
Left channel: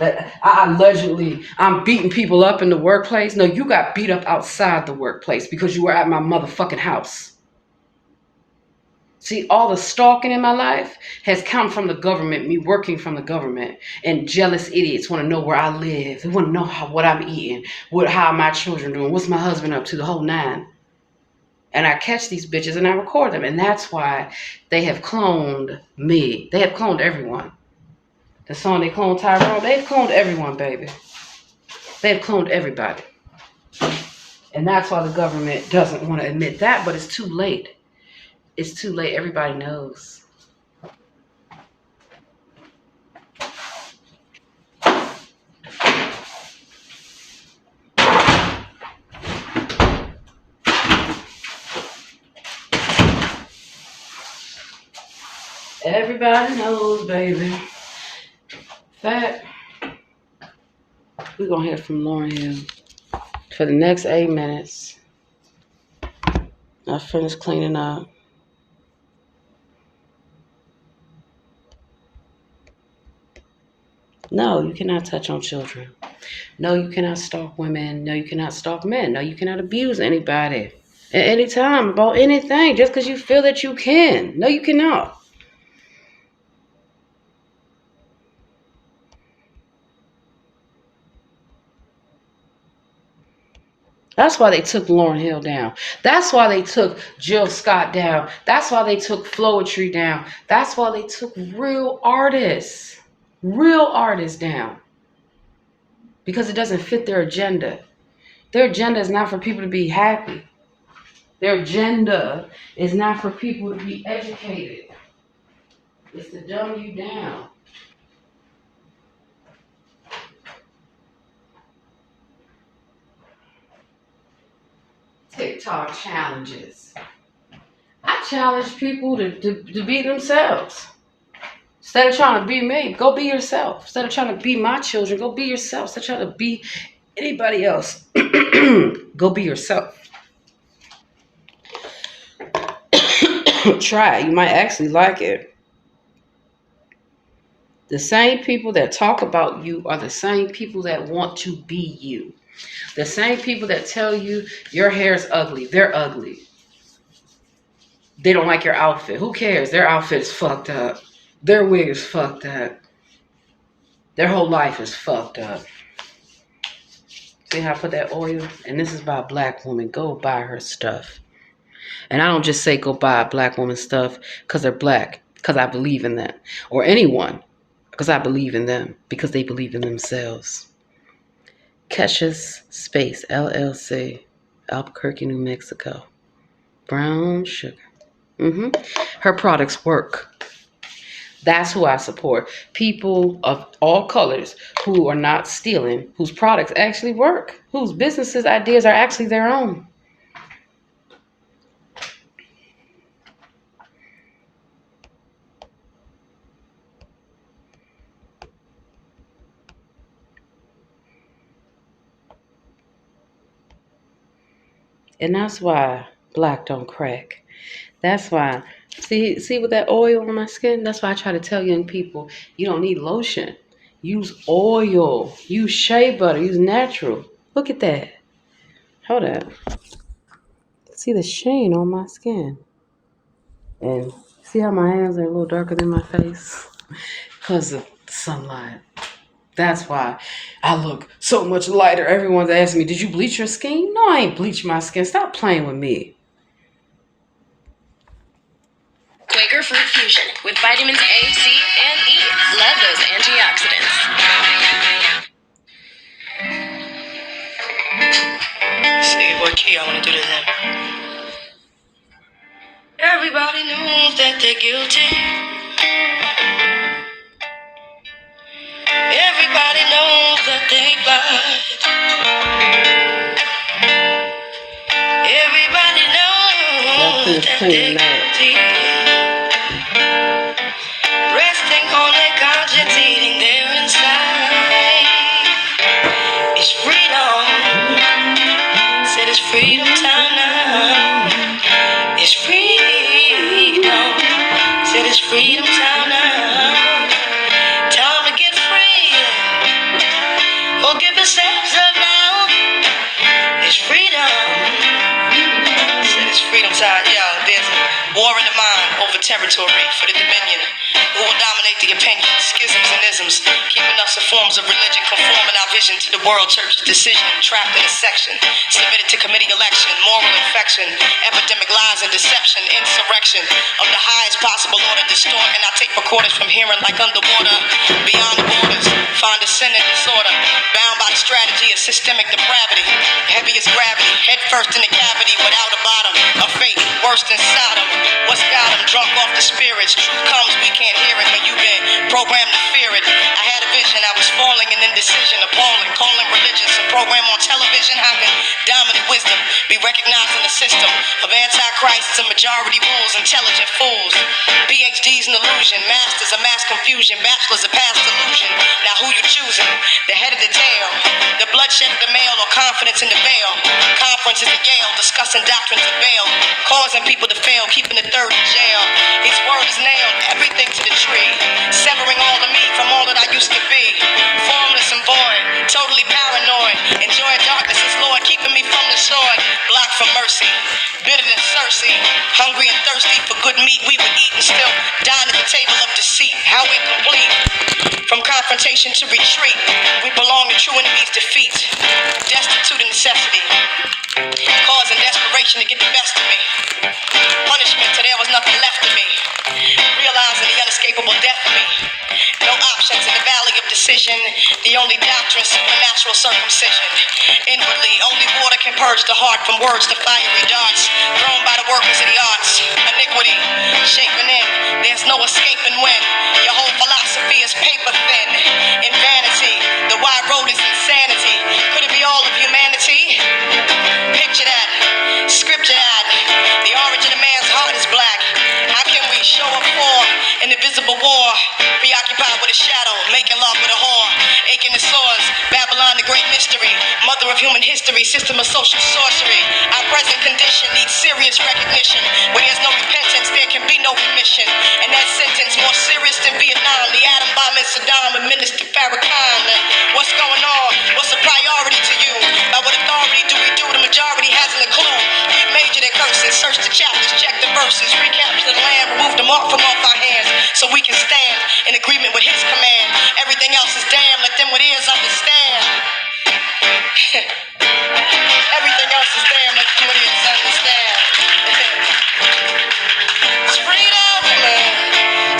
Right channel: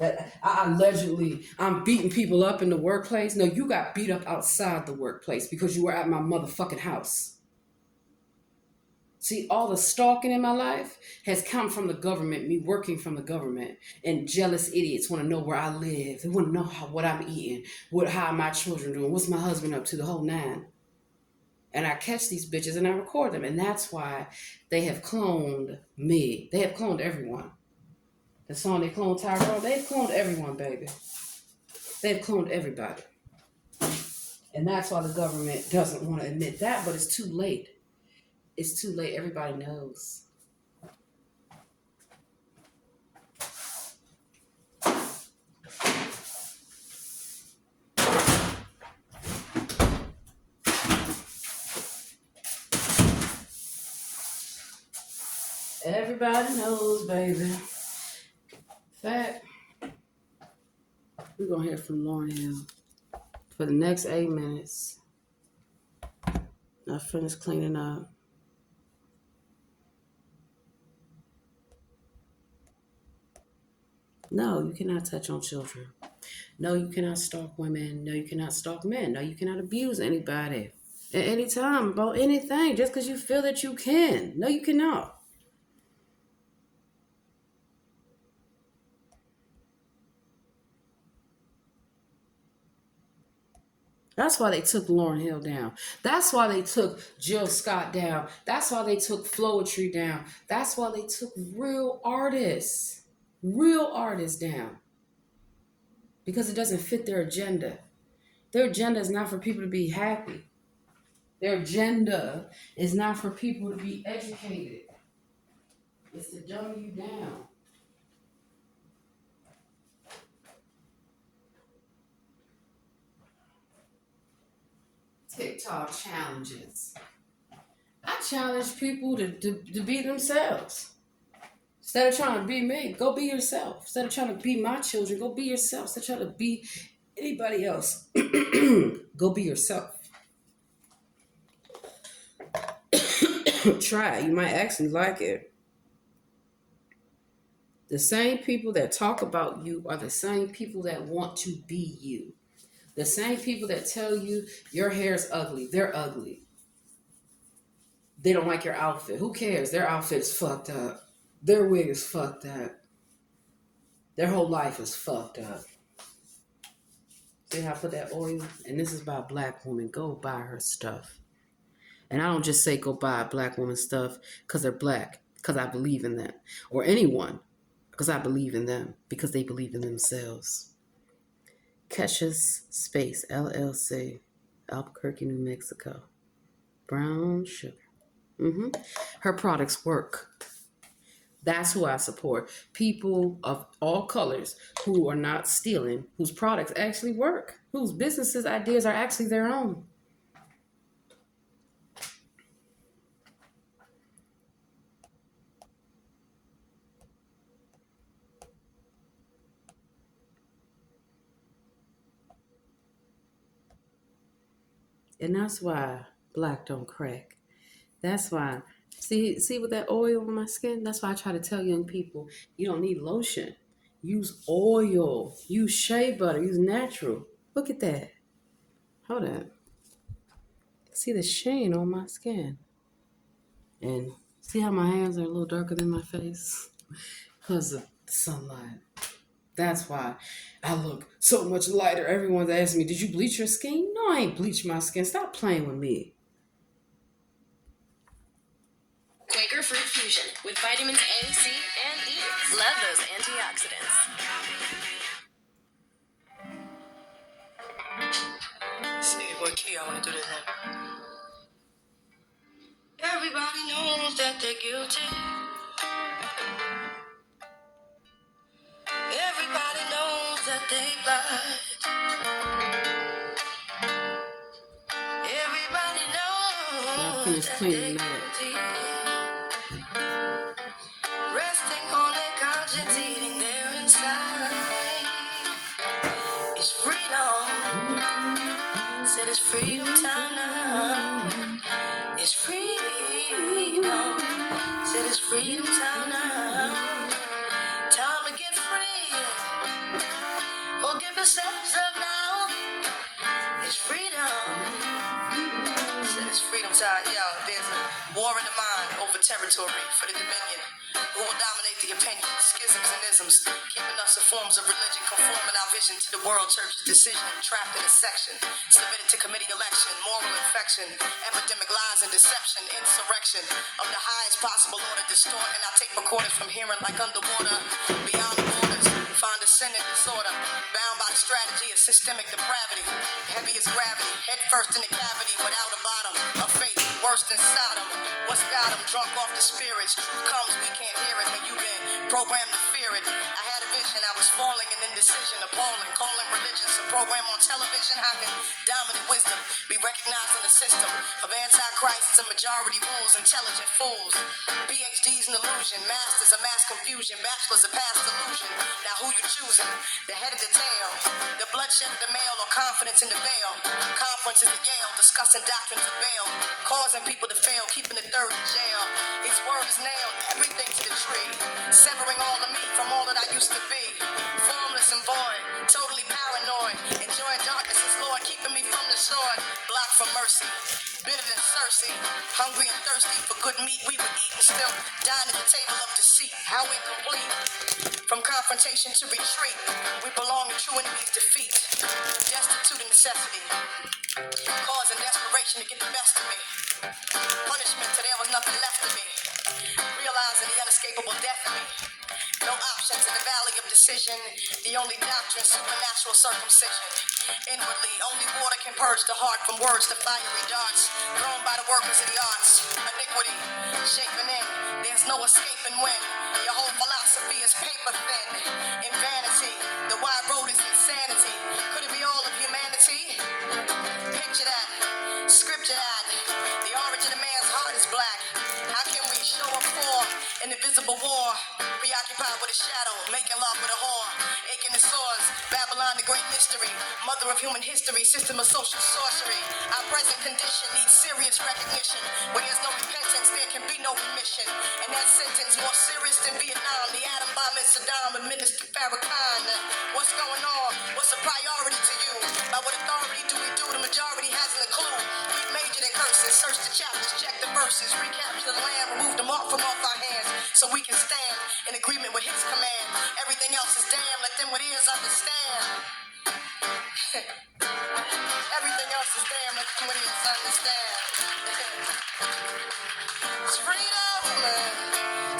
That I'm beating people up in the workplace. No, you got beat up outside the workplace because you were at my motherfucking house. See, all the stalking in my life has come from the government, me working from the government. And jealous idiots want to know where I live. They want to know what I'm eating, how my children doing, what's my husband up to, the whole nine. And I catch these bitches and I record them. And that's why they have cloned me. They have cloned everyone. The song they cloned Tyrone, they've cloned everyone, baby. They've cloned everybody. And that's why the government doesn't want to admit that, but it's too late. It's too late. Everybody knows. Everybody knows, baby. In fact, we're going to hear from Lauren Hill for the next 8 minutes. I finished cleaning up. No, you cannot touch on children. No, you cannot stalk women. No, you cannot stalk men. No, you cannot abuse anybody at any time about anything just because you feel that you can. No, you cannot. That's why they took Lauryn Hill down. That's why they took Jill Scott down. That's why they took Floetry down. That's why they took real artists down. Because it doesn't fit their agenda. Their agenda is not for people to be happy. Their agenda is not for people to be educated. It's to dumb you down. TikTok challenges. I challenge people to be themselves. Instead of trying to be me, go be yourself. Instead of trying to be my children, go be yourself. Instead of trying to be anybody else, go be yourself. Try it. You might actually like it. The same people that talk about you are the same people that want to be you. The same people that tell you your hair is ugly, they're ugly. They don't like your outfit. Who cares? Their outfit is fucked up. Their wig is fucked up. Their whole life is fucked up. See how I put that oil? And this is by a black woman. Go buy her stuff. And I don't just say go buy a black woman's stuff because they're black. because I believe in that, or anyone because I believe in them, because they believe in themselves. Kesha's Space LLC, Albuquerque, New Mexico. Brown sugar. Her products work. That's who I support. People of all colors who are not stealing, whose products actually work, whose businesses ideas are actually their own. And that's why black don't crack. That's why. See with that oil on my skin? That's why I try to tell young people, you don't need lotion. Use oil. Use shea butter. Use natural. Look at that. Hold up. See the sheen on my skin. And see how my hands are a little darker than my face? Because of the sunlight. That's why I look so much lighter. Everyone's asking me, did you bleach your skin? No, I ain't bleach my skin. Stop playing with me. Quaker Fruit Fusion with vitamins A, C, and E. Love those antioxidants. See what key I want to do to them. Everybody knows that they're guilty. Everybody knows that they lied. Everybody knows that they're guilty. Resting on their conscience, eating their inside. It's freedom. Said it's freedom time now. It's freedom. Said it's freedom time now. Time to get free. Or give yourselves up now. It's freedom. Said it's freedom time. Yeah, there's war in the mind over territory for the dominion. Who will dominate the opinions, schisms and isms, keeping us in forms of religion, conforming our vision to the world church's decision, trapped in a section, submitted to committee election, moral infection, epidemic lies and deception, insurrection of the highest possible order, distorting our tape recorders from hearing like underwater, beyond the borders, find a sin and disorder, bound by the strategy of systemic depravity, heavy as gravity, head first in the cavity, without a bottom, a fate worse than Sodom. What's got them drunk off the spirits? Truth comes, we can't hear it when you've been programmed to fear it. I had a vision, I was falling in indecision, appalling, calling religion some program on television. How can dominant wisdom be recognized in the system of antichrists and majority rules, intelligent fools? PhDs in illusion, masters of mass confusion, bachelors of past illusion. Now who you choosing? The head of the tail, the bloodshed of the male, or confidence in the veil? Conferences at Yale, discussing doctrines of bail, causing people to fail, keeping the third in jail. His word is nailed, everything to the tree, severing all of me from all that I used to be. Formless and void, totally paranoid, enjoying darkness as Lord, keeping me from the sword. Blocked from mercy, bitter than Cersei, hungry and thirsty for good meat we would eat and still dine at the table of deceit. How incomplete. From confrontation to retreat, we belong to true enemies' defeat. Destitute of necessity, causing desperation to get the best of me. Punishment till there was nothing left of me. Realizing the unescapable death of me. No options in the valley of decision. The only doctrine, supernatural circumcision. Inwardly, only water can purge the heart from words to fiery darts thrown by the workers of the arts. Iniquity, shaping in. There's no escaping when your whole philosophy is paper thin. In vanity, the wide road is insanity. Could it be all of humanity? Picture that, scripture that. The origin of man's heart is black. How can we show up for an invisible war? Preoccupied with a shadow, making love with a whore. Aching the sores, Babylon the great mystery. Mother of human history, system of social sorcery. Our present condition needs serious recognition. Where there's no repentance, there can be no remission. And that sentence more serious than Vietnam. The atom bomb in Saddam administered Farrakhan. What's going on? What's a priority to you? By what authority do we do? The majority hasn't a clue. We've majored in curses, search the chapters, check the verses, recapture the land, remove the mark from off our hands, so we can stand in agreement with his command. Everything else is damn, let them with ears understand. Everything else is damn, let them with ears understand. It's freedom, man.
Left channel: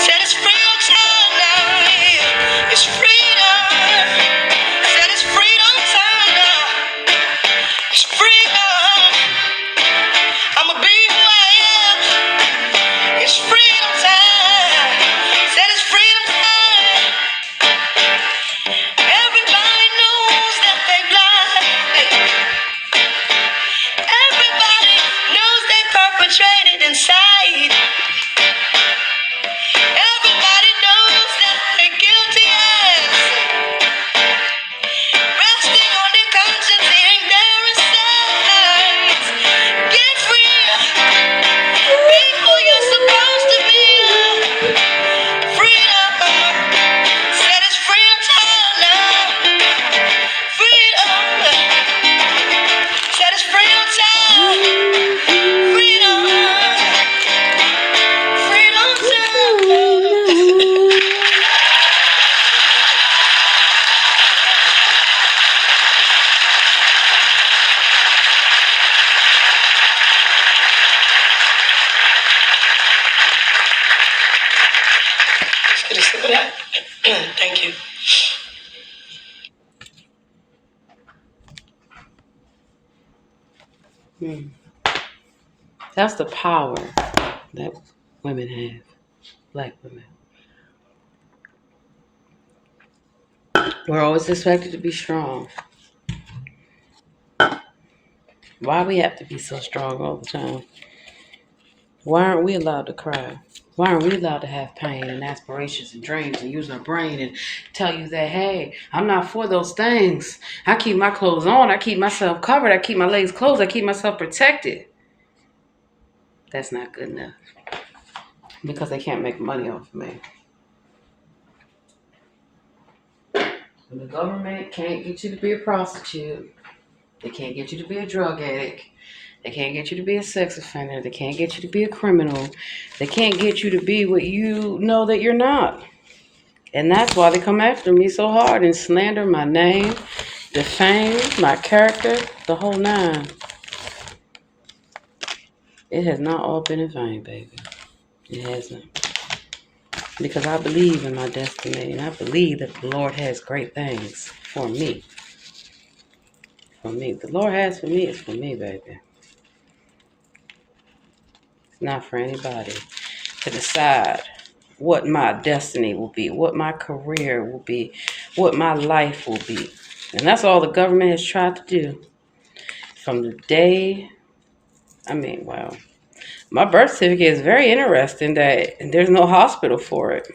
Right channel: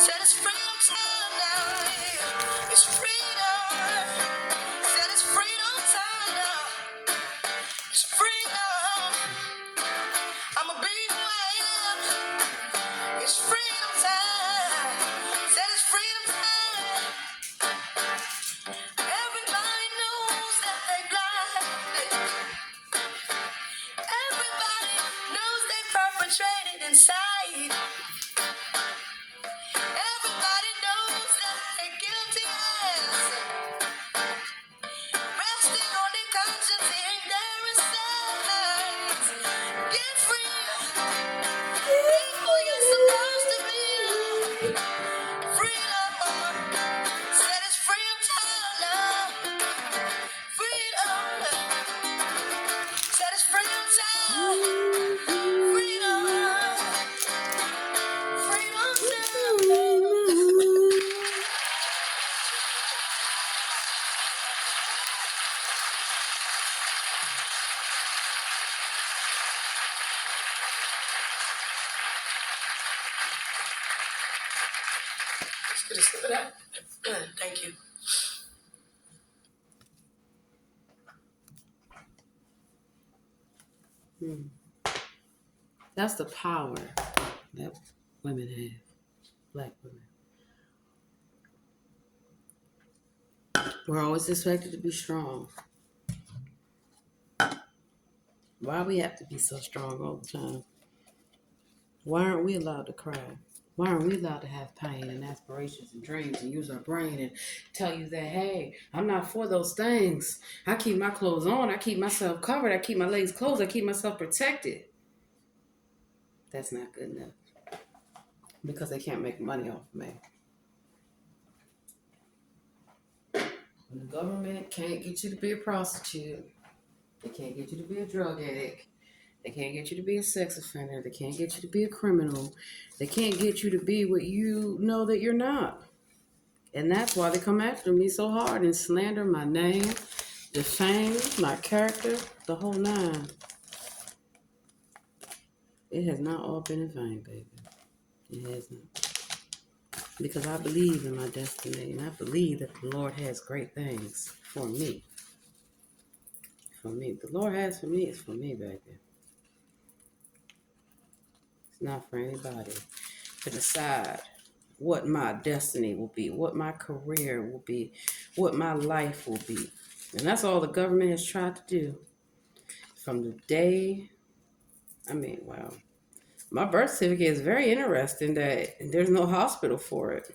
Hmm. That's the power that women have, black women. We're always expected to be strong. Why we have to be so strong all the time? Why aren't we allowed to cry? Why aren't we allowed to have pain and aspirations and dreams and use our brain and tell you that, hey, I'm not for those things. I keep my clothes on. I keep myself covered. I keep my legs closed. I keep myself protected. That's not good enough because they can't make money off of me. When the government can't get you to be a prostitute, they can't get you to be a drug addict, they can't get you to be a sex offender, they can't get you to be a criminal, they can't get you to be what you know that you're not. And that's why they come after me so hard and slander my name, defame my character, the whole nine. It has not all been in vain, baby. It hasn't. Because I believe in my destiny and I believe that the Lord has great things for me. For me. The Lord has for me is for me, baby. It's not for anybody to decide what my destiny will be, what my career will be, what my life will be. And that's all the government has tried to do from the day. Wow. My birth certificate is very interesting that there's no hospital for it.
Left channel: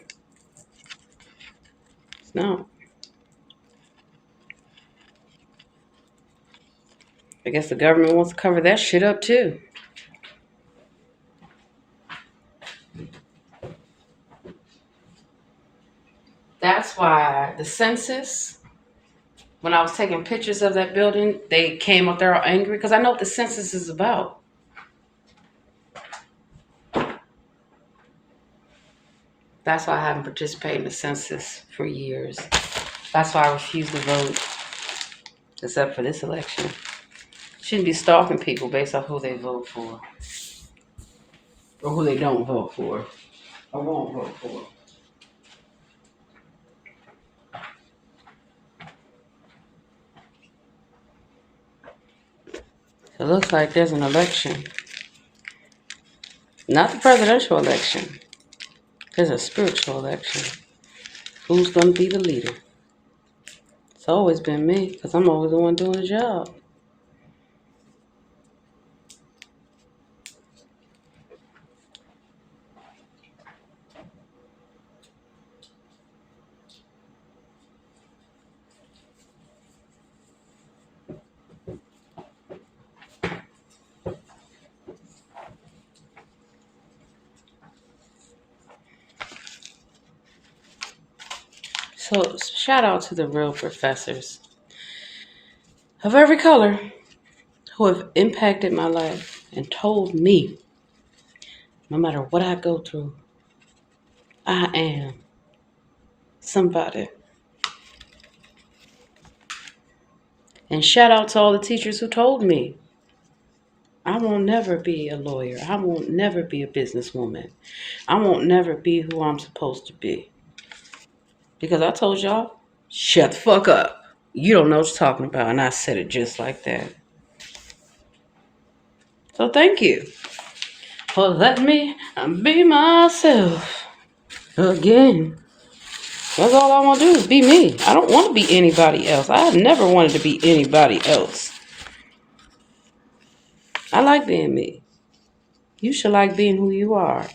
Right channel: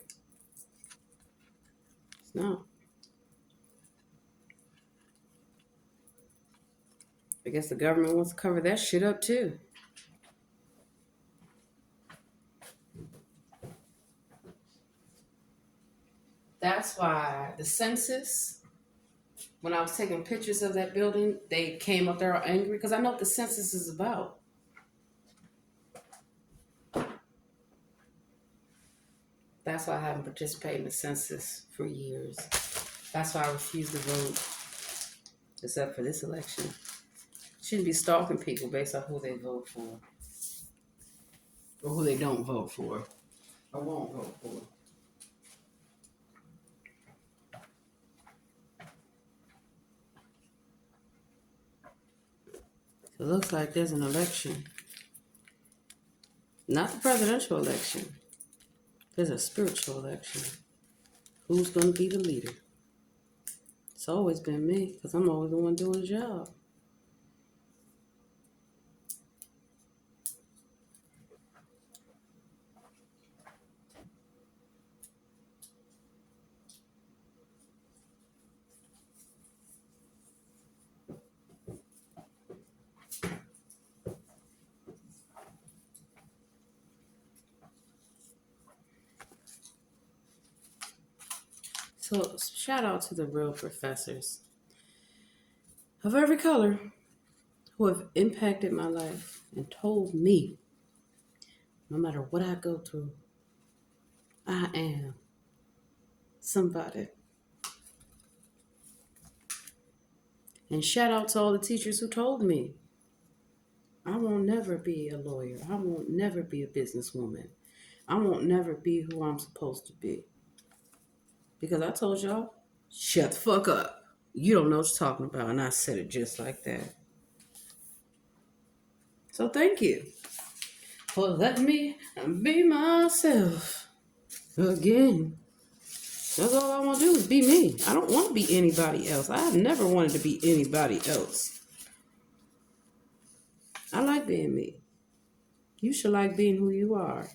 No. I guess the government wants to cover that shit up too. That's why the census, when I was taking pictures of that building, they came up there all angry because I know what the census is about. That's why I haven't participated in the census for years. That's why I refuse to vote, except for this election. Shouldn't be stalking people based on who they vote for or who they don't vote for or won't vote for. It looks like there's an election. Not the presidential election. There's a spiritual election. Who's going to be the leader? It's always been me because I'm always the one doing the job. So shout out to the real professors of every color who have impacted my life and told me no matter what I go through, I am somebody. And shout out to all the teachers who told me I won't never be a lawyer. I won't never be a businesswoman. I won't never be who I'm supposed to be. Because I told y'all, shut the fuck up. You don't know what you're talking about. And I said it just like that. So thank you for letting me be myself again. That's all I want to do is be me. I don't want to be anybody else. I have never wanted to be anybody else. I like being me. You should like being who you are.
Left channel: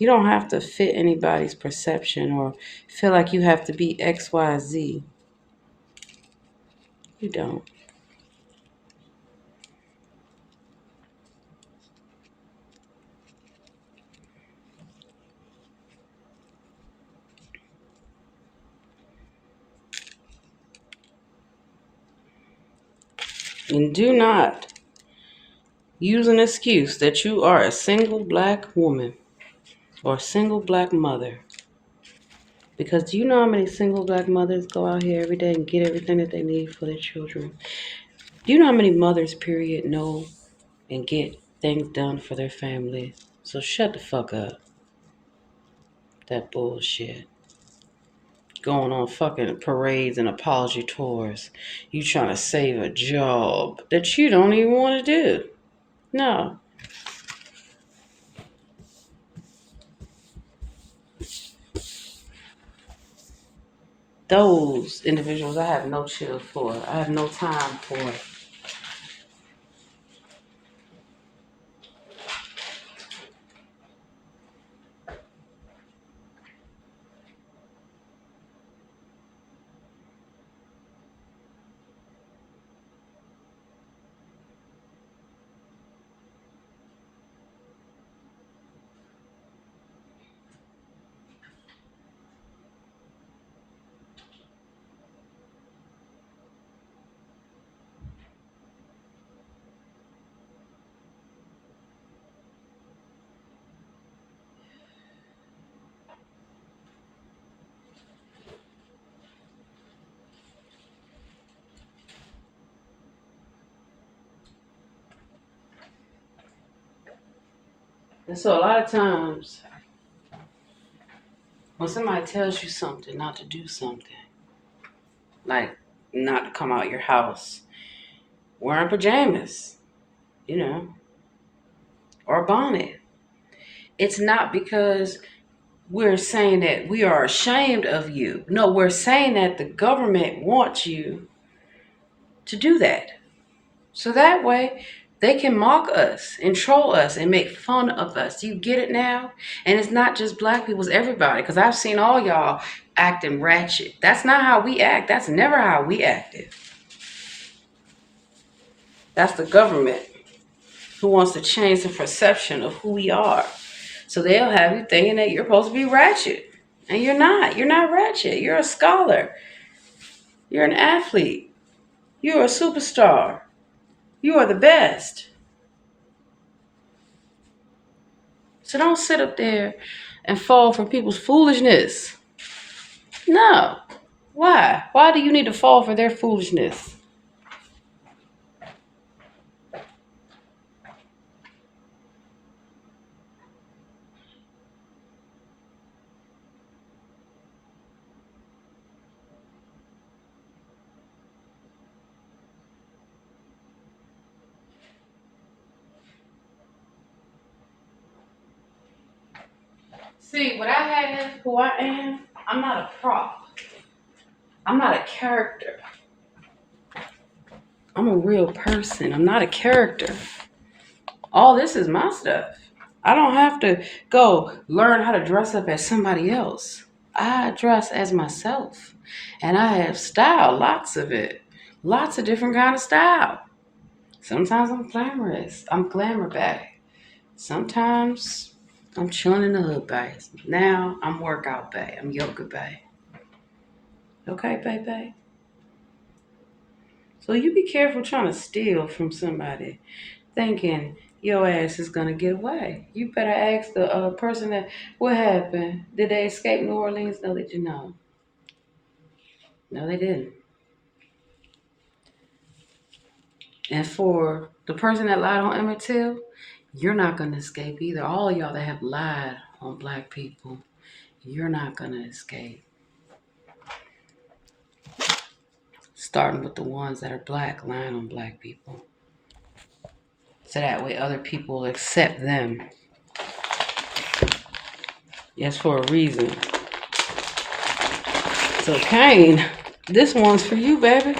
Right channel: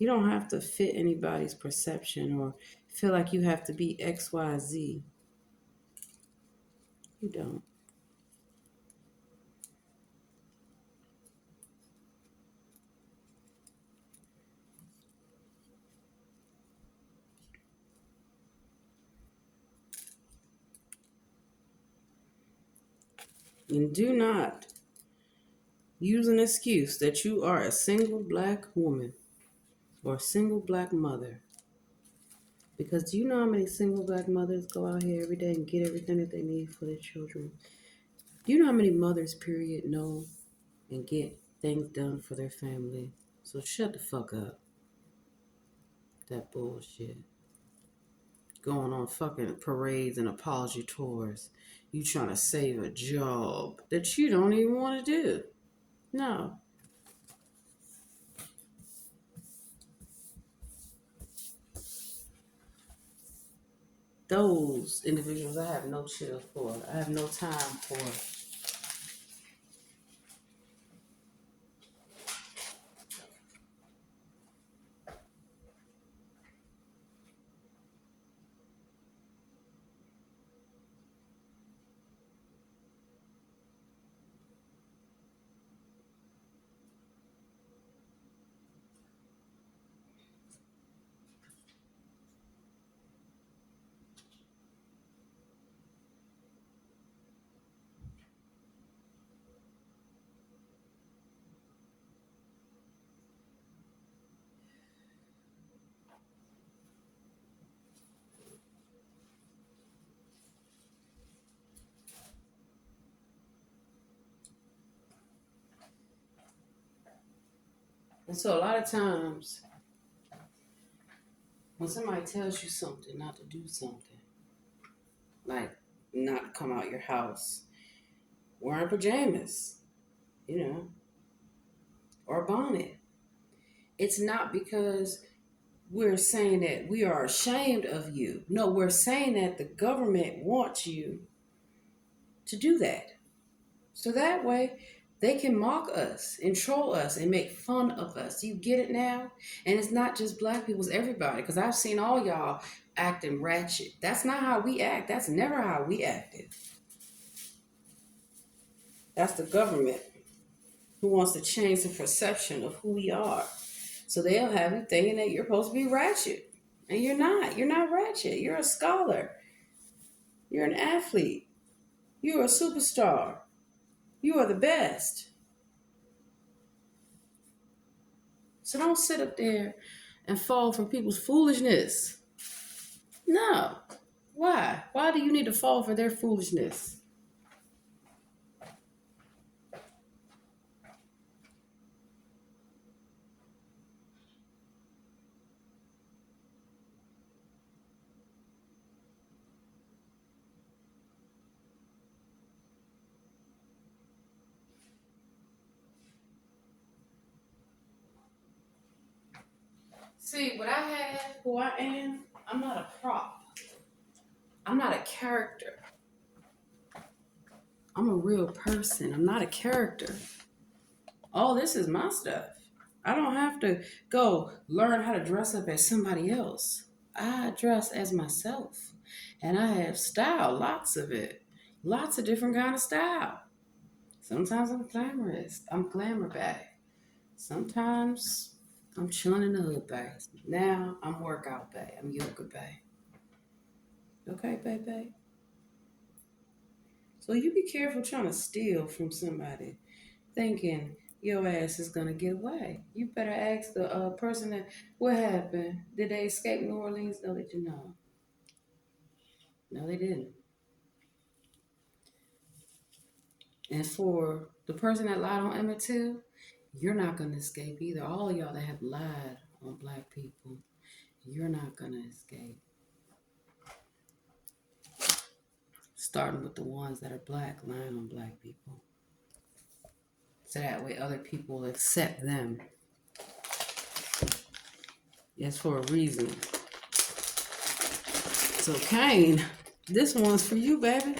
You don't have to fit anybody's perception or feel like you have to be XYZ. You don't. And do not use an excuse that you are a single black woman or a single black mother. Because do you know how many single black mothers go out here every day and get everything that they need for their children? Do you know how many mothers, period, know and get things done for their family? So shut the fuck up. That bullshit. going on fucking parades and apology tours. You trying to save a job that you don't even want to do. No. Those individuals I have no chill for. I have no time for. And so a lot of times when somebody tells you something, not to do something, like not to come out your house wearing pajamas, you know, or a bonnet, it's not because we're saying that we are ashamed of you. No, we're saying that the government wants you to do that. So that way they can mock us and troll us and make fun of us. You get it now? And it's not just black people, it's everybody. Because I've seen all y'all acting ratchet. That's not how we act. That's never how we acted. That's the government who wants to change the perception of who we are. So they'll have you thinking that you're supposed to be ratchet. And you're not. You're not ratchet. You're a scholar. You're an athlete. You're a superstar. You are the best. So don't sit up there and fall for people's foolishness. No. Why? Why do you need to fall for their foolishness? See, what I have, who I am, I'm not a prop. I'm not a character. I'm a real person. I'm not a character. All this is my stuff. I don't have to go learn how to dress up as somebody else. I dress as myself. And I have style, lots of it. Lots of different kind of style. Sometimes I'm glamorous. I'm glamour bag. Sometimes I'm chilling in the hood bag. Now I'm workout bag. I'm yoga bag. Okay, baby. So you be careful trying to steal from somebody, thinking your ass is gonna get away. You better ask the person that what happened. Did they escape New Orleans? No, they did not. No, they didn't. And for the person that lied on Emmett Till, you're not gonna escape either. All of y'all that have lied on black people, you're not gonna escape. Starting with the ones that are black, lying on black people. So that way other people accept them. Yes, for a reason. So Kane, this one's for you, baby.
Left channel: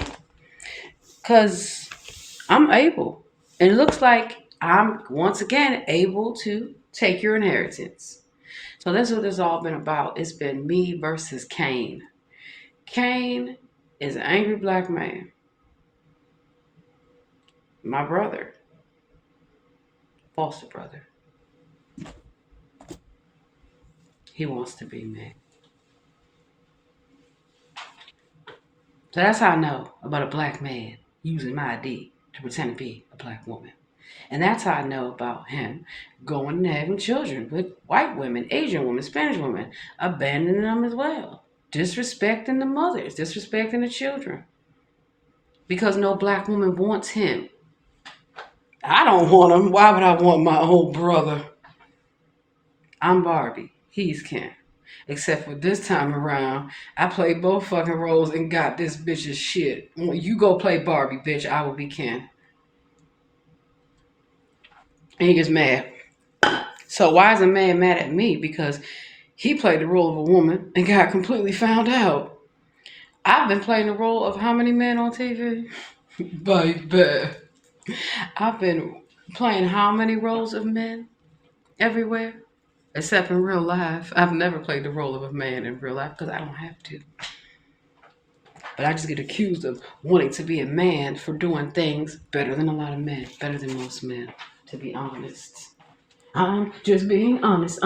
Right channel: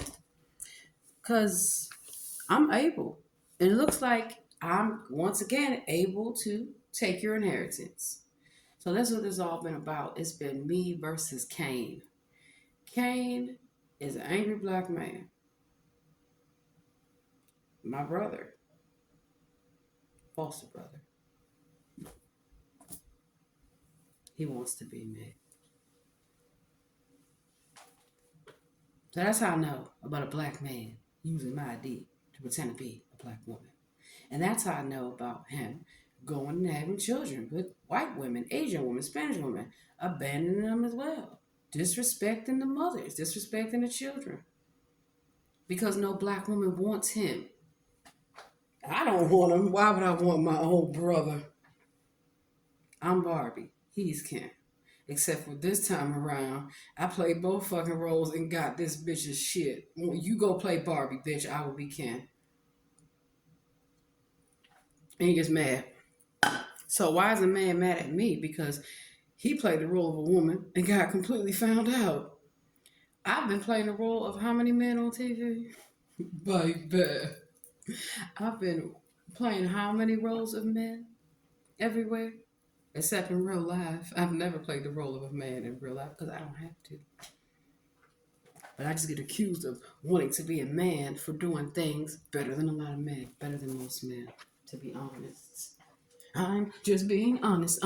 Cause I'm able. And it looks like I'm once again able to take your inheritance. So that's what it's all been about. It's been me versus Kane. Kane is an angry black man. My brother. Foster brother. He wants to be me. So that's how I know about a black man using my ID to pretend to be a black woman. And that's how I know about him going and having children with white women, Asian women, Spanish women, abandoning them as well. Disrespecting the mothers, disrespecting the children. Because no black woman wants him. I don't want him. Why would I want my own brother? I'm Barbie. He's Ken. Except for this time around, I played both fucking roles and got this bitch's shit. You go play Barbie, bitch. I will be Ken. And he gets mad. So why is a man mad at me? Because he played the role of a woman and got completely found out. I've been playing the role of how many men on TV? Baby. I've been playing how many roles of men everywhere? Except in real life. I've never played the role of a man in real life because I don't have to. But I just get accused of wanting to be a man for doing things better than a lot of men, better than most men, to be honest. I'm just being honest.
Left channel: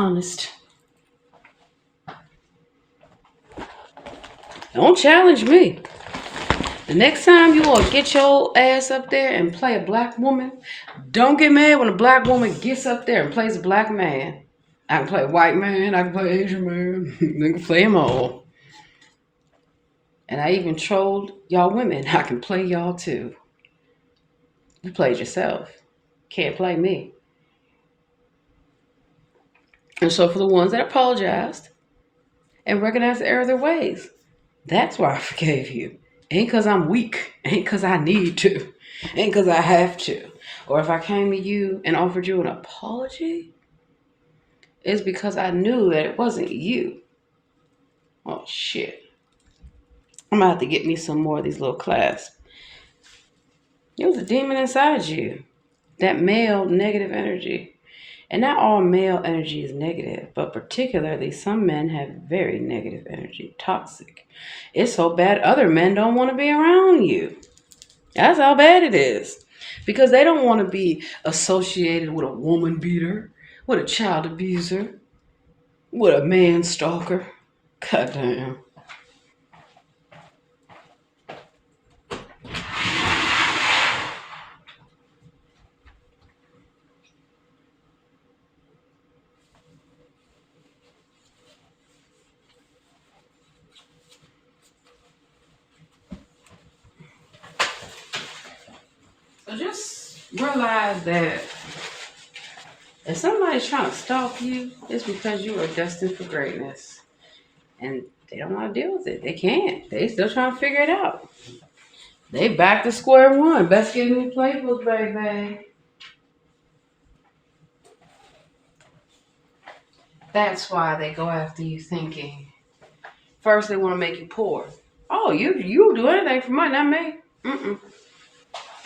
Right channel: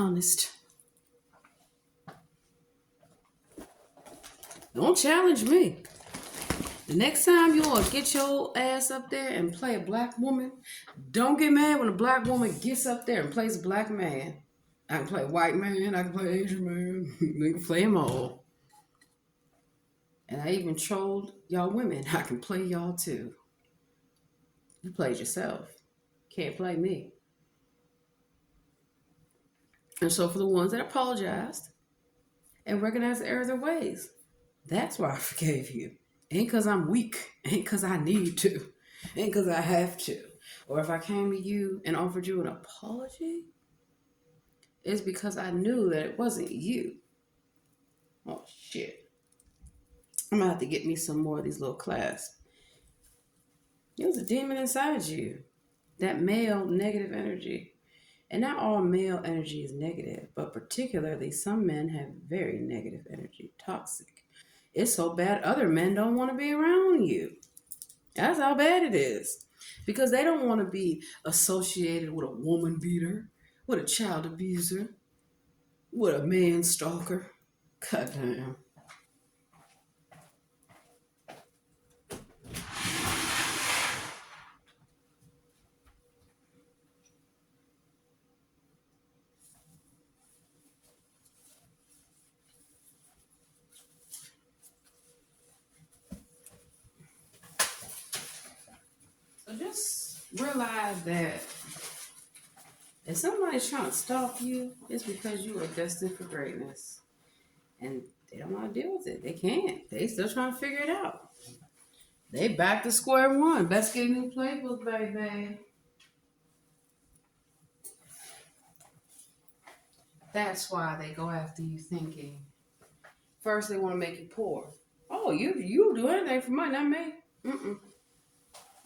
Don't challenge me. The next time you will get your ass up there and play a black woman, don't get mad when a black woman gets up there and plays a black man. I can play a white man, I can play Asian man, I can play them all. And I even trolled y'all women. I can play y'all too. You played yourself. Can't play me. And so for the ones that apologized and recognized the error of their ways, that's why I forgave you. Ain't because I'm weak. Ain't because I need to. Ain't because I have to. Or if I came to you and offered you an apology, it's because I knew that it wasn't you. Oh, shit. I'm going to have to get me some more of these little clasps. It was a demon inside you. That male negative energy. And not all male energy is negative, but particularly some men have very negative energy, toxic. It's so bad other men don't want to be around you. That's how bad it is. Because they don't want to be associated with a woman beater, with a child abuser, with a man stalker. Goddamn. So just realize that if somebody's trying to stalk you, it's because you are destined for greatness. And they don't want to deal with it. They can't. They still trying to figure it out. They back to square one. Best get in the playbook, baby. That's why they go after you thinking. First, they want to make you poor. Oh, you do anything for money, not me. Mm-mm.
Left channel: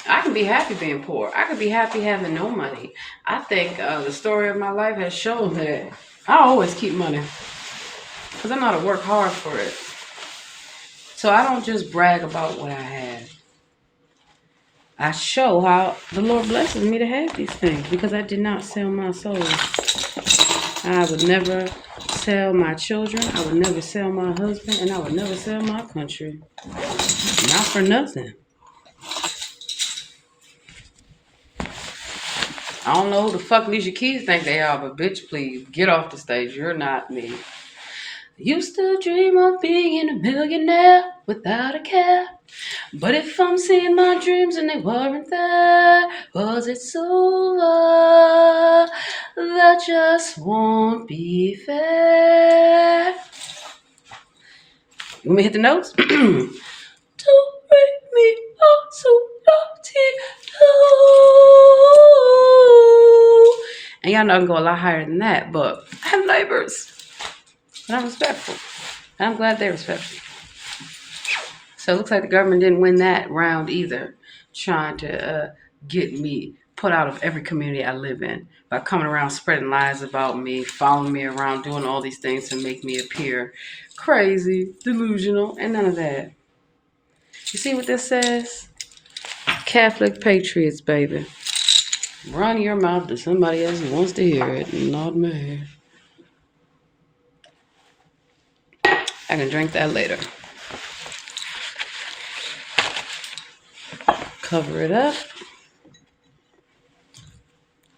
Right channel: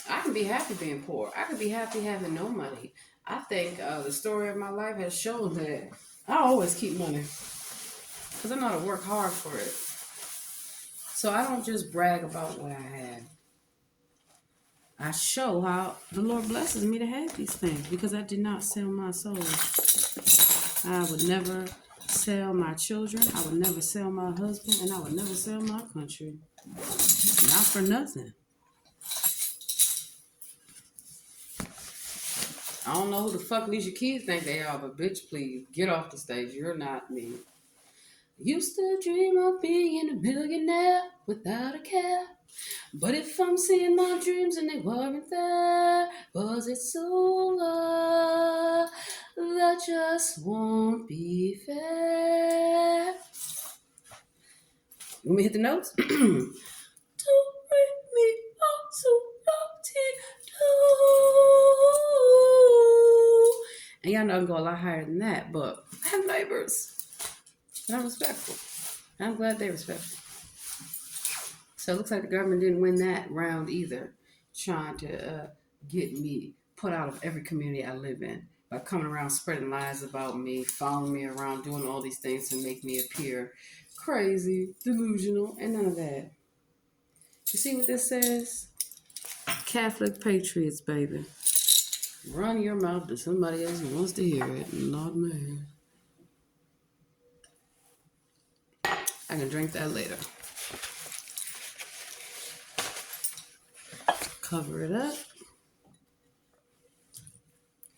I can be happy being poor. I can be happy having no money. I think the story of my life has shown that I always keep money because I know how to work hard for it. So I don't just brag about what I have. I show how the Lord blesses me to have these things because I did not sell my soul. I would never sell my children. I would never sell my husband. And I would never sell my country. Not for nothing. I don't know who the fuck Alicia Keys think they are, but bitch, please, get off the stage. You're not me. Used to dream of being a millionaire without a care. But if I'm seeing my dreams and they weren't there, was it over? That just won't be fair. You want me to hit the notes? Do, re, mi, fa, sol, la, ti, do. And y'all know I can go a lot higher than that, but I have neighbors. And I'm respectful. And I'm glad they're respectful. So it looks like the government didn't win that round either, trying to get me put out of every community I live in by coming around spreading lies about me, following me around, doing all these things to make me appear crazy, delusional, and none of that. You see what this says? Catholic patriots, baby. Run your mouth to somebody else who wants to hear it, not me. I can drink that later. Cover it up.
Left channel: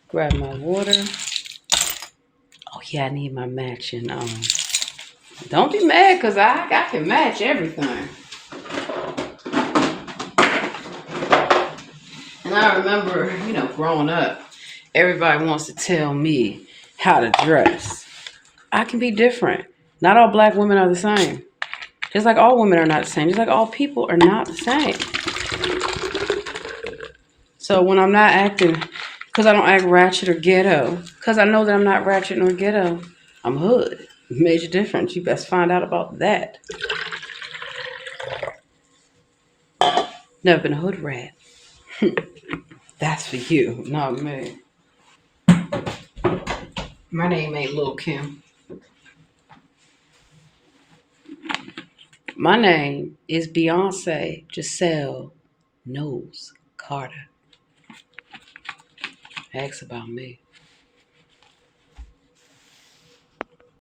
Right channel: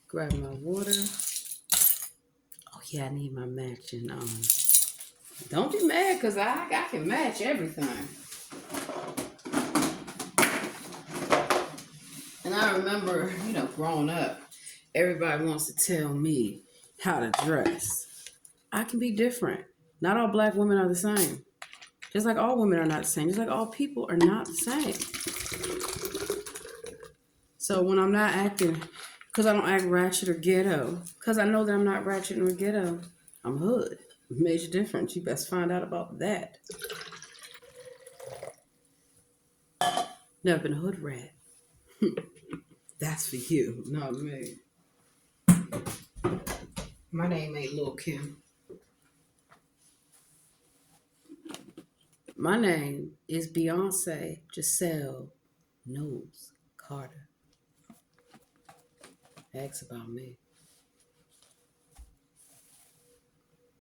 Grab my water. Oh yeah, I need my matching. Don't be mad because I can match everything. And I remember, growing up, everybody wants to tell me how to dress. I can be different. Not all black women are the same. Just like all women are not the same. Just like all people are not the same. So when I'm not acting, because I don't act ratchet or ghetto, because I know that I'm not ratchet nor ghetto, I'm hood. Major difference. You best find out about that. Never been a hood rat. That's for you, not me. My name ain't Lil Kim. My name is Beyonce Giselle Knowles Carter. Ask about me.